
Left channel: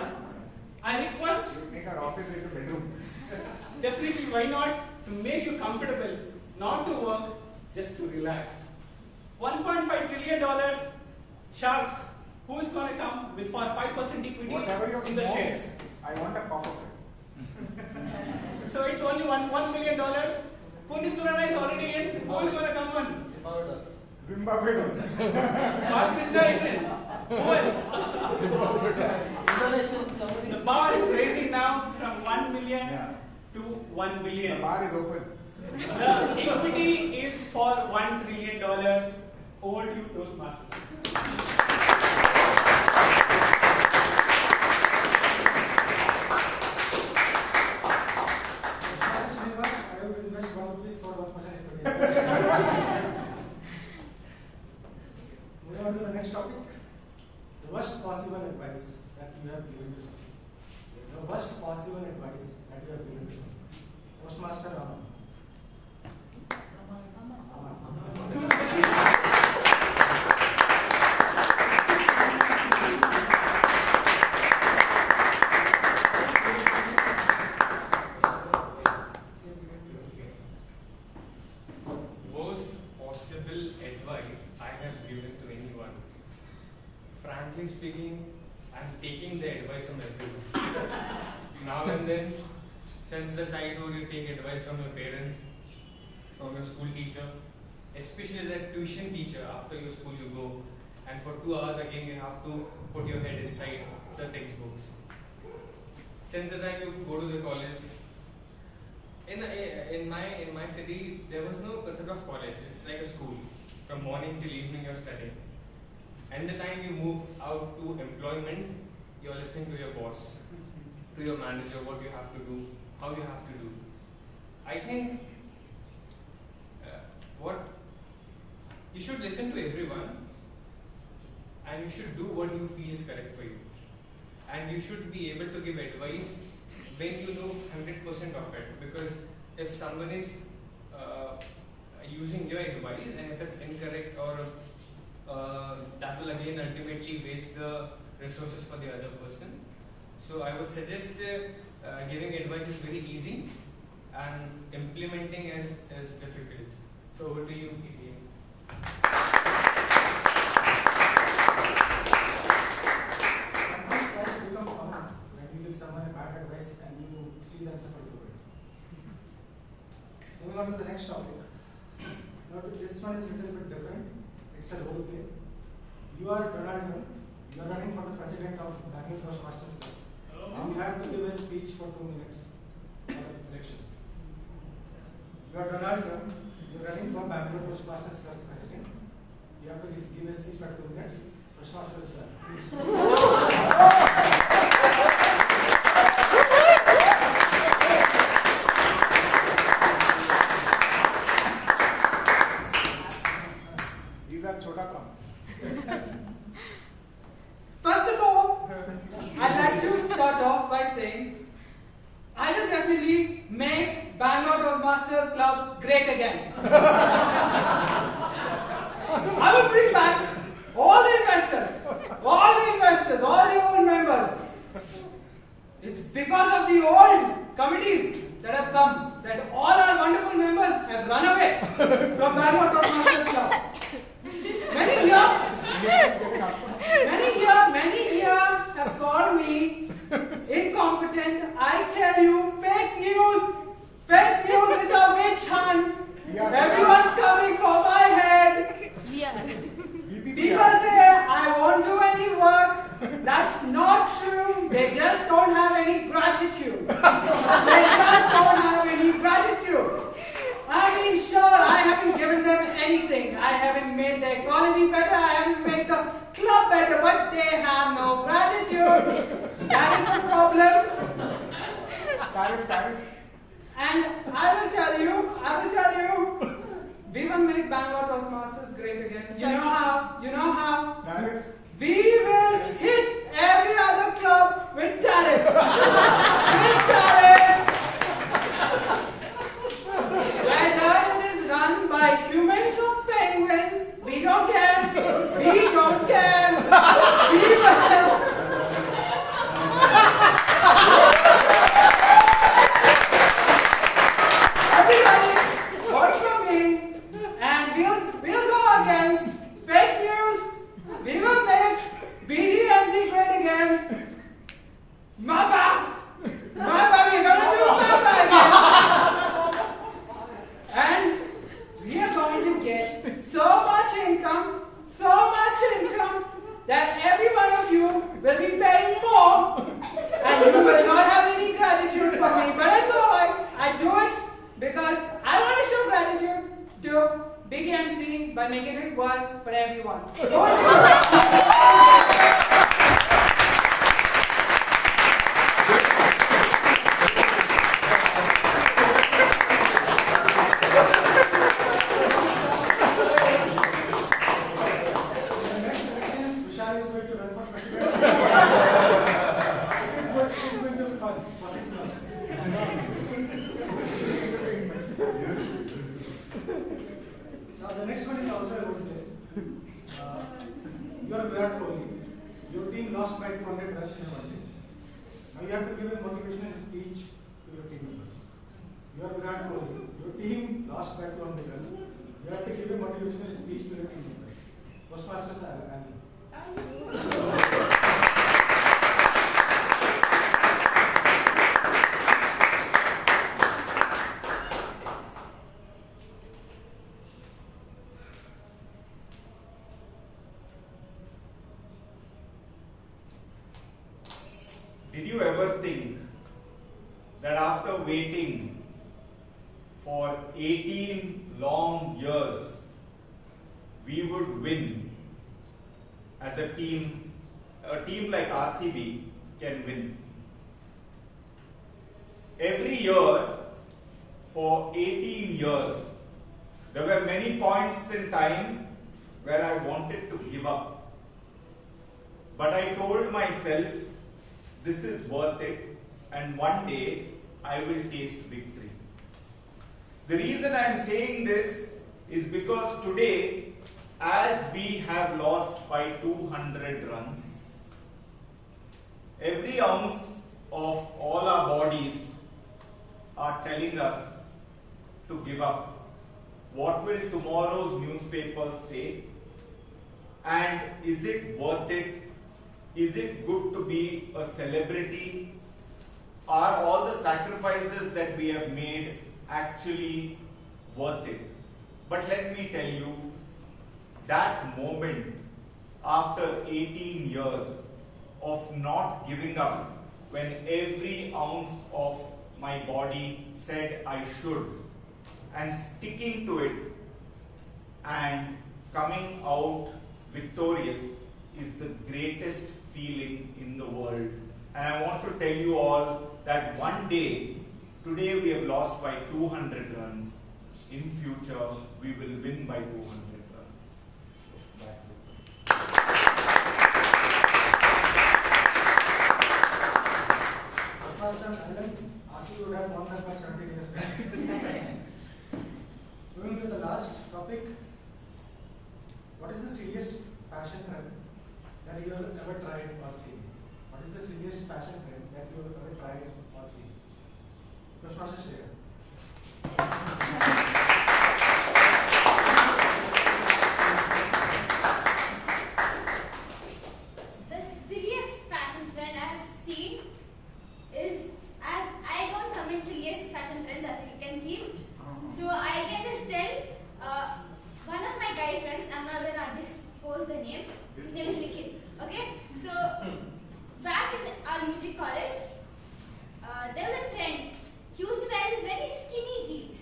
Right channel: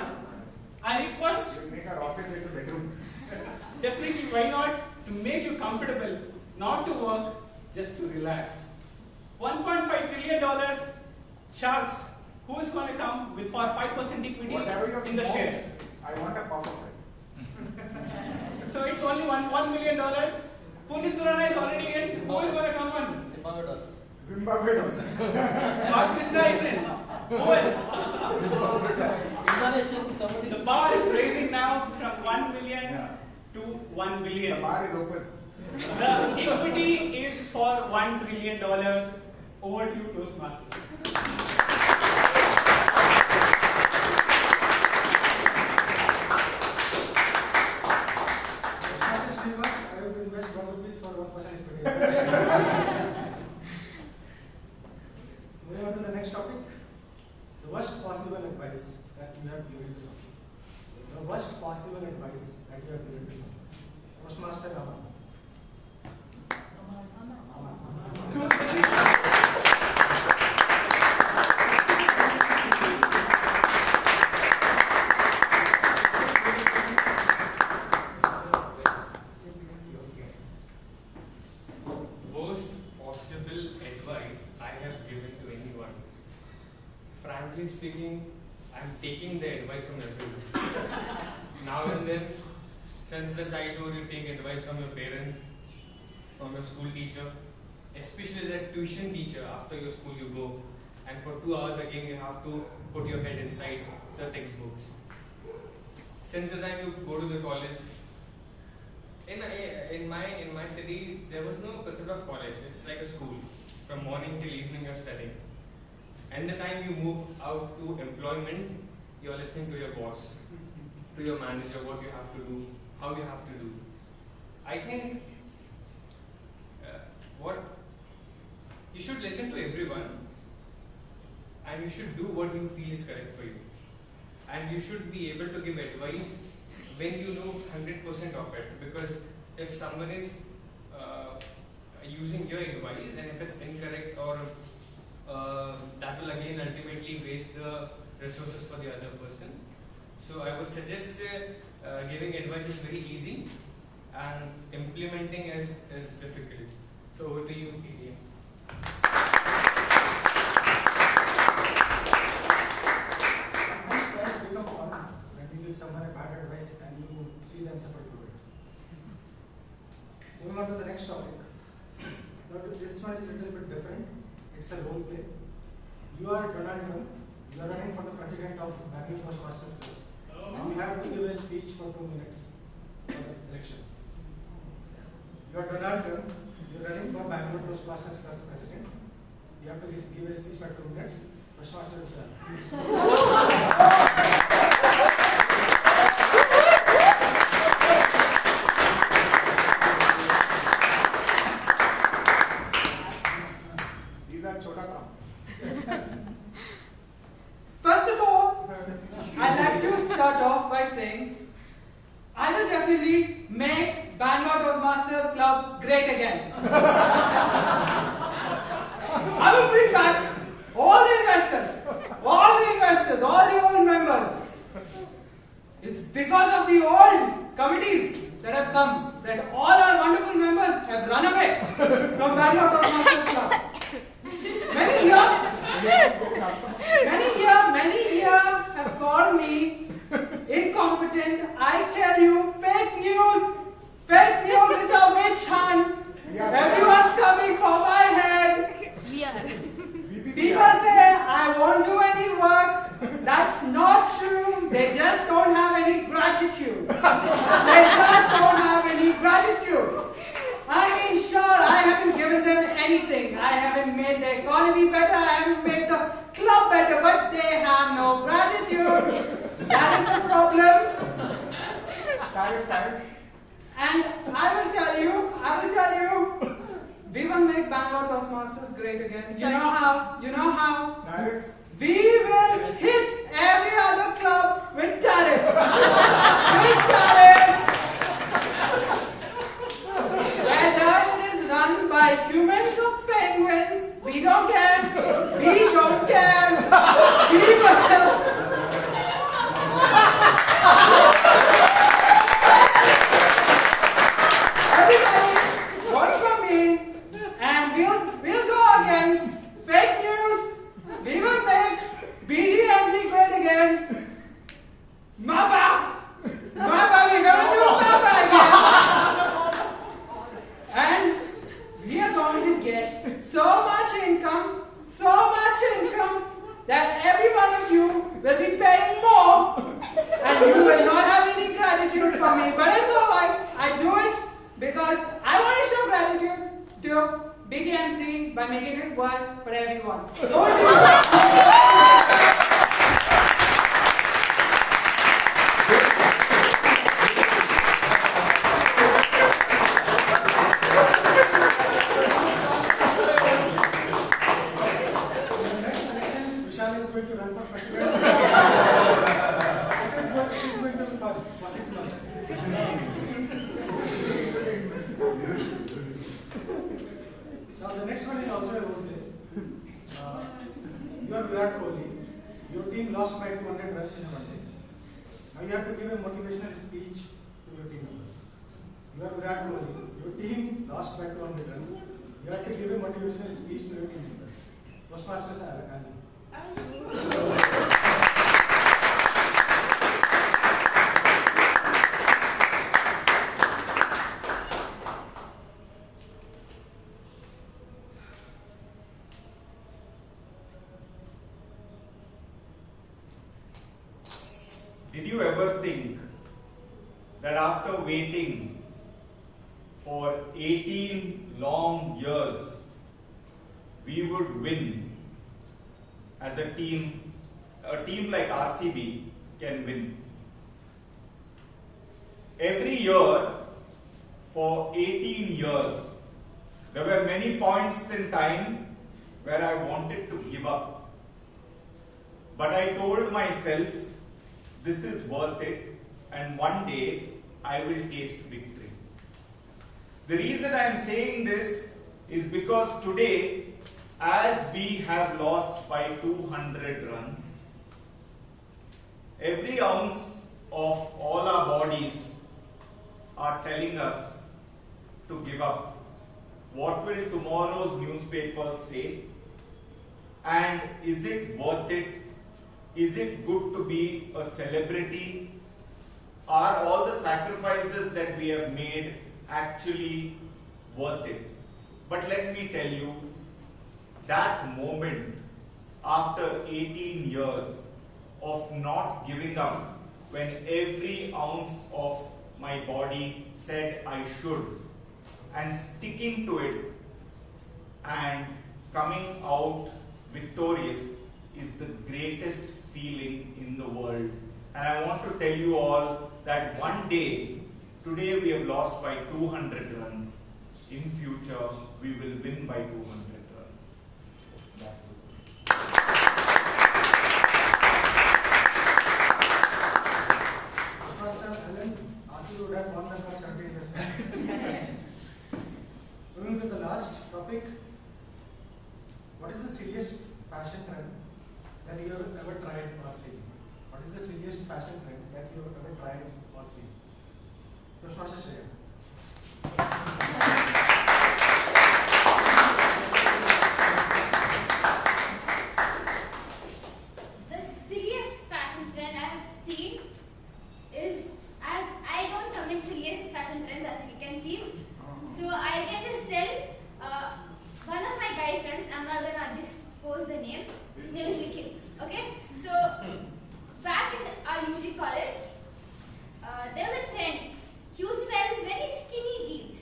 I request make our office into bedrooms. Definitely, why not? To make you comfortable, not to work, just to relax. $1.5 trillion Sharks, who is going to come with for 5% equity Whatever your in the smoke, shares? I want a puff of it. So it's only $1 million. Police Surana is already in. Who is going to come on? Zimbabwe. Balakrishna is in. Who else? The bar is raising now from 1 million to 1 billion. The bar is open. The equity is for $1 trillion. Over to you, Toastmasters. Srinivas, I will invest 1 rupees for 1% equity. Moving on to the next topic. The worst possible advice that you have given to someone. The worst possible advice that you have given to someone. Toastmaster Amaan. Worst possible advice I have given to anyone. Frankly speaking, I'm taking the advice from everyone. Now and then, since the childhood, you take advice from your parents, from your school teacher, especially that tuition teacher. After your school, you go, and for 2 hours again, you have to put your head inside the textbooks. Since the time you go to the college, in my city, there was no concept of college. It's like a school. From morning till evening, you're studying. And the time you move out to employment, you're listening to your boss, to your manager, what you have to do, how you have to do. I think you should listen to everyone, and you should do what you feel is correct for you. And you should be able to give advice when you know 100% of it. Because if someone is using your advice, and if it's incorrect, or that will again ultimately waste the resources for the other person. So I would suggest giving advice is very easy, and implementing is difficult. So over to you, PM. When you give someone a bad advice and you see them suffer through it. Moving on to the next topic. Now, this one is a little bit different. It's a role play. You are Donald Trump. You are running for the president of Bangalore Toastmasters Club. And you have to give a speech for 2 minutes for the election. You are Donald Trump. You are running for Bangalore Toastmasters Club president. You have to give a speech for 2 minutes. Toastmaster Vishal. These are Chota Kam. First of all, I'd like to start off by saying I will definitely make Bangalore Toastmasters Club great again. I will bring back all the investors, all the old members. It's because of the old committees that have come that all our wonderful members have run away from Bangalore Toastmasters Club. Many here have called me incompetent. I tell you, fake news, it's a witch hunt. Everyone's coming for my head. People say I won't do any work. That's not true. They just don't have any gratitude. I mean, sure, I haven't given them anything. I haven't made the economy better. I haven't made the club better. But they have no gratitude. That is the problem. And I will tell you, we will make Bangalore Toastmasters great again. You know how? We will hit every other club with tariffs. Whether it is run by humans or penguins, we don't care. We will. Everybody, vote for me, and we'll go against fake news. We will again. Mappa! Mappa, we're gonna do Mappa again. And we are going to get so much income that every one of you will be paying more and you will not have any gratitude for me. But it's alright, I do it because I want to show gratitude to Big MC by making it worse for everyone. Vishal is going to run for president. It's going to be fun for 6 months. Now the next one is also a role play. You are Virat Kohli. Your team lost by 200 runs in a one day. Now you have to give a motivational speech to your team members. You are Virat Kohli. Your team lost by 200 runs. You have to give a motivational speech to your team members. Toastmasters are Annie. Did you ever think that after waiting for 18 long years, we would win as a team like RCB can win? Every year for 18 years, there were many points in time where I wanted to give up. But I told myself, this is worth it, and one day I will taste victory. The reason I am saying this is because today, as we have lost by 200 runs, every ounce of all our bodies are telling us to give up. What will tomorrow's newspapers say? And is it worth it? Is it good to be a celebrity? Are all the sacrifices that we have made actually worth it? But let me tell you, that moment after 18 years of not giving up, when every ounce of my body said I should, and sticking to it and coming out victorious, is the greatest feeling in the world. And I want to tell you all that one day, today we have lost by 200 runs. In future, we will win by 200 runs. First time, Alan, after you would have won that for 17 years back. Moving to the last topic. What is the silliest fashion trend that you have ever tried or seen? What is the silliest fashion trend that you have ever tried or seen? Toastmaster Shreya. The silliest fashion trend I have seen is, I don't come in silliest fashion trends, as you can see. So I can just tell one of my guy friends, I'm not gonna dispose the name. His name is Nikhil. Okay, so back in our music college, there was a trend. He used to wear these very skinny jeans,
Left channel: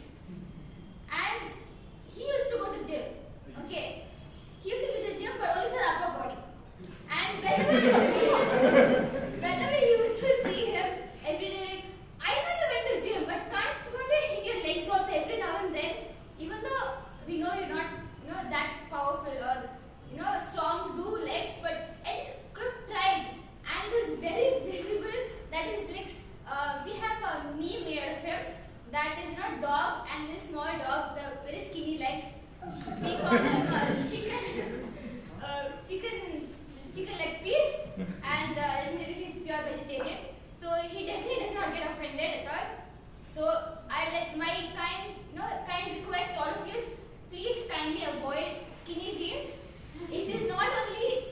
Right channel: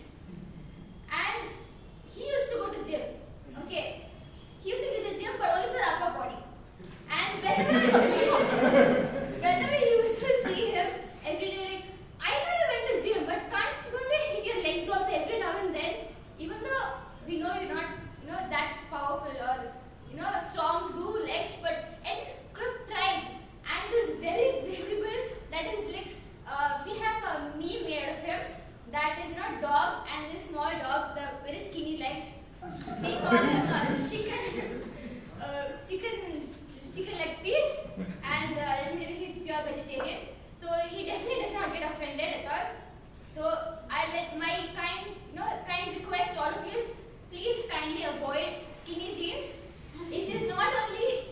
and he used to go to gym. Okay, he used to go to gym, but only for the upper body. And whenever you used to see him every day, like, I know you went to gym, but can't you hit your legs also every now and then? Even though we know you're not, that powerful or strong to do legs, but at least could have tried. And it was very visible that his legs. We have a meme made of him that is dog and this small dog, the very skinny legs. We call him chicken leg piece, and he's pure vegetarian. So he definitely does not get offended at all. So I let my kind request all of you, please kindly avoid skinny jeans. It is not only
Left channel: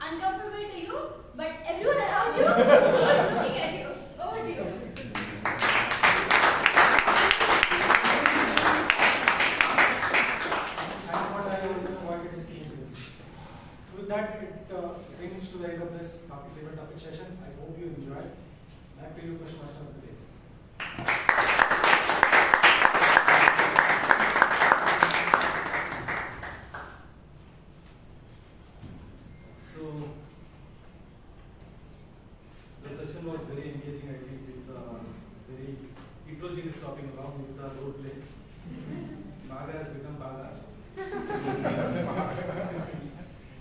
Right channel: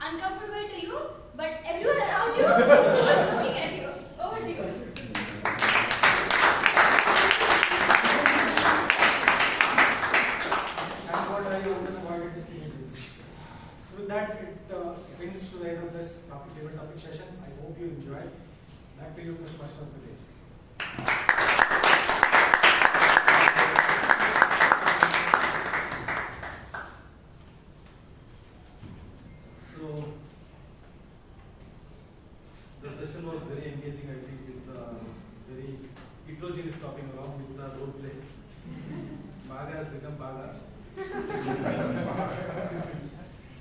uncomfortable to you, but everyone around you was looking at you. Over to you. And what I avoided is killing things. So with that, it brings to the end of this debate topic session. I hope you enjoyed. Back to you, Toastmaster of the day. So the session was very engaging. I think it was really stopping around with the role play. Baga has become Bala.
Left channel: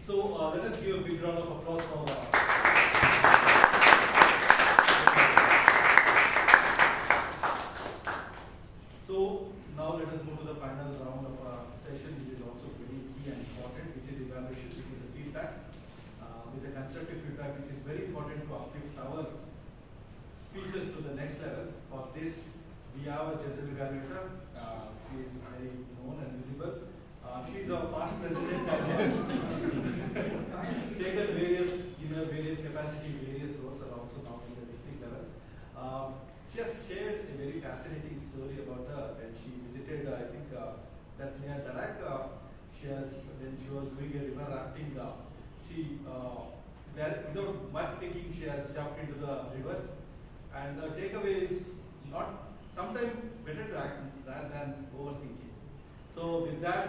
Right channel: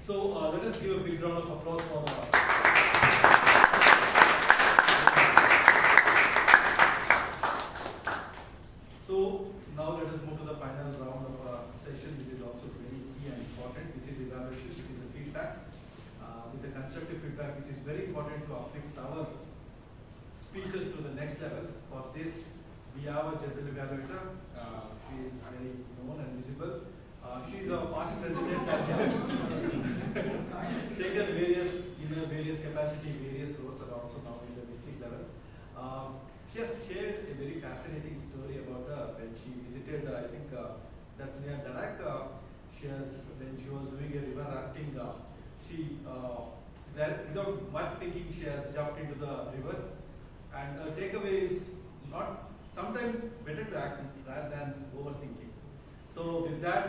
So let us give a big round of applause for. So now let us move to the final round of our session, which is also very key and important, which is evaluation, which is a feedback, with a constructive feedback, which is very important to uplift our speeches to the next level. For this, we have a general evaluator. She is highly known and visible. She is our past president and taken various capacity, various roles, and also now in the district level. She has shared a very fascinating story about when she visited, I think, that near Ladakh. When she was doing a river rafting, without much thinking, she has jumped into the river. And her takeaway is sometimes better to act rather than overthinking. So with that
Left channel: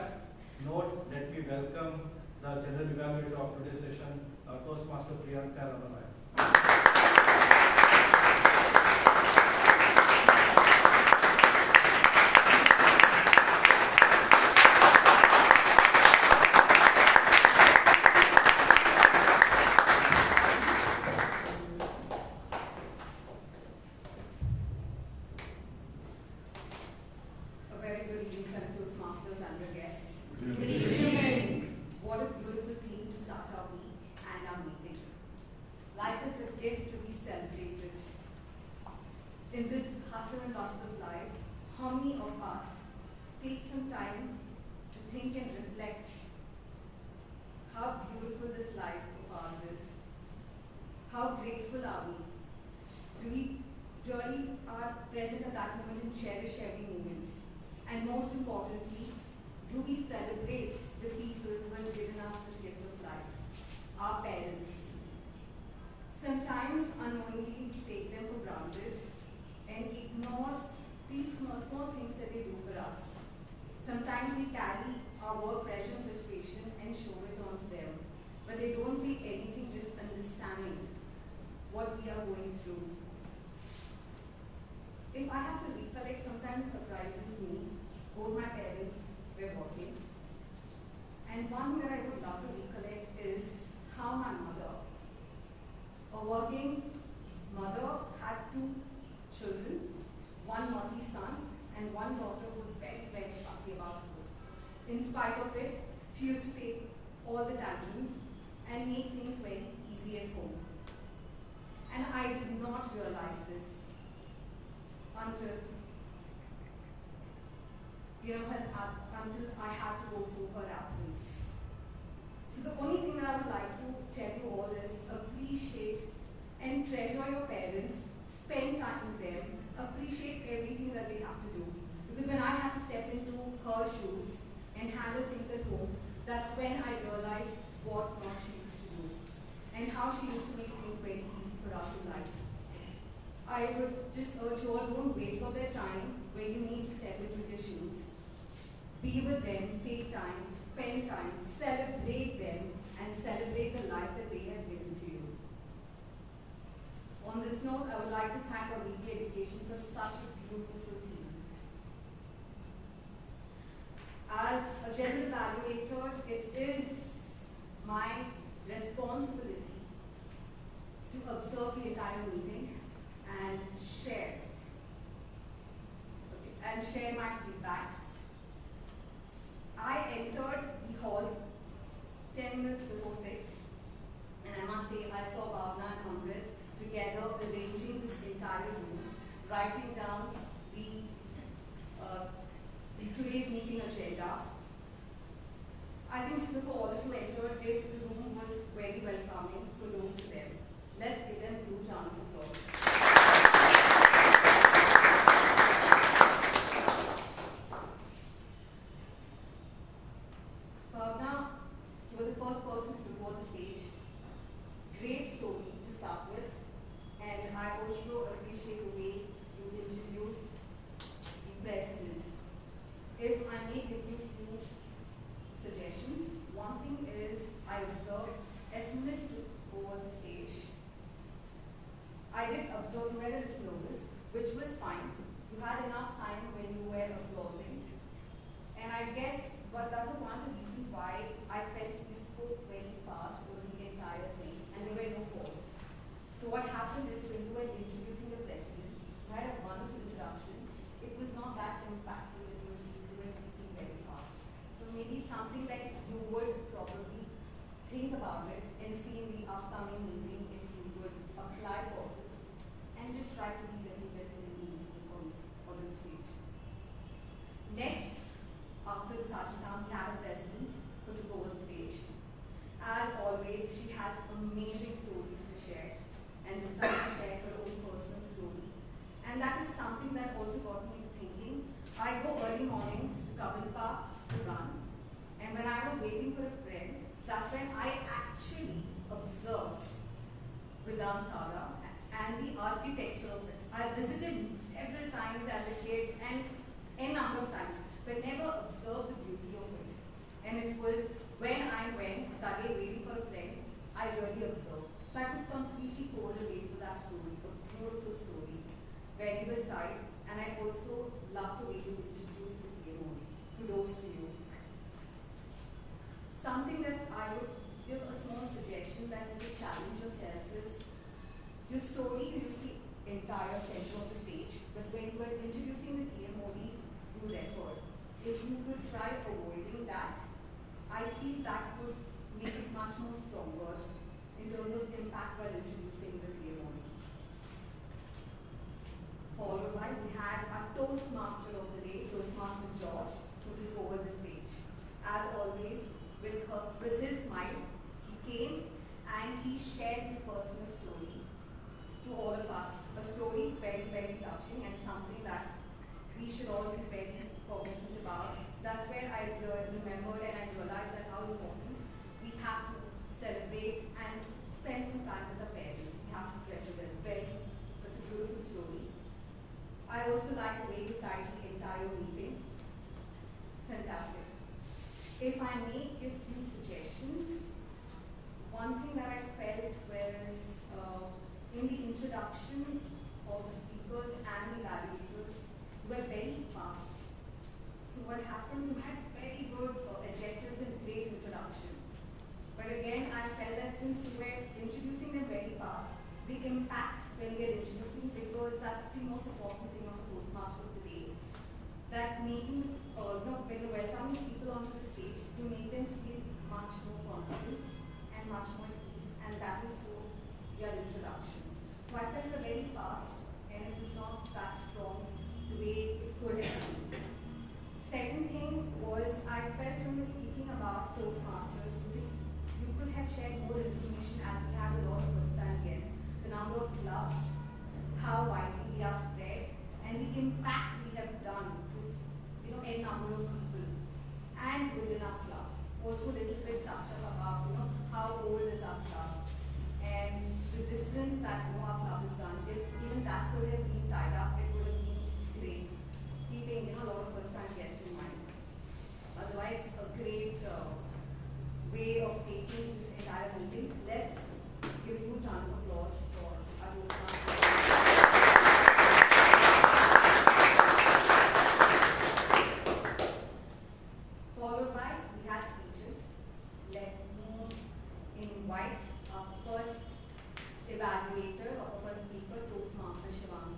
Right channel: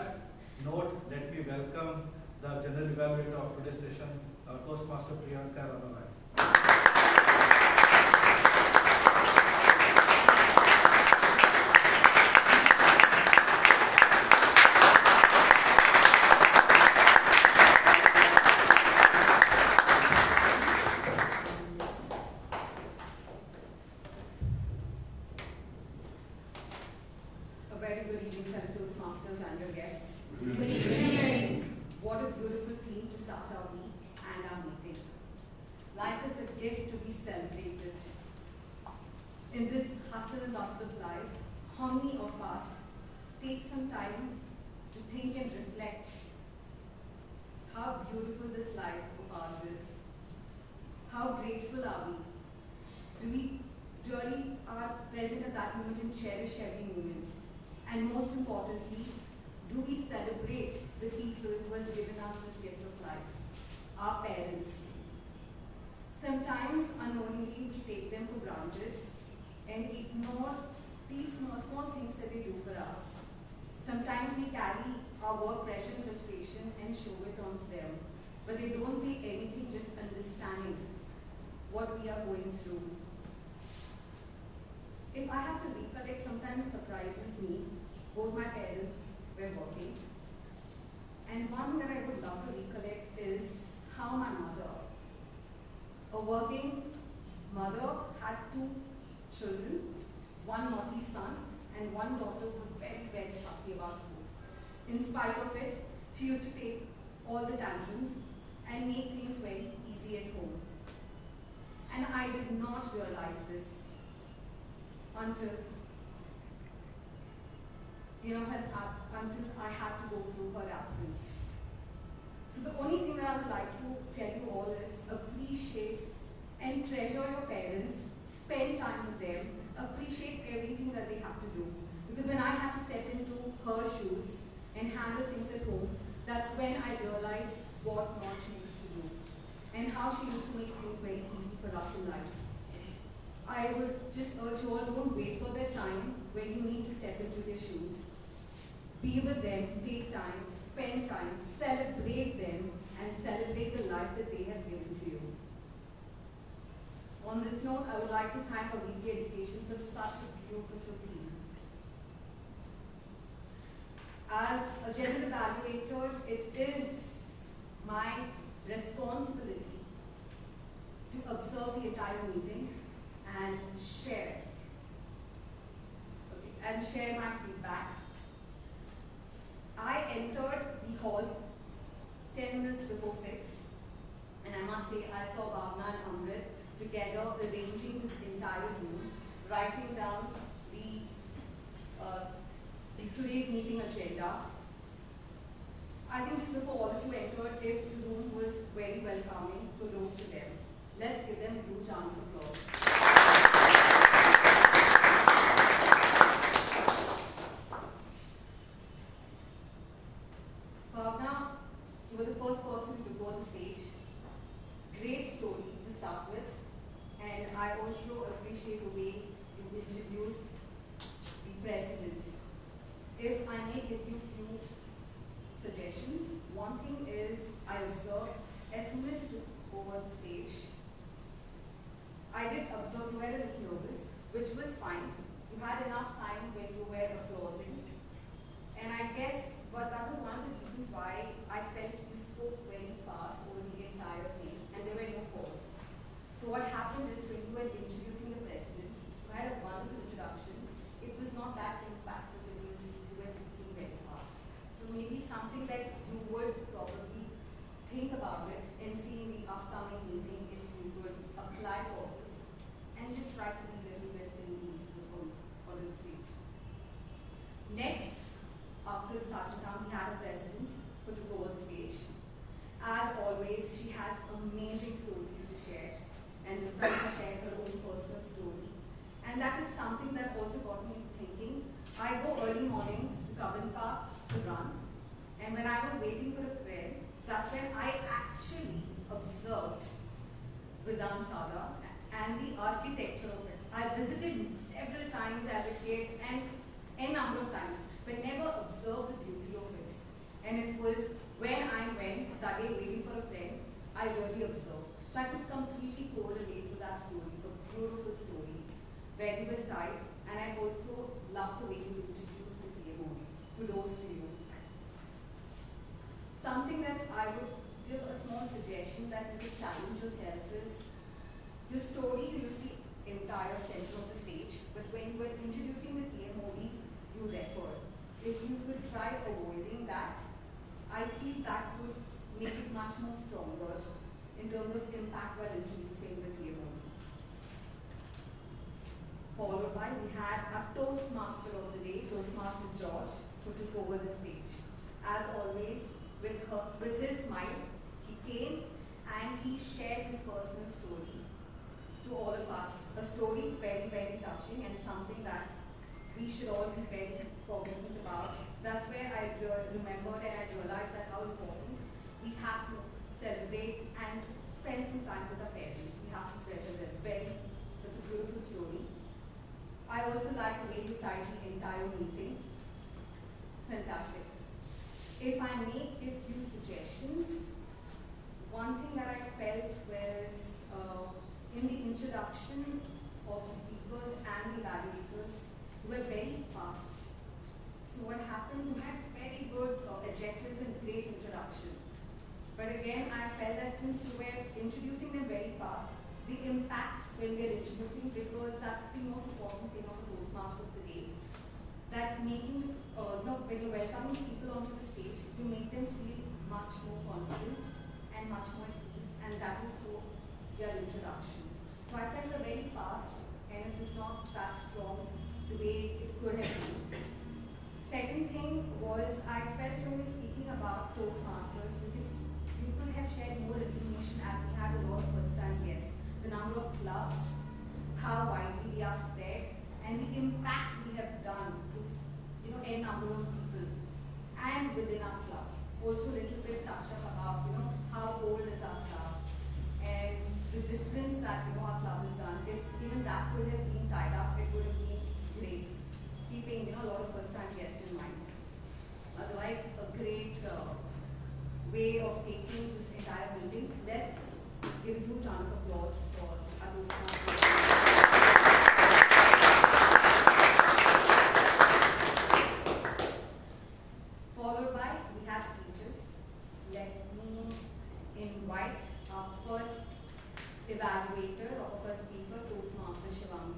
note, let me welcome the general evaluator of today's session, Toastmaster Ravivarma. A very good evening, fellow Toastmasters and your guests. Good evening. What a beautiful theme to start our week and our meeting. Life is a gift to be celebrated. In this hustle and bustle of life, how many of us take some time to think and reflect how beautiful this life of ours is? How grateful are we? Do we really are present at that moment and cherish every moment? And most importantly, do we celebrate the people who have given us this gift of life? Our parents. Sometimes unknowingly we take them for granted and ignore these small things that they do for us. Sometimes we carry our work pressure and frustration and show it onto them, but they don't say anything, just understanding what we are going through. If I have to recollect, sometimes it surprises me. Both my parents were working. And one that I would love to recollect is how my mother, a working mother, had two children, one naughty son and one daughter who was very, very fussy about food. In spite of it, she used to take all the tantrums and make things very easy at home. And I did not realize this until until I had to go through her absence. So the only thing that I would like to tell you all is appreciate and treasure your parents, spend time with them, appreciate everything that they have to do. Because when I had to step into her shoes and handle things at home, that's when I realized what not she used to do and how she used to make things very easy for us in life. I would just urge you all, don't wait for their time when you need to step into their shoes. Be with them, take time, spend time, celebrate them, and celebrate the life that they have given to you. On this note, I would like to thank our VP Education for such a beautiful team. As a general evaluator, it is my responsibility to observe the entire meeting and share my feedback. I entered the hall 10 minutes before 6, and I must say I saw Bhavana and Amrith together arranging this entire room, writing down the today's meeting agenda. I think just before all of you entered, if the room was very welcoming, kudos to them. huge round of applause. Bhavana, you were the first person to go on the stage. Great story to start with, and I also appreciate the way you introduced the president. If I may give you a few suggestions, one thing is I observed as soon as you took over the stage, I did observe you were a little nervous, which was fine. You had enough time when you were applauding, and I guess but that was one of the reasons why I felt you spoke very fast over the entire thing, and there were no pause. So what happened is when you were introducing the president, you had a wonderful introduction. It was not that impactful because you were speaking very fast. So maybe something like you would probably think about it and see in the upcoming meeting if you would apply pauses and just try to be a little bit in ease on the stage. Next, after the Sitanshuratan, we had a president who took over the stage. As always, she has amazing stories to share, and this time she shared her own personal story. And that is something that also got me to thinking. I go early mornings to Kaur to run, and when I was waiting for a friend, that's when I actually observed Vijayan and the architecture of it. I visited several times as a kid and a number of times, but never observed the beauty of it. And it was when I went that day waiting for a friend, I really observed. So I could completely correlate with that story, a beautiful story, very well tied, and I also love the way you introduced the PM. Kudos to you. Something that I would give a small suggestion that you could challenge yourself is the story is the entire center of the stage, but when you were introducing the PM you refer. If you could try avoiding that, I feel that would make it much more stronger in terms of impact while introducing the PM. Followed by, we had our Toastmaster of the day, Toastmaster George, who took over the stage. As always, with his smile, he came and he shared his personal story to all of us. A story very, very touching and something that we should all be very cognizant about. That's where I remembered and I realized that how important we have to celebrate and spend some time with our parents. We have to treasure them. That's a beautiful story. I also like the way you tied the entire meeting. Fantastic. If I may give you suggestions, one thing that I felt was in the introduction of the speakers and the evaluators, were very fast. So what happened, you had very good adjectives and great introduction. But again, I felt that since you were introducing them very fast, the impact when we are introducing, because that's the most important thing of a Toastmaster of the day, that making, when you're welcoming people onto the stage, you make them feel much more confident and much more at ease, and that is through your introduction. So I felt very fast, and it was not that strong the way it could have been. Second thing was, I felt when we were speaking about Toastmasters, you could have shared more information as we have a lot of first-time guests. The number of clubs, how widely we are spread, and the impact we have done to a number of people. And within our club, also a little bit touch up about how old is our club and the difference that our club has done. If even that could have been tied up, it would have been great. Keeping a lot of first-time guests in mind. Otherwise, a great way of taking this entire meeting. Let's give a huge round of applause for our Toastmasters. Followed by, we had speeches. Let me invite our first evaluator, or first speaker, Toastmaster Shivani.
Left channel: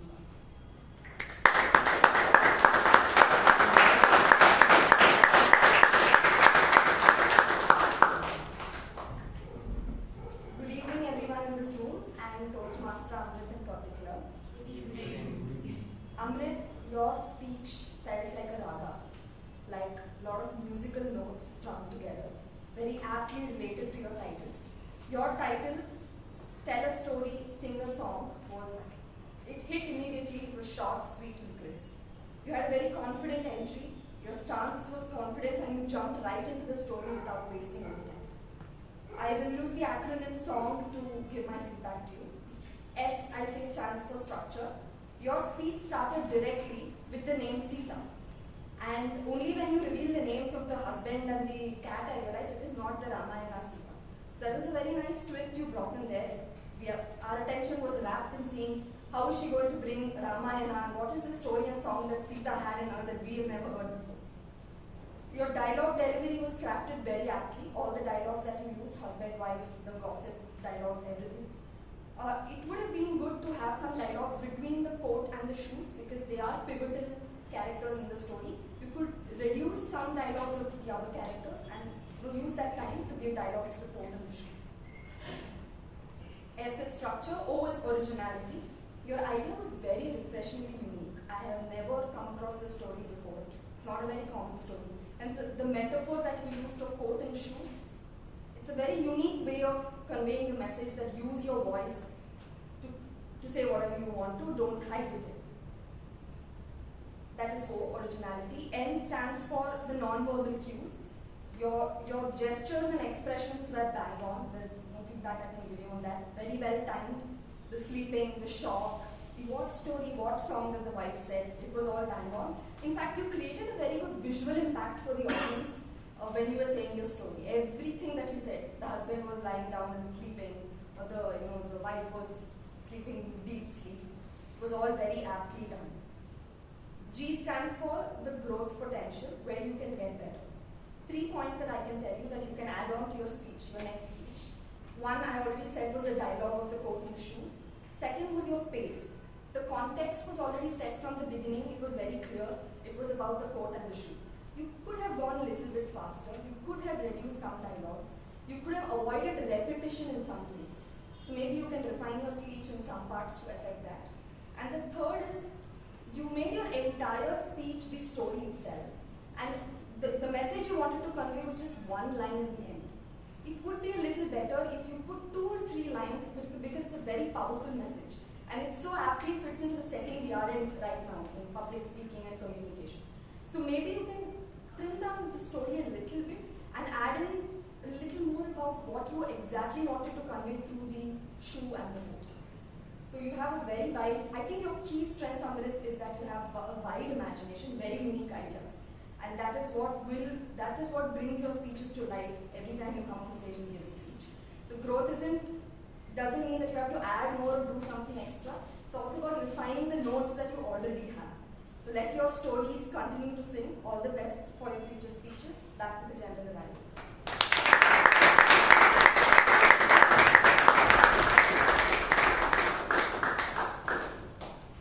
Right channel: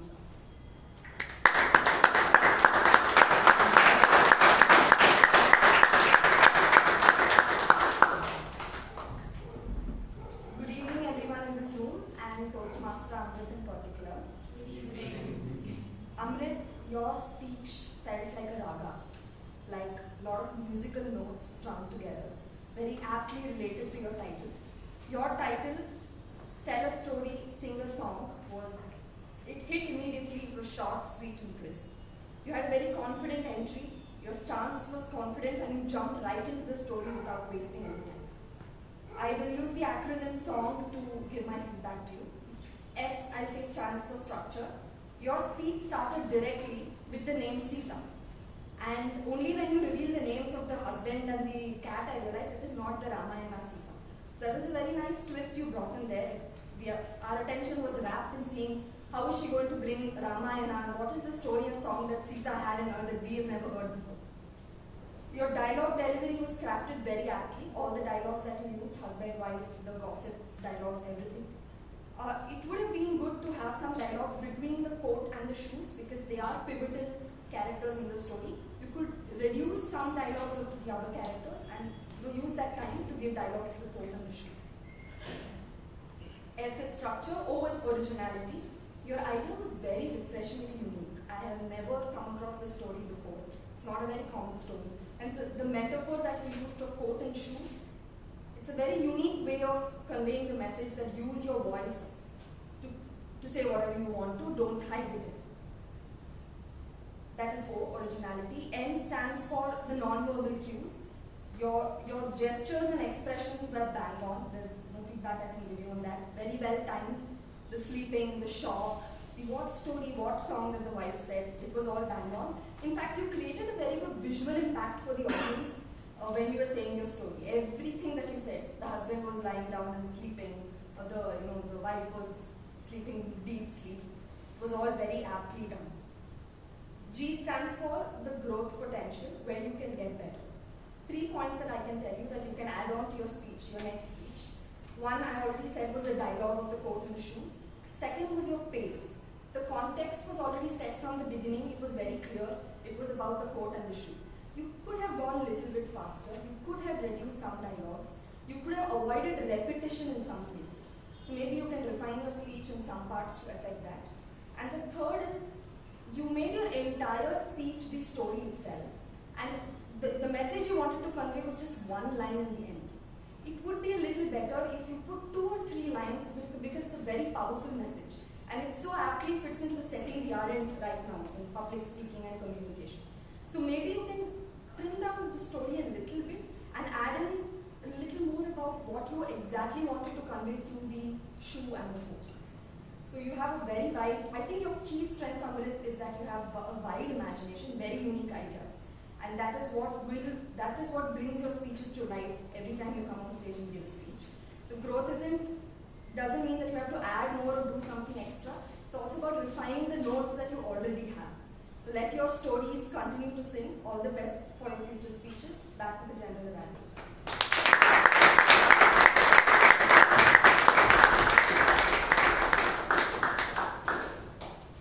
Good evening, everyone in this room, and Toastmaster Amrith in particular. Good evening. Amrith, your speech felt like a raga, like a lot of musical notes strung together, very aptly related to your title. Your title, Tell a Story, Sing a Song. song was, it hit immediately, it was short, sweet and crisp. You had a very confident entry, your stance was confident and you jumped right into the story without wasting any time. I will use the acronym SONG to give my feedback to you. S, I'll say, stands for structure. Your speech started directly with the name Sita. And only when you reveal the names of the husband and the cat, I realized it is not the Ramayana Sita. So that was a very nice twist you brought in there. Our attention was wrapped in seeing how is she going to bring Ramayana and what is the story and song that Sita had in her that we have never heard before. Your dialogue delivery was crafted very aptly. All the dialogues that you used, husband, wife, the gossip dialogues, everything. It would have been good to have some dialogues between the coat and the shoes because they are pivotal characters in the story. You could reduce some dialogues of the other characters and use that time to give dialogue to the coat and the shoe. S is structure, O is originality. Your idea was very refreshingly unique. I have never come across this story before. It's not a very common story. And so the metaphor that you used of coat and shoe, it's a very unique way of conveying the message that use your voice to say whatever you want to, don't hide it. That is O, originality. N stands for the non-verbal cues. Your gestures and expressions were bang on. There's no feedback I can give you on that. Very well timed. The sleeping, the shock, the what story, what song that the wife said, it was all bang on. In fact, you created a very good visual impact for the audience when you were saying your story. Everything that you said, the husband was lying down and sleeping, or the wife was sleeping deep sleep, it was all very aptly done. G stands for the growth potential, where you can get better. 3 points that I can tell you that you can add on to your speech, your next speech. One, I already said, was the dialogue of the coat and the shoes. Second was your pace. The context was already set from the beginning. It was very clear. It was about the coat and the shoe. You could have gone a little bit faster. You could have reduced some dialogues. You could have avoided repetition in some places. So maybe you can refine your speech in some parts to affect that. And the third is, you made your entire speech the story itself. And the message you wanted to convey was just one line in the end. It would be a little better if you put 2 or 3 lines because it's a very powerful message. And it so aptly fits into the setting we are in right now, in public speaking and communication. So maybe you can trim down the story a little bit and add in a little more about what you exactly wanted to convey through the shoe and the coat. So you have a very wide, I think your key strength, Amrith, is that you have a wide imagination, very unique ideas. And that is what brings your speeches to life every time you come on stage and give a speech. So growth doesn't mean that you have to add more or do something extra. It's also about refining the notes that you already have. So let your stories continue to sing. All the best for your future speeches. Back to the general evaluator.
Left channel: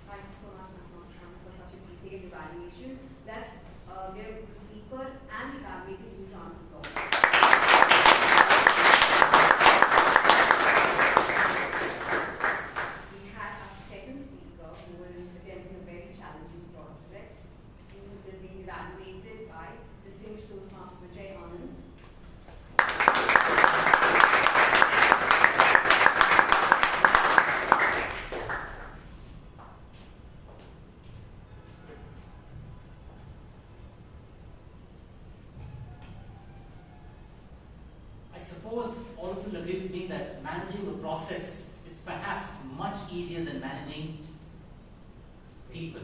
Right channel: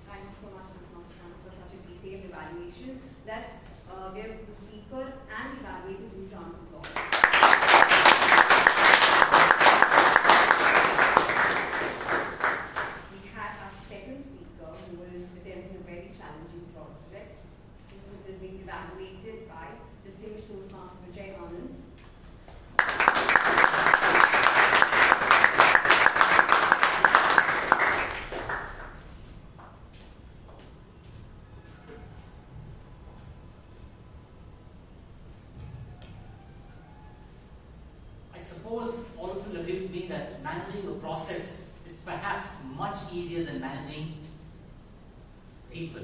Thank you so much, Ms. Master, for such a detailed evaluation. Let's give the speaker and the evaluator a round of applause. We had our second speaker who was attempting a very challenging project, who is being evaluated by distinguished Toastmaster Vijayan. Suppose all of you agree with me that managing a process is perhaps much easier than managing people.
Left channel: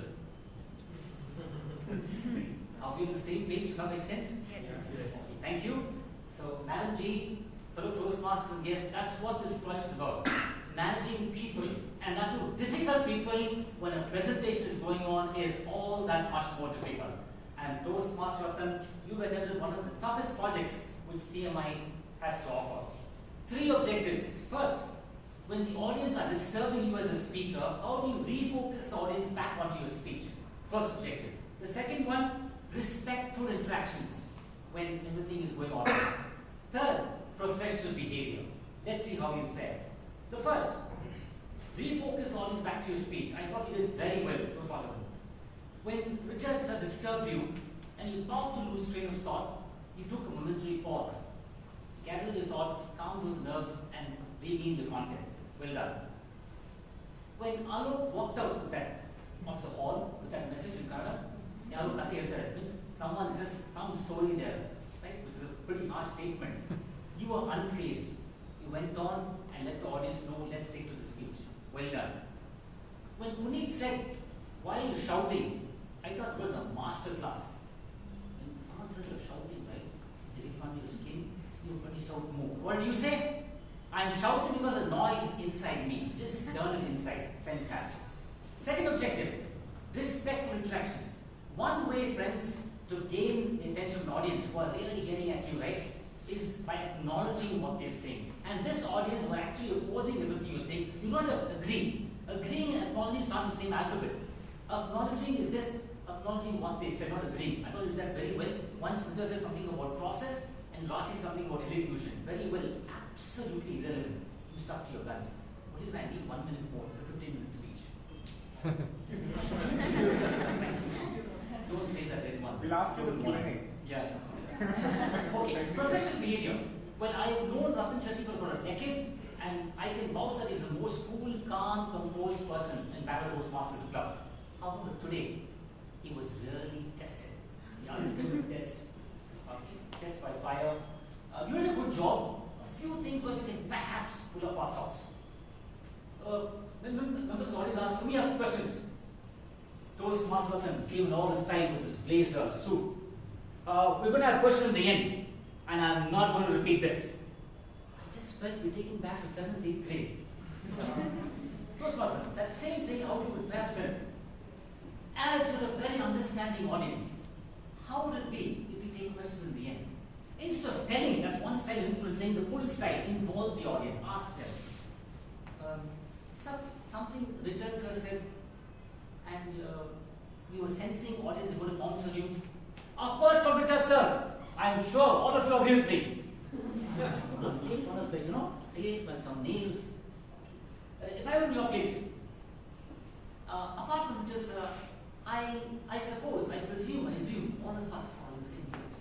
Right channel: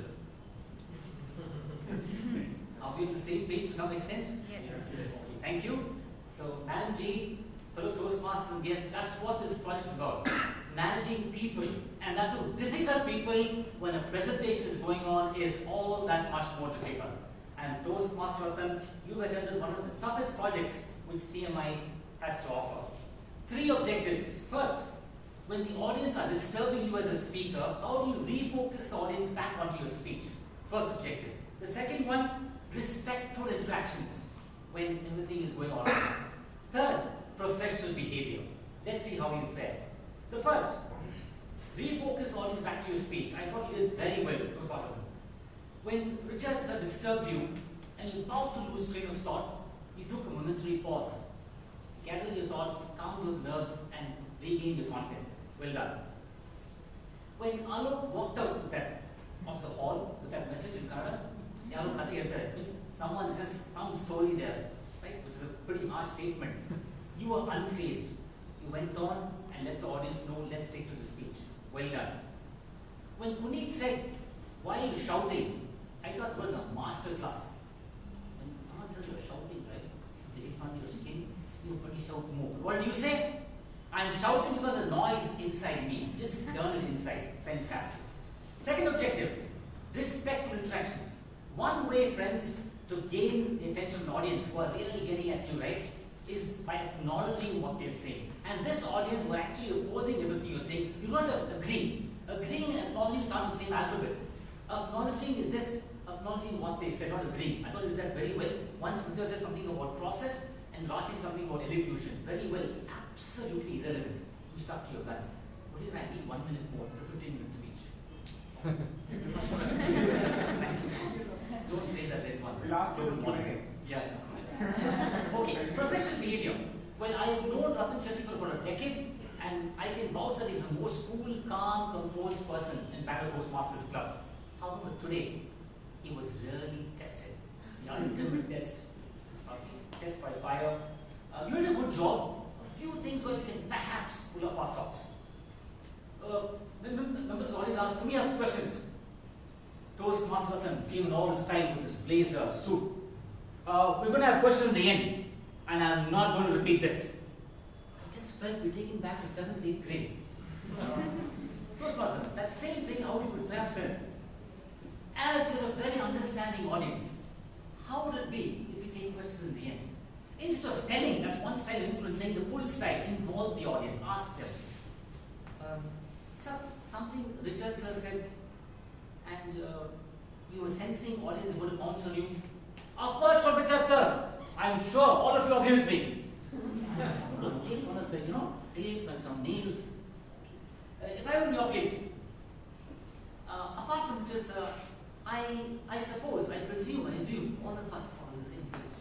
Are we on the same page to some extent? Yes. Thank you. So, Madam G, fellow Toastmasters guests, that's what this project is about. Managing people, and that too, difficult people when a presentation is going on is all that much more difficult. And Toastmaster, you've attended one of the toughest projects which TMI has to offer. 3 objectives. First, when the audience are disturbing you as a speaker, how do you refocus the audience back onto your speech? First objective. The second one, respectful interactions when everything is going on. Third, professional behavior. Let's see how you fare. The first, refocus the audience back to your speech. I thought you did very well. When Richard disturbed you and you about to lose train of thought, you took a momentary pause. Gather your thoughts, calm those nerves, and regain the content. Well done. When Alok walked out of the hall with that message in Kannada, Alok Katha Eltare, means someone just some story there, right? Which is a pretty harsh statement. You were unfazed. You went on and let the audience know, let's take to the speech. Well done. When Puneet said, why are you shouting? I thought it was a master class. And answers were shouting, right? Did it on your skin? You pretty shout more. What did you say? I'm shouting because the noise inside me. Just turn it inside. Fantastic. Second objective, respectful interactions. One way, friends, to gain the attention of an audience who are really getting at you, right, is by acknowledging what they're saying. And this audience were actually opposing everything you're saying. You don't have to agree. Agreeing and acknowledging start with the same alphabet. Acknowledging is just acknowledging what they said, not agreeing. I thought you did that very well. Once Peter said something about process and Rashi something about execution. Very well. Absolutely irrelevant. You stuck to your guns. What did I need 1 minute more? It's a 15-minute speech. Don't play that red one. We'll ask you the Q&A. Yeah. Okay, professional behavior. Well, I've known Ratan Shetty for about a decade, and I can vouch that he's the most cool, calm, composed person in Bangalore Toastmasters Club. However, today, he was really tested. The ultimate test. Test by fire. You did a good job. A few things where you can perhaps pull up our socks. When members of the audience ask, do we have questions? Toastmaster came in all his time with his blazer, suit. We're going to have questions in the end, and I'm not going to repeat this. I just felt we're taken back to 7th, 8th grade. Toastmaster, that same thing, how you would perhaps feel. As you're a very understanding audience, how would it be if you take questions in the end? Instead of telling, that's one style of influencing, the pull style, involve the audience, ask them. Something Richard sir said, and we were sensing audience is going to bounce on you. Apart from Richard sir, I'm sure all of you agree with me. Take on us, but tape and some nails. If I were in your place, apart from Richard sir, I suppose, I assume all of us are on the same page.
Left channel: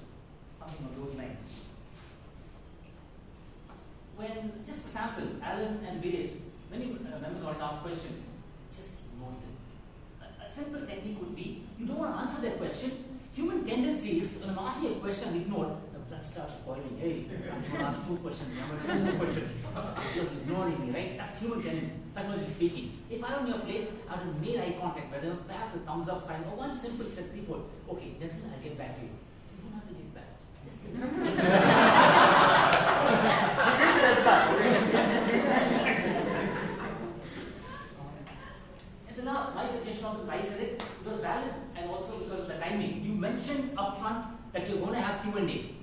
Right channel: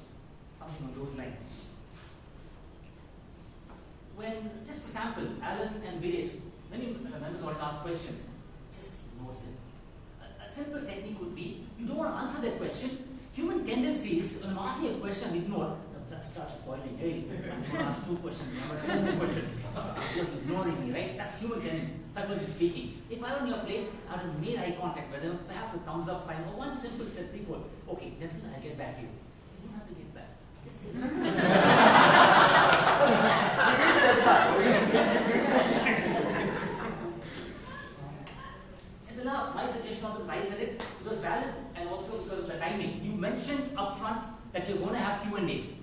Something on those lines. When, just for sample, Alan and Viresh, many members always ask questions, just ignore them. A simple technique would be, you don't want to answer their question. Human tendency is, when I'm asking a question, ignore, the blood starts boiling. Hey, I'm going to ask 2 questions, I'm going to 10 more questions. You're ignoring me, right? That's human tendency, psychologically speaking. If I were in your place, I would have made eye contact with them, perhaps a thumbs up sign, or one simple set 3 4. Okay, gentlemen, I'll get back to you. You don't have to get back. Just say And the last, my suggestion of I said it was valid, and also because of the timing. You mentioned upfront that you're going to have Q&A.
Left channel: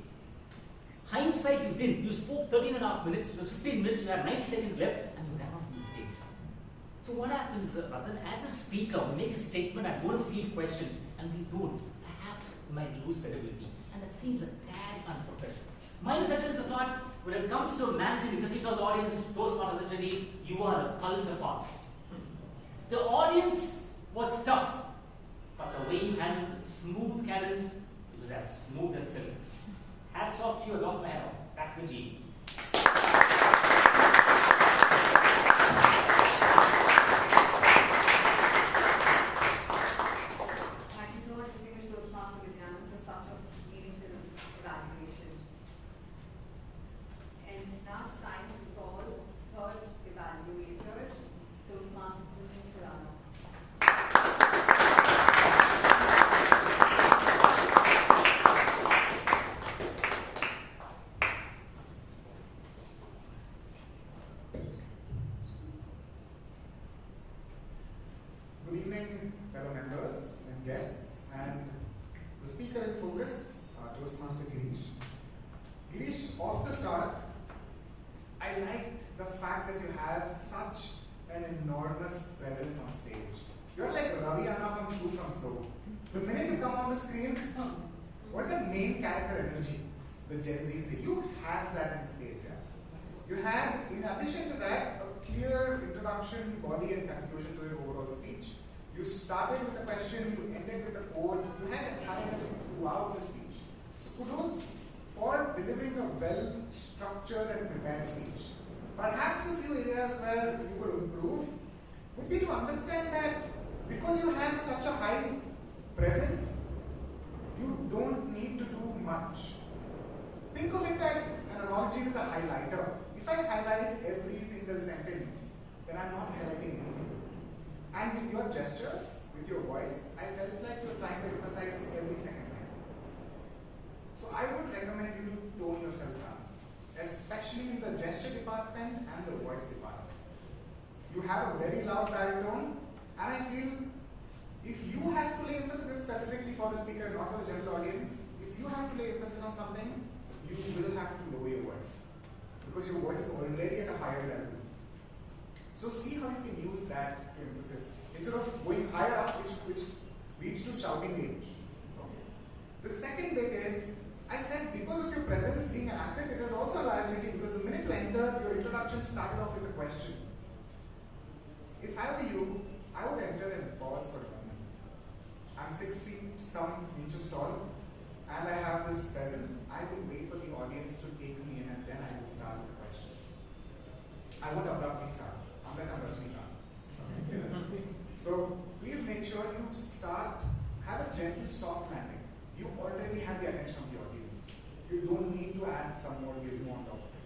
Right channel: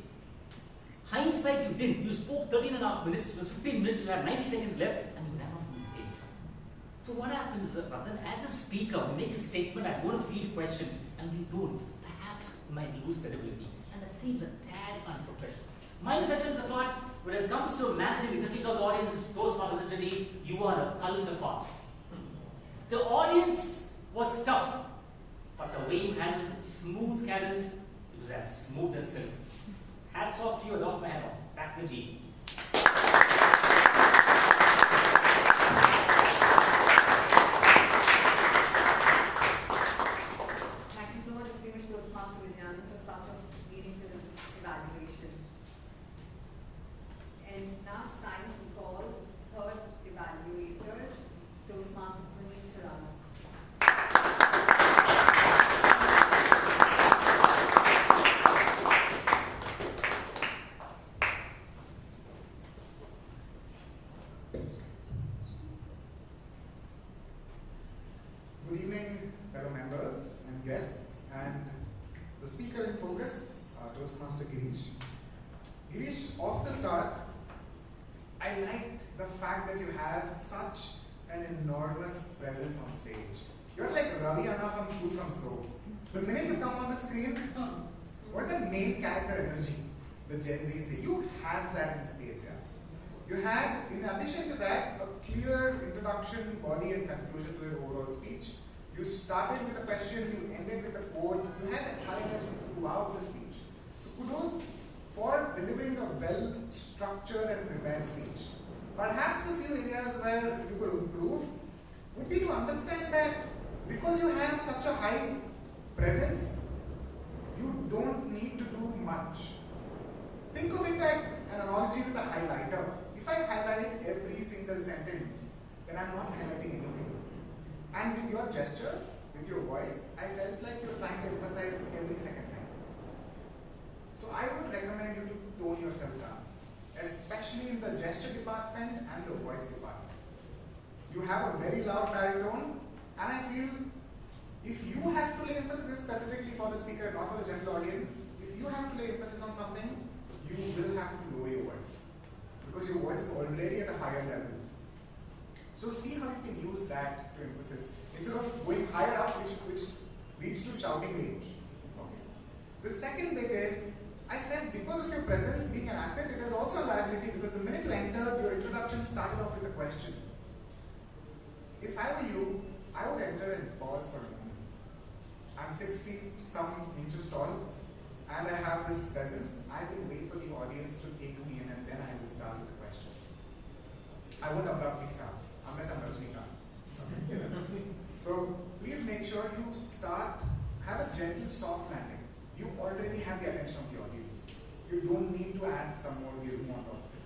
Hindsight, you didn't. You spoke 13.5 minutes, it was 15 minutes, you had 90 seconds left, and you ran off the stage. So what happens, Ratan, as a speaker, we make a statement, I'm going to field questions, and we don't. Perhaps we might lose credibility, and that seems a tad unprofessional. My reflections apart, when it comes to managing a difficult audience, Toastmasters, you are a cult apart. The audience was tough, but the way you handled it, smooth cadence, it was as smooth as silk. Hats off to you, off my head off. Back to G. Thank you so much, distinguished Toastmaster Vijayan, for such a meaningful evaluation. And now it's time to call third evaluator, Toastmaster Rao. Good evening, fellow members and guests, and the speaker in focus, Toastmaster Girish. Girish, off the start, I liked the fact that you have such an enormous presence on stage. You're like Ravivarma from Su from So. The minute you come on the screen, what's that main character energy? The Gen Z say. You have that in spades, yeah. You had, in addition to that, a clear introduction, body, and conclusion to your overall speech. You started with a question, you ended with a quote, you had a high energy throughout the speech. So kudos for delivering a well-structured and prepared speech. Perhaps a few areas where you could improve would be to understand that because you have such a high presence, you don't need to do much. Think of it like an analogy with a highlighter. If I highlight every single sentence, then I'm not highlighting anything. And with your gestures, with your voice, I felt like you're trying to emphasize every second line. So I would recommend you to tone yourself down, especially in the gesture department and the voice department. You have a very loud baritone, and I feel if you have to lay emphasis specifically for the speaker, not for the general audience, if you have to lay emphasis on something, you will have to lower your voice because your voice is already at a higher level. So see how you can use that to emphasis instead of going higher up, which leads to shouting range. Okay. The second bit is, I felt because of your presence being an asset, it is also a liability because the minute you enter, your introduction started off with a question. If I were you, I would enter and pause for a moment. I'm 6 feet, some inches tall, and I have this presence. I will wait for the audience to take me in and then I will start with the question. I won't abruptly start, unless I'm Rajnikant. So please make sure you start, have a gentle, soft landing. You already have the attention of the audience. You don't need to add some more gizmo on top of it.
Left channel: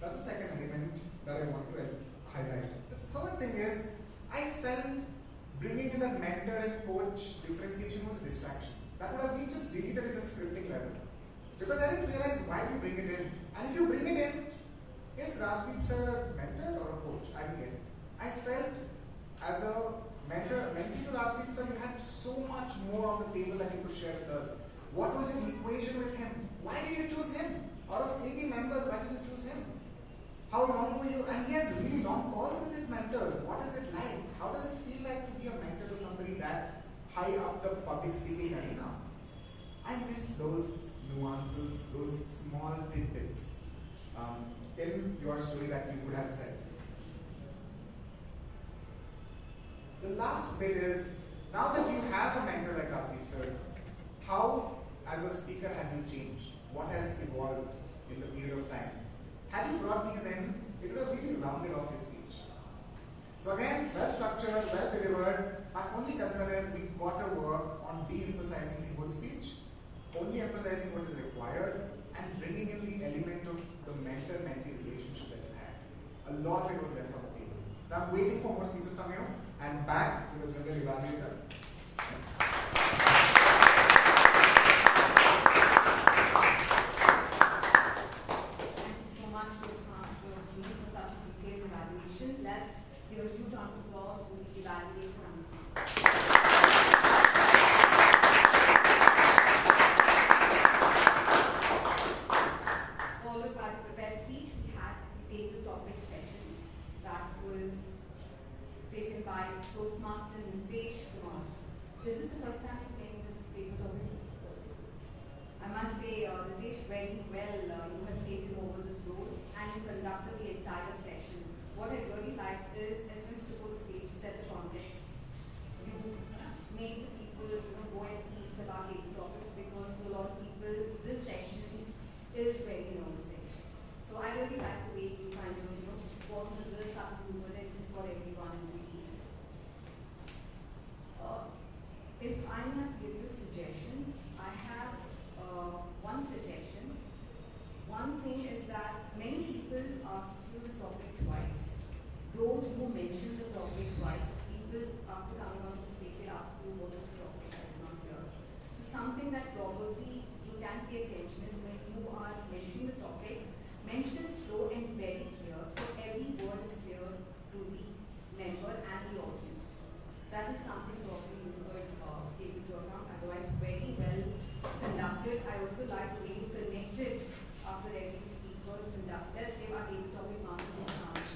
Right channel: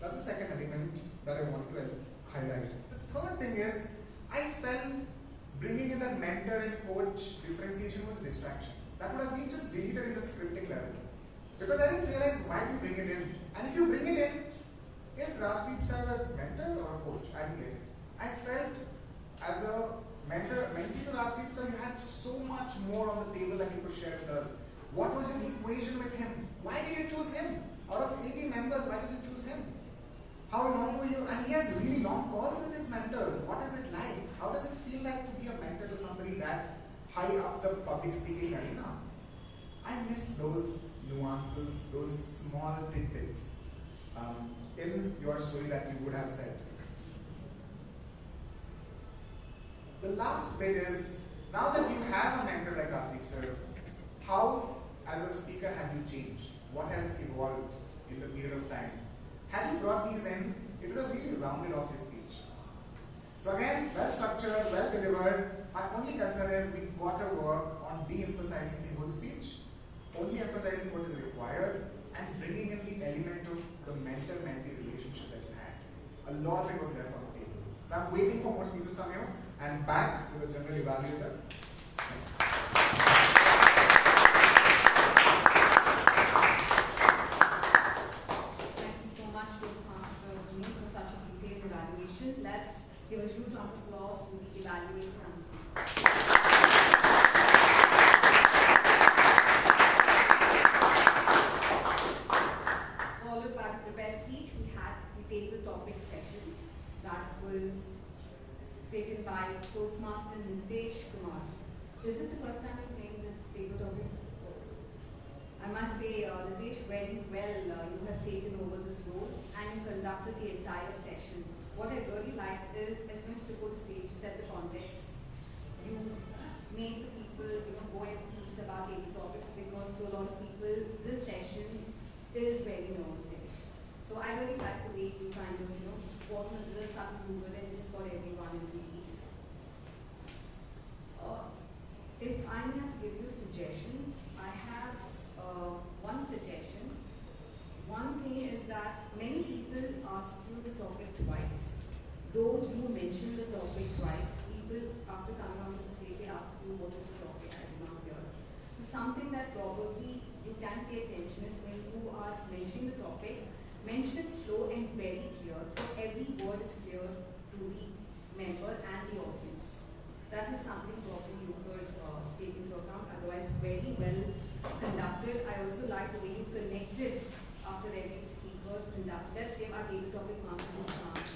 That's the second element that I want to highlight. The third thing is, I felt bringing in that mentor and coach differentiation was a distraction. That would have been just deleted in the scripting level. Because I didn't realize why we bring it in. And if you bring it in, is Rajdeep sir a mentor or a coach? I didn't get it. I felt as a mentee to Rajdeep sir, you had so much more on the table that you could share with us. What was your equation with him? Why did you choose him? Out of 80 members, why did you choose him? How long were you? And he has really long calls with his mentors. What is it like? How does it feel like to be a mentor to somebody that high up the public speaking arena? I miss those nuances, those small tidbits in your story that you would have said. The last bit is, now that you have a mentor like Rajdeep sir, how as a speaker have you changed? What has evolved in the period of time? Had you brought these in, it would have really rounded off your speech. So again, well structured, well delivered. My only concern is we got to work on de-emphasizing the whole speech, only emphasizing what is required, and bringing in the element of the mentor-mentee relationship that you had. A lot of it was left on the table. So I'm waiting for more speeches from you, and back to the general evaluator. Let's give a huge round of applause to the evaluator. Followed by the prepared speech, we take the topic session that was taken by Toastmaster Nitesh, Kumar. This is the first time you came in the paper topic. I must say, Nitesh, very well, you have taken over this role and you conducted the entire session. What I really liked is, as soon as you took the stage, you set the context. You made the people go at ease about daily topics because to a lot of people, this session is very nerve-wracking. So I really like the way you kind of, got into the subtle movement and just got everyone into ease. If I have to give you a suggestion, I have one suggestion. One thing is that many people ask you the topic twice. Those who mention the topic twice, people after coming on the stage, they ask you what is the topic, I did not hear. So something that probably you can pay attention is when you are mentioning the topic, mention it slow and very clear, so every word is clear to the member and the audience. That is something probably you could take into account, otherwise very well conducted. I also like the way you connected after every speaker conducted. Let's give our daily topic master a chance.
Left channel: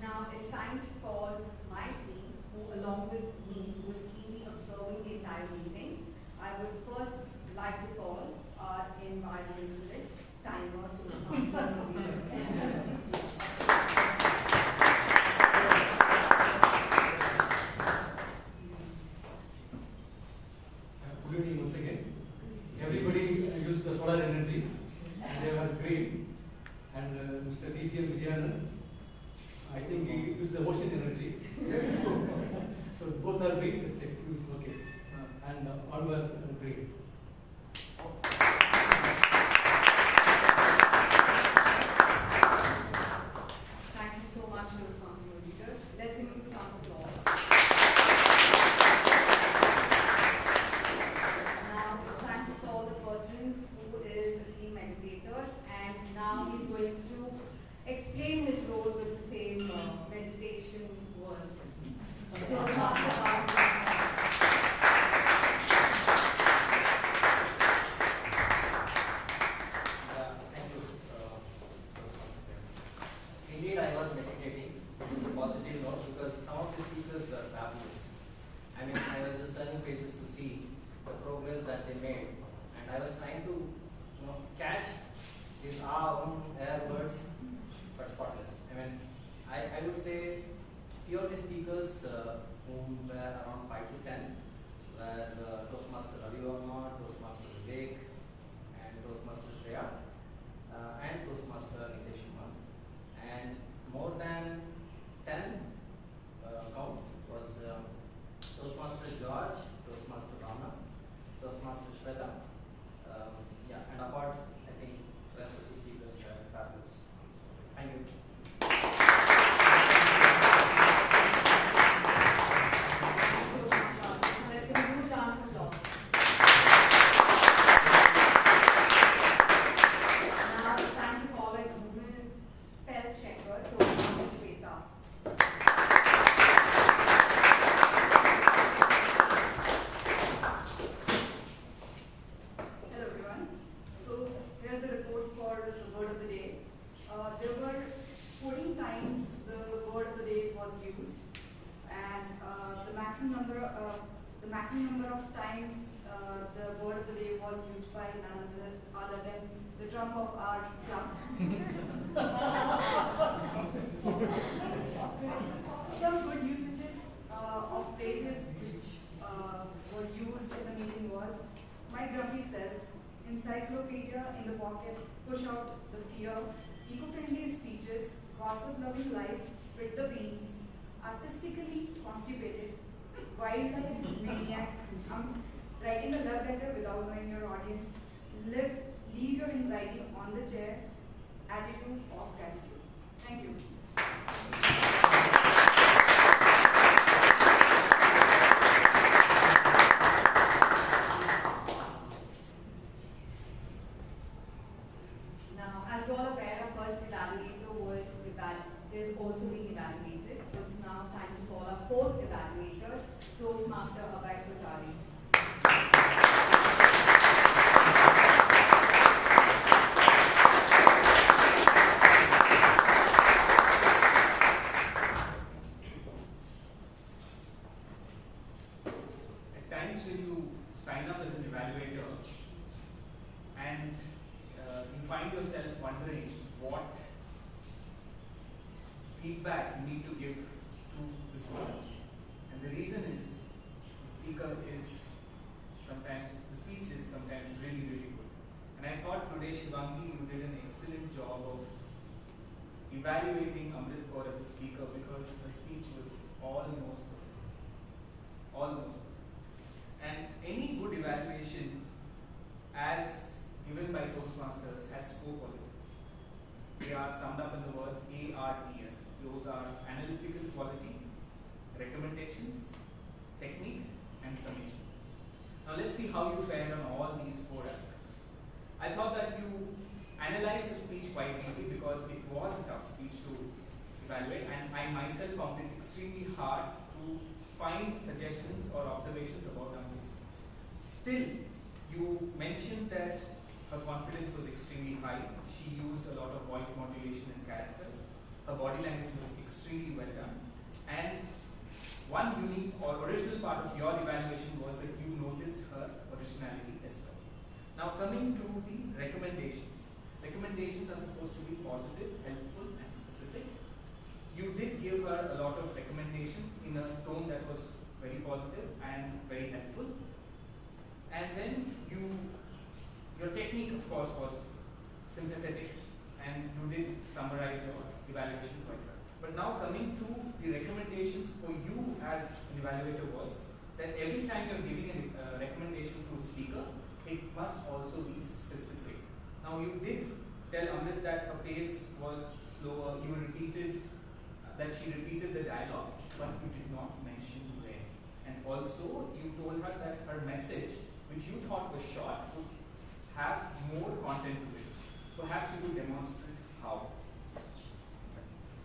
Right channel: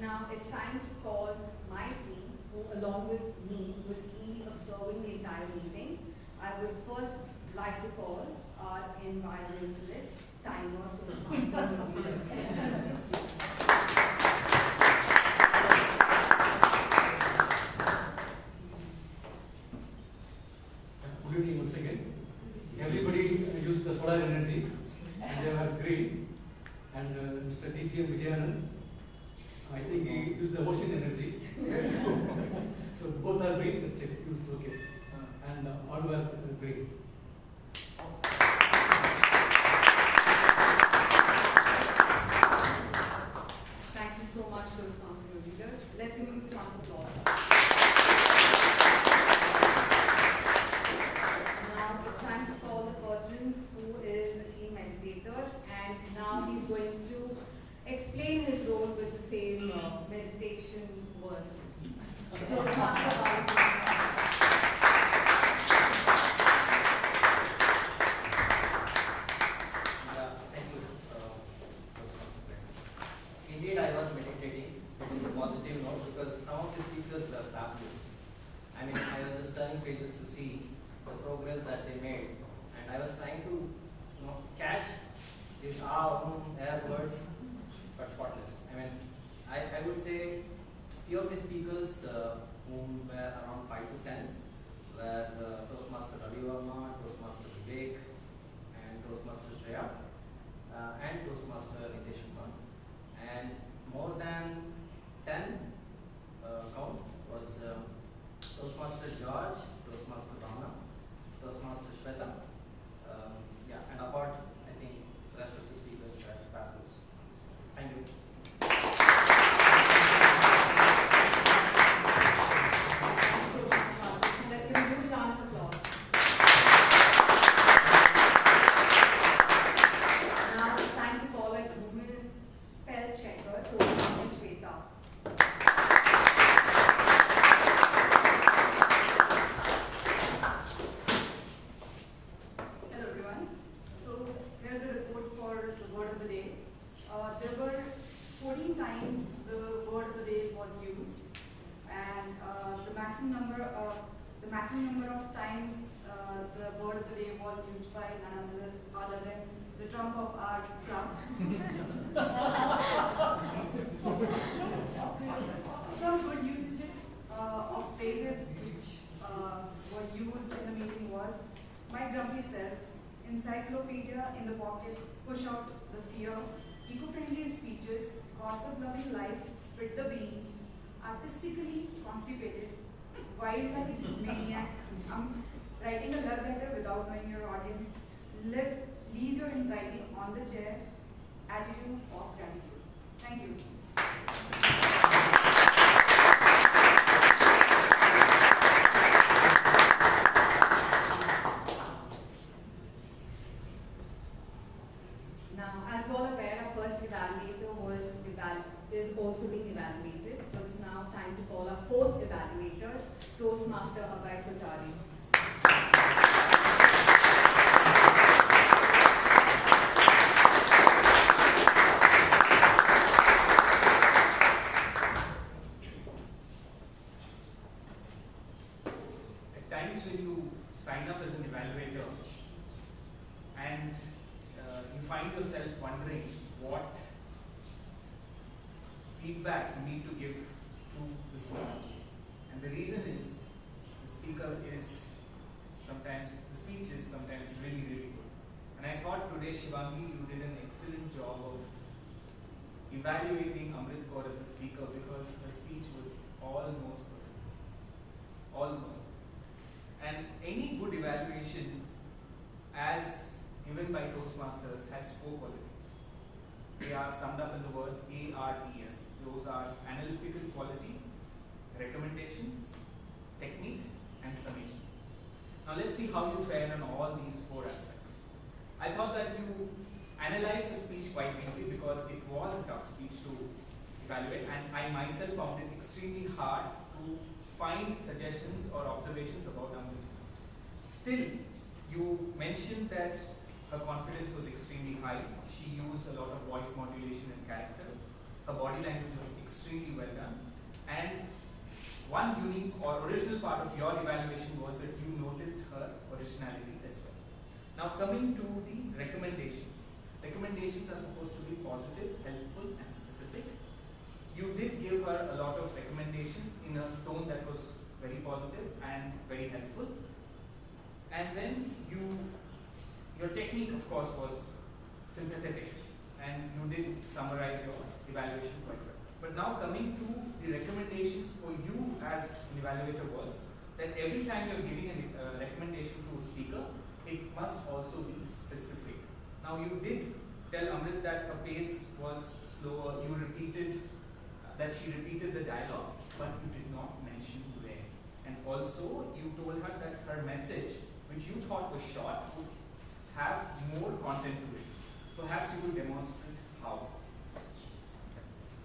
Now it's time to call my team, who along with me was keenly observing the entire meeting. I would first like to call our environmentalist, timer to the master. Good evening once again. Everybody used the sort are energy, and they were great. And Mr. DTM Vijayan, I think he is the ocean energy. So both are great, let's excuse, okay. And all were great. Thank you so much to responsible leader. Let's give you a round of applause. Now it's time to call the person who is the key meditator, and now he's going to explain his role with the same meditation words. Thank you. Indeed, I was meditating. It is a positive note because some of the speakers were fabulous. I mean, I was just turning pages to see the progress that they made, and I was trying to, catch these air words, but spotless. I mean, I would say few of the speakers whom were around 5 to 10 were Toastmaster Ravivarma, Toastmaster Vivek, and Toastmaster Shreya, and Toastmaster Nitesh. And more than 10 count was Toastmaster George, Toastmaster Bhavana, Toastmaster Chaitra, and apart, I think the rest of the speakers were fabulous. Thank you. Let's give you a round of applause. Now it's time to call a Google spell checker to Chaitra. Hello everyone. So here's the report for the word of the day. There were 14 times the word of the day was used, and the maximum number of times the word of the day was used by none other than the trump of our club. Some good usages of phrases which were used in the meeting was my grumpy self, encyclopedia in the pocket, push out the fear, eco-friendly speeches, gossip-loving life, spit the beans, artistically constipated, wild-like maniac, writing a love letter without knowing your audience, leave your anxiety on the chair, attitude of gratitude. Thank you. Now, as you all are aware, our first evaluator is also being evaluated. So it's now time to call our fourth evaluator, Toastmaster Kothari. At times when you sign up as an evaluator and you find yourself wondering what feedback you need to give to the speaker. And the reason is the speech is sometimes really, really good. And I thought today, Shivangi, you did an excellent job of evaluating Amrith Kaur as a speaker because her speech was almost perfect. Almost perfect. And any good evaluation, as given by Toastmasters, has four qualities. They are summed up in the words ARTS. Those are analytical quality, recommendations, technique, and summation. Now let's see how you fared on all these four aspects. I thought that you analyzed the speech quite deeply because it was a tough speech to evaluate, and I myself found it extremely hard to find suggestions or observations about Amrith's speech. Still, you mentioned that her confidence was extremely high. She used a lot of voice modulation and characters. Her body language was extremely well done. And one unique or original part of your evaluation was that you noticed her originality as well. Now coming to the recommendations. Recommendations are supposed to be positive, helpful, and specific. You did give her a lot of recommendations in a tone that was very positive and very helpful. And then you Your technique, of course, was sympathetic, and you did summarize your evaluation quite well. But now coming to the recommendations for you as an evaluator was that every time you're giving a recommendation to a speaker, it must also be specific. Now you did tell Amrith that her pace was slower. You repeated that she repeated the dialogue, but you did not mention where. And also you told her that her message, which you thought was short, would have more content to it. Perhaps you could demonstrate how.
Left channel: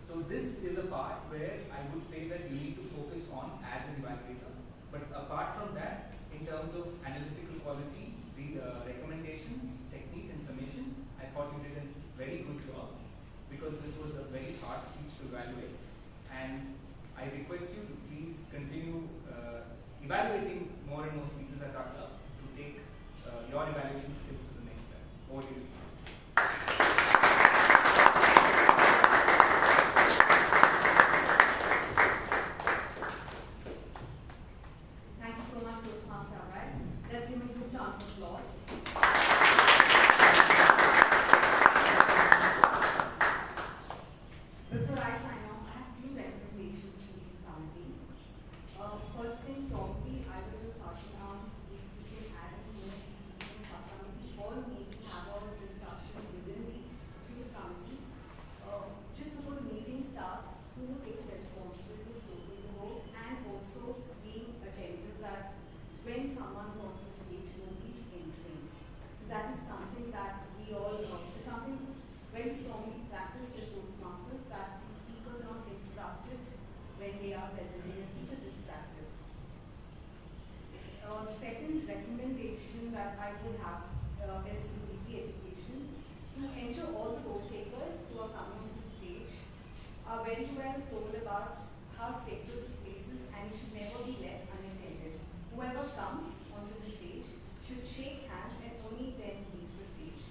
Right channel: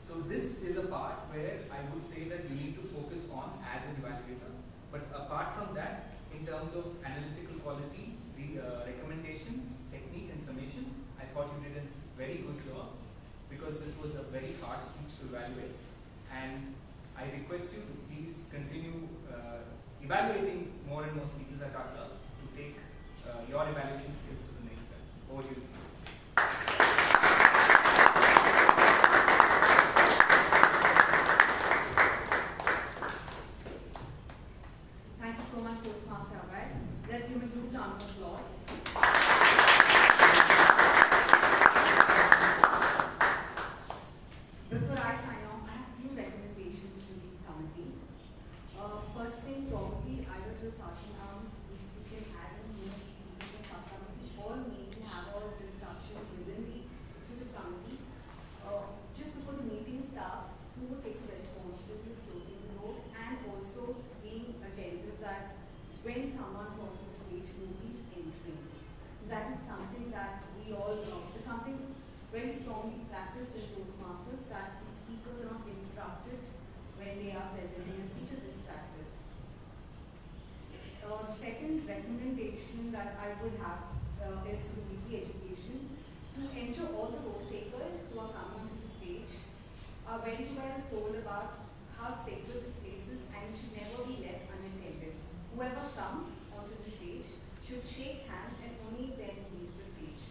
So this is a part where I would say that you need to focus on as an evaluator. But apart from that, in terms of analytical quality, the recommendations, technique and summation, I thought you did a very good job, because this was a very hard speech to evaluate. And I request you to please continue evaluating more and more speeches at our club to take your evaluation skills to the next step. Over to you. Thank you so much, Toastmaster Amaan. Let's give a huge round of applause. Before I sign off, I have few recommendations to the committee. First thing, probably either the Sashanam, which we can add in the subcommittee, or maybe have a discussion within the executive committee. Just before the meeting starts, who will take the responsibility of closing the door, and also being attentive that when someone's on the stage, nobody's entering. That is something that we all know. It's something very strongly practiced as Toastmasters, that the speakers are not interrupted when they are presenting a speech or distracted. Second recommendation that I would have is to weekly education, to ensure all the role takers who are coming onto the stage are very well told about how sacred this place is and should never be left unattended. Whoever comes onto the stage should shake hands and only then leave the stage.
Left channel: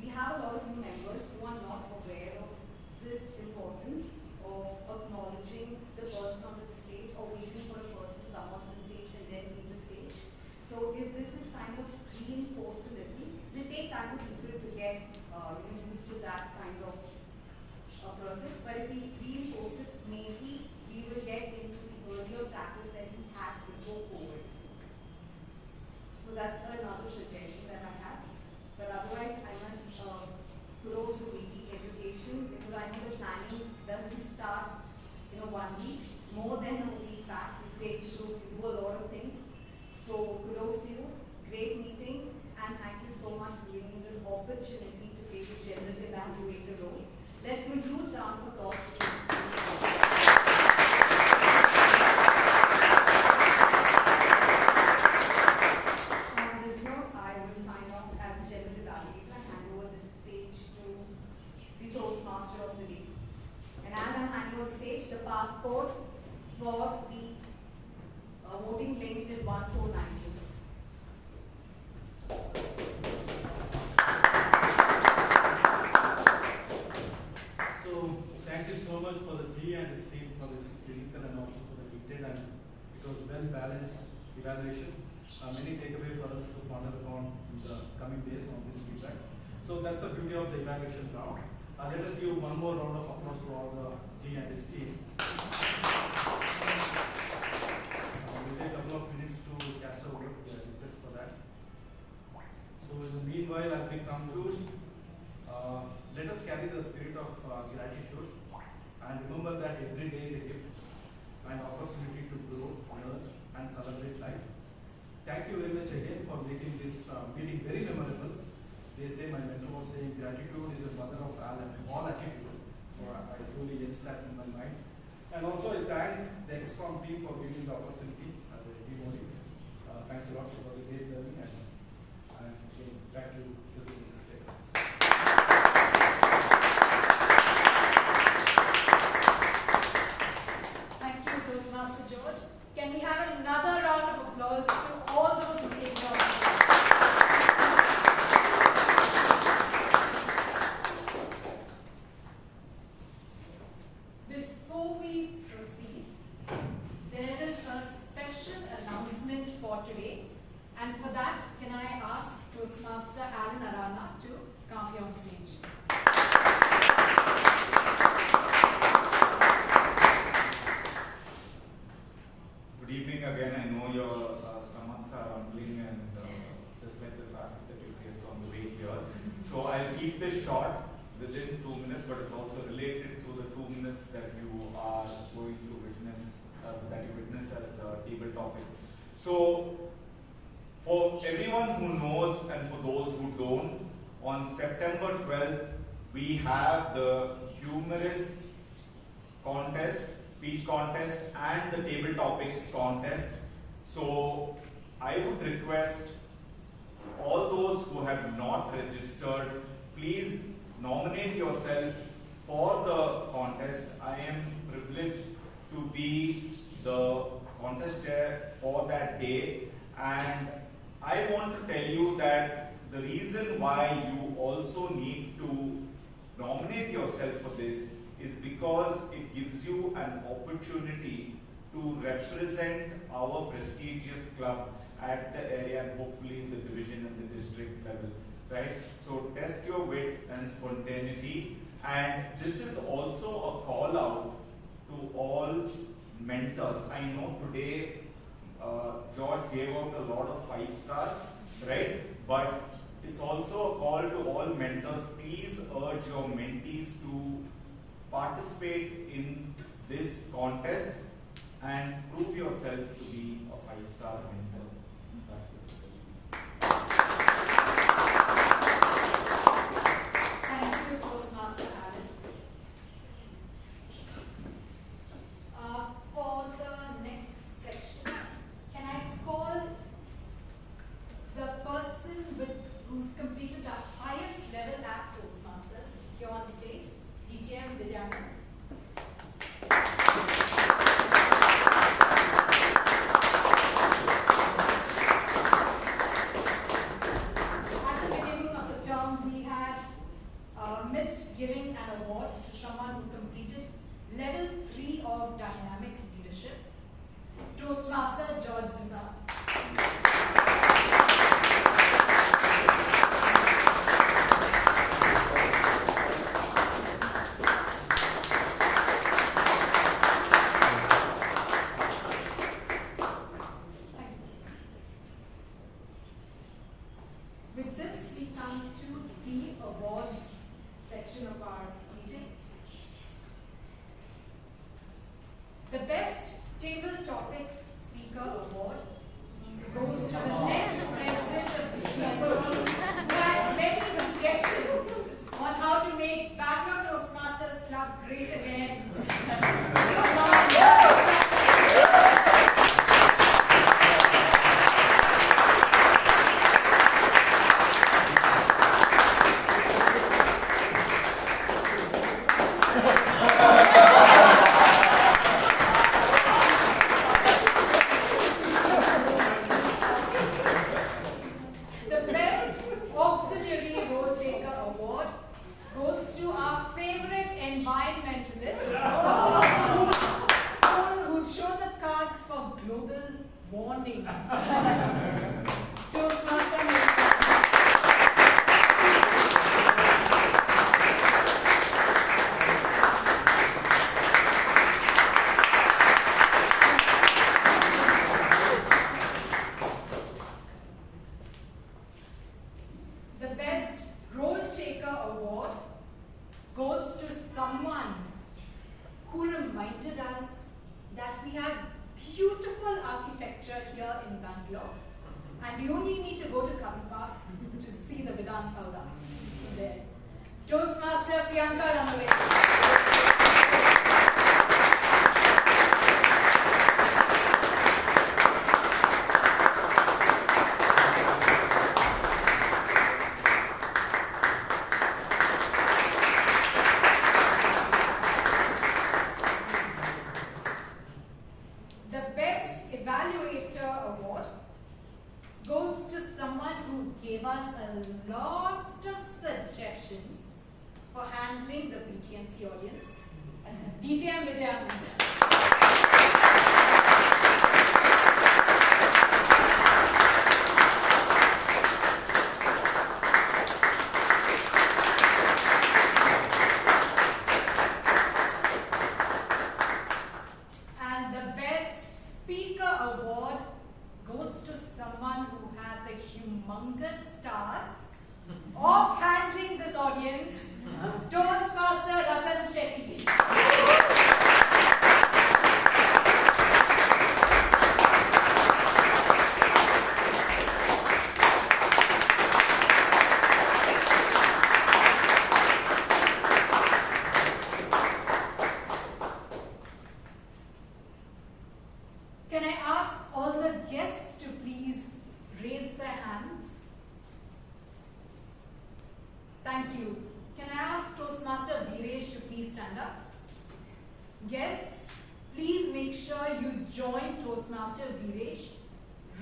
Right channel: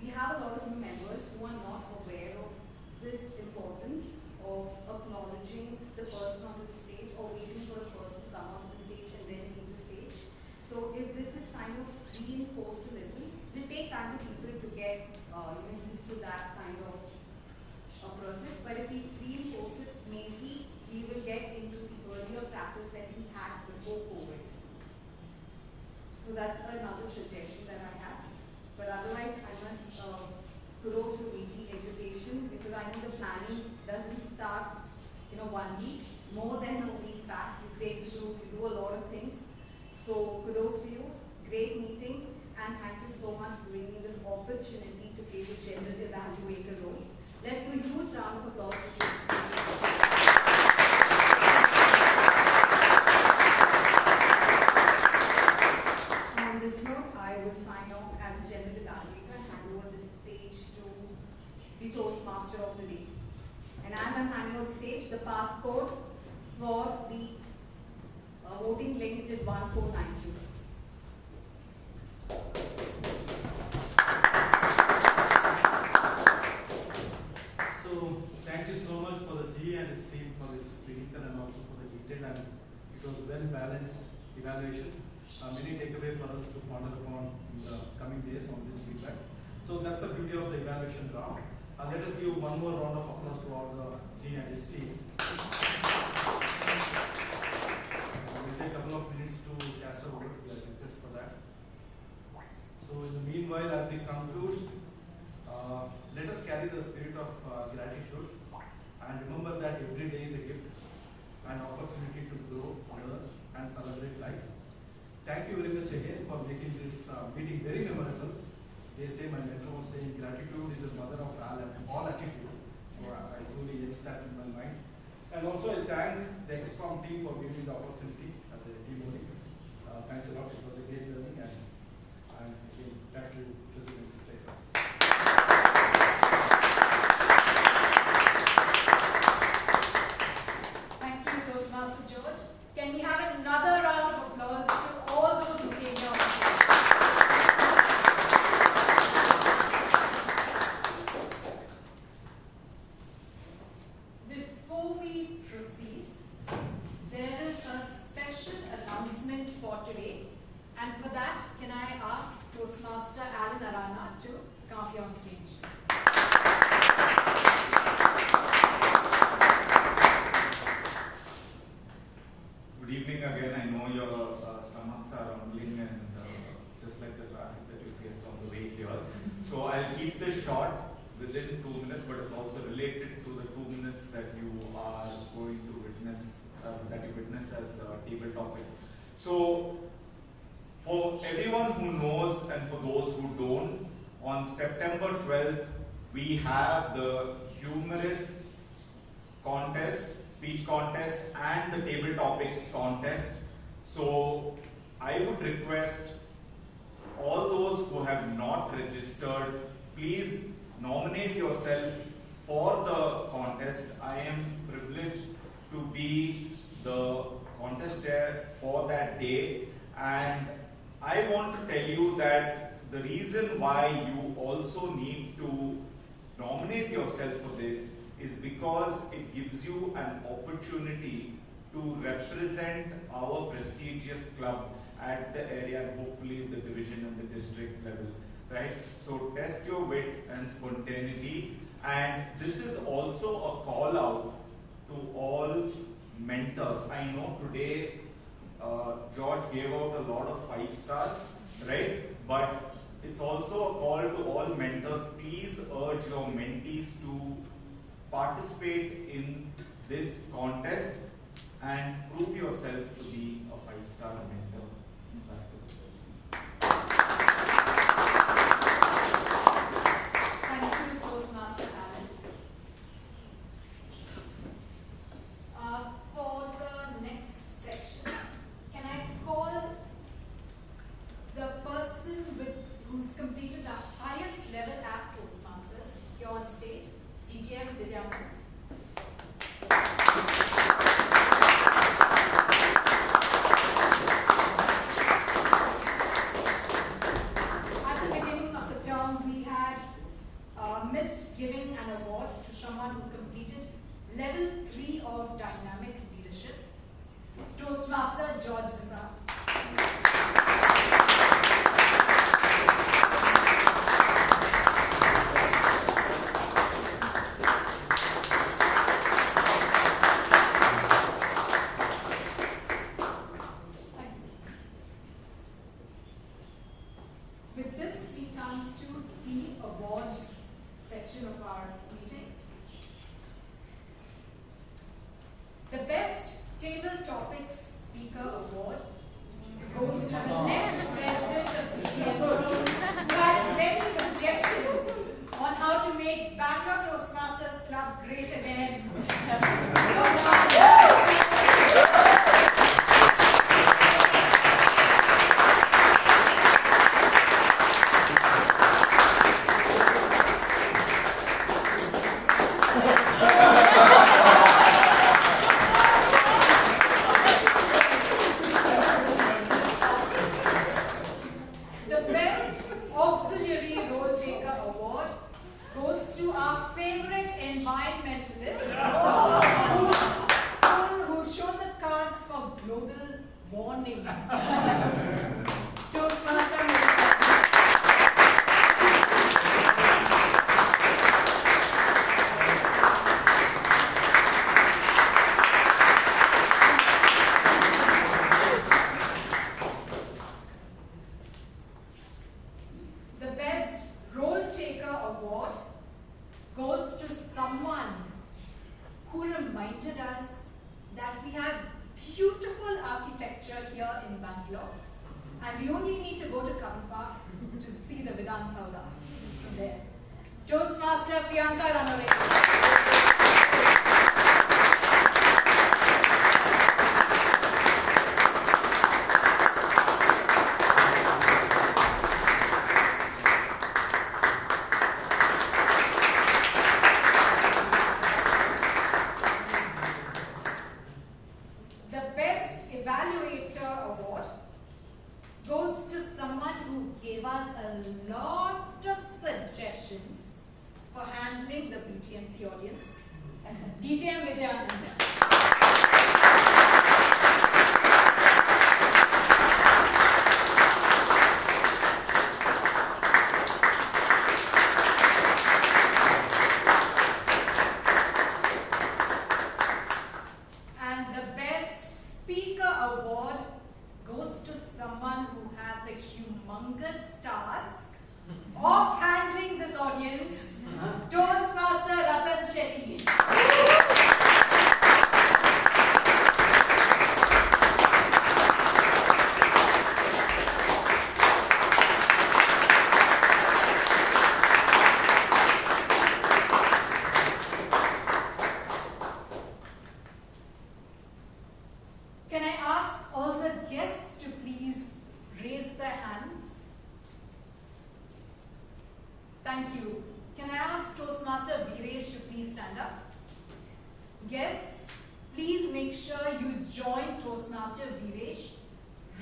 We have a lot of new members who are not aware of this importance of acknowledging the person onto the stage or waiting for a person to come onto the stage and then leave the stage. So if this is kind of reinforced a little, it will take time for people to get used to that kind of process. But if we reinforce it, maybe we will get into the earlier practice that we had before COVID. So that's another suggestion that I have. But otherwise, I must kudos to weekly education, because I know the planning doesn't start 1 week. More than a week back, we do a lot of things. So kudos to you. Great meeting, and thank you so much for giving me this opportunity to play the general evaluator role. Let's do a huge round of applause. On this note, I will sign off as the general evaluator and hand over this stage to the Toastmaster of the day. And as I'm handing over the stage, the passcode for the voting link is 1492. So thank you so much for the G and his team for this clinical and also for the detailed, and it was well balanced evaluation. Many takeaway for us to ponder upon in the coming days on this feedback. So that's the beauty of the evaluation round. Let us give one more round of applause to all the G and his team. We'll take a couple of minutes to cast a vote. We are request for that. So in the meanwhile, as we conclude, let us carry the spirit of gratitude and remember that every day is a gift and opportunity to grow, learn, and celebrate life. Thank you very much again for making this meeting very memorable. They say, my mentor was saying, gratitude is the mother of all attitude. So I truly yes that in my mind. And also I thank the ExCom team for giving the opportunity as a DMOD. Thanks a lot. It was a great journey, and I'm again back to President Chaitra. Thank you, Toastmaster George. Can we have another round of applause to all those who came down? Before we proceed, there is a special announcement for today, and for that, can I ask Toastmaster to come up here on stage. Good evening again. I know your stomachs are rumbling and just like the traffic that you faced on the way here. So I'll keep this short within 2 minutes, but it's also related to the 2 minutes that you are going to witness, that you witnessed as table topic. So for everyone who knows and for those who don't, on September 12th, we have the humorous contest, speech contest and the table topics contest. So I would request all those who have not registered, please nominate yourself for the contest. I am privileged to be the contest chair for that day, and I want to tell you that the reason why you also need to nominate yourself for this is because it gives you an opportunity to represent our prestigious club at the area and hopefully the division and the district level, right? So test your wit and spontaneity, and this is also a call out to all mentors. I know today George gave out a lot of 5 stars, right? But it's also a call to all mentors. Please urge your mentees to participate in this contest and prove yourself to be a 5-star mentor. Thank you, Toastmaster Alan. For the next section, can I call the person who's completed the highest level at Toastmasters here on stage, DTM Vijayan. At the beginning of the term, we had missed giving an award to someone who completed level 3 of dynamic leadership, Toastmaster George Dsa. With this, we come to the awards section of our meeting. The Best Table Topics Speaker Award goes to the next president of PTMC who had many suggestions on how to make Bangalore Toastmasters Club great again. Toastmaster The Best Evaluator Award goes to someone who gave us a lot of suggestions for handling the BTMC audience, DTM Vijayan. of handling this audience, Toastmaster Ratan Shetty. Can I ask all the guests to please raise their hands? Thank you. Can I ask Toastmaster Veeresh to please stand up? Guests, please make sure you join Toastmaster Veeresh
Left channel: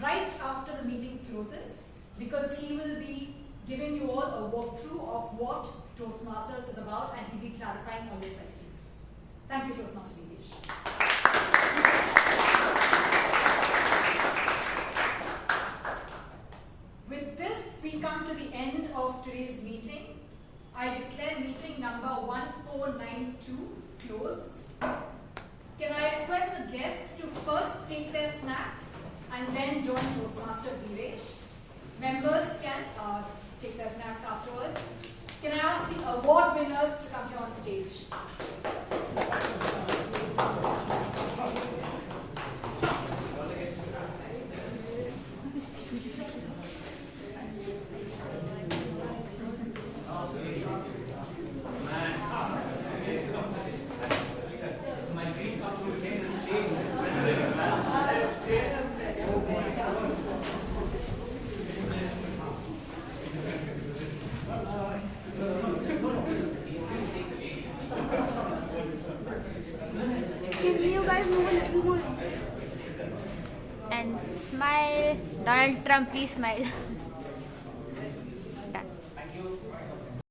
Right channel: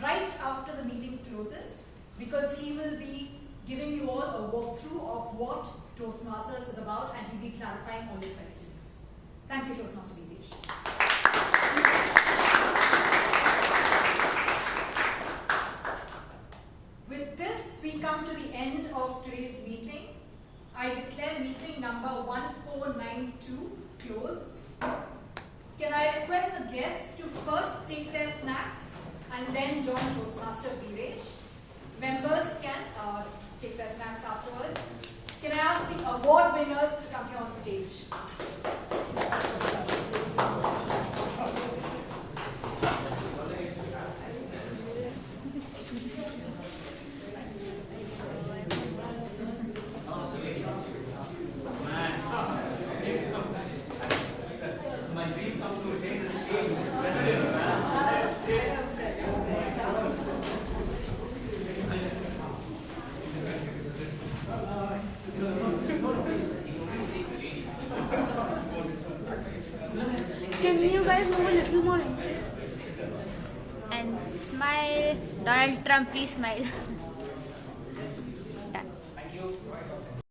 right after the meeting closes, because he will be giving you all a walkthrough of what Toastmasters is about, and he'll be clarifying all your questions. Thank you, Toastmaster Veeresh. With this, we come to the end of today's meeting. I declare meeting number 1492 closed. Can I request the guests to first take their snacks and then join Toastmaster Viresh? Members can take their snacks afterwards. Can I ask the award winners to come here on stage? And smile. Donald Trump, please smile.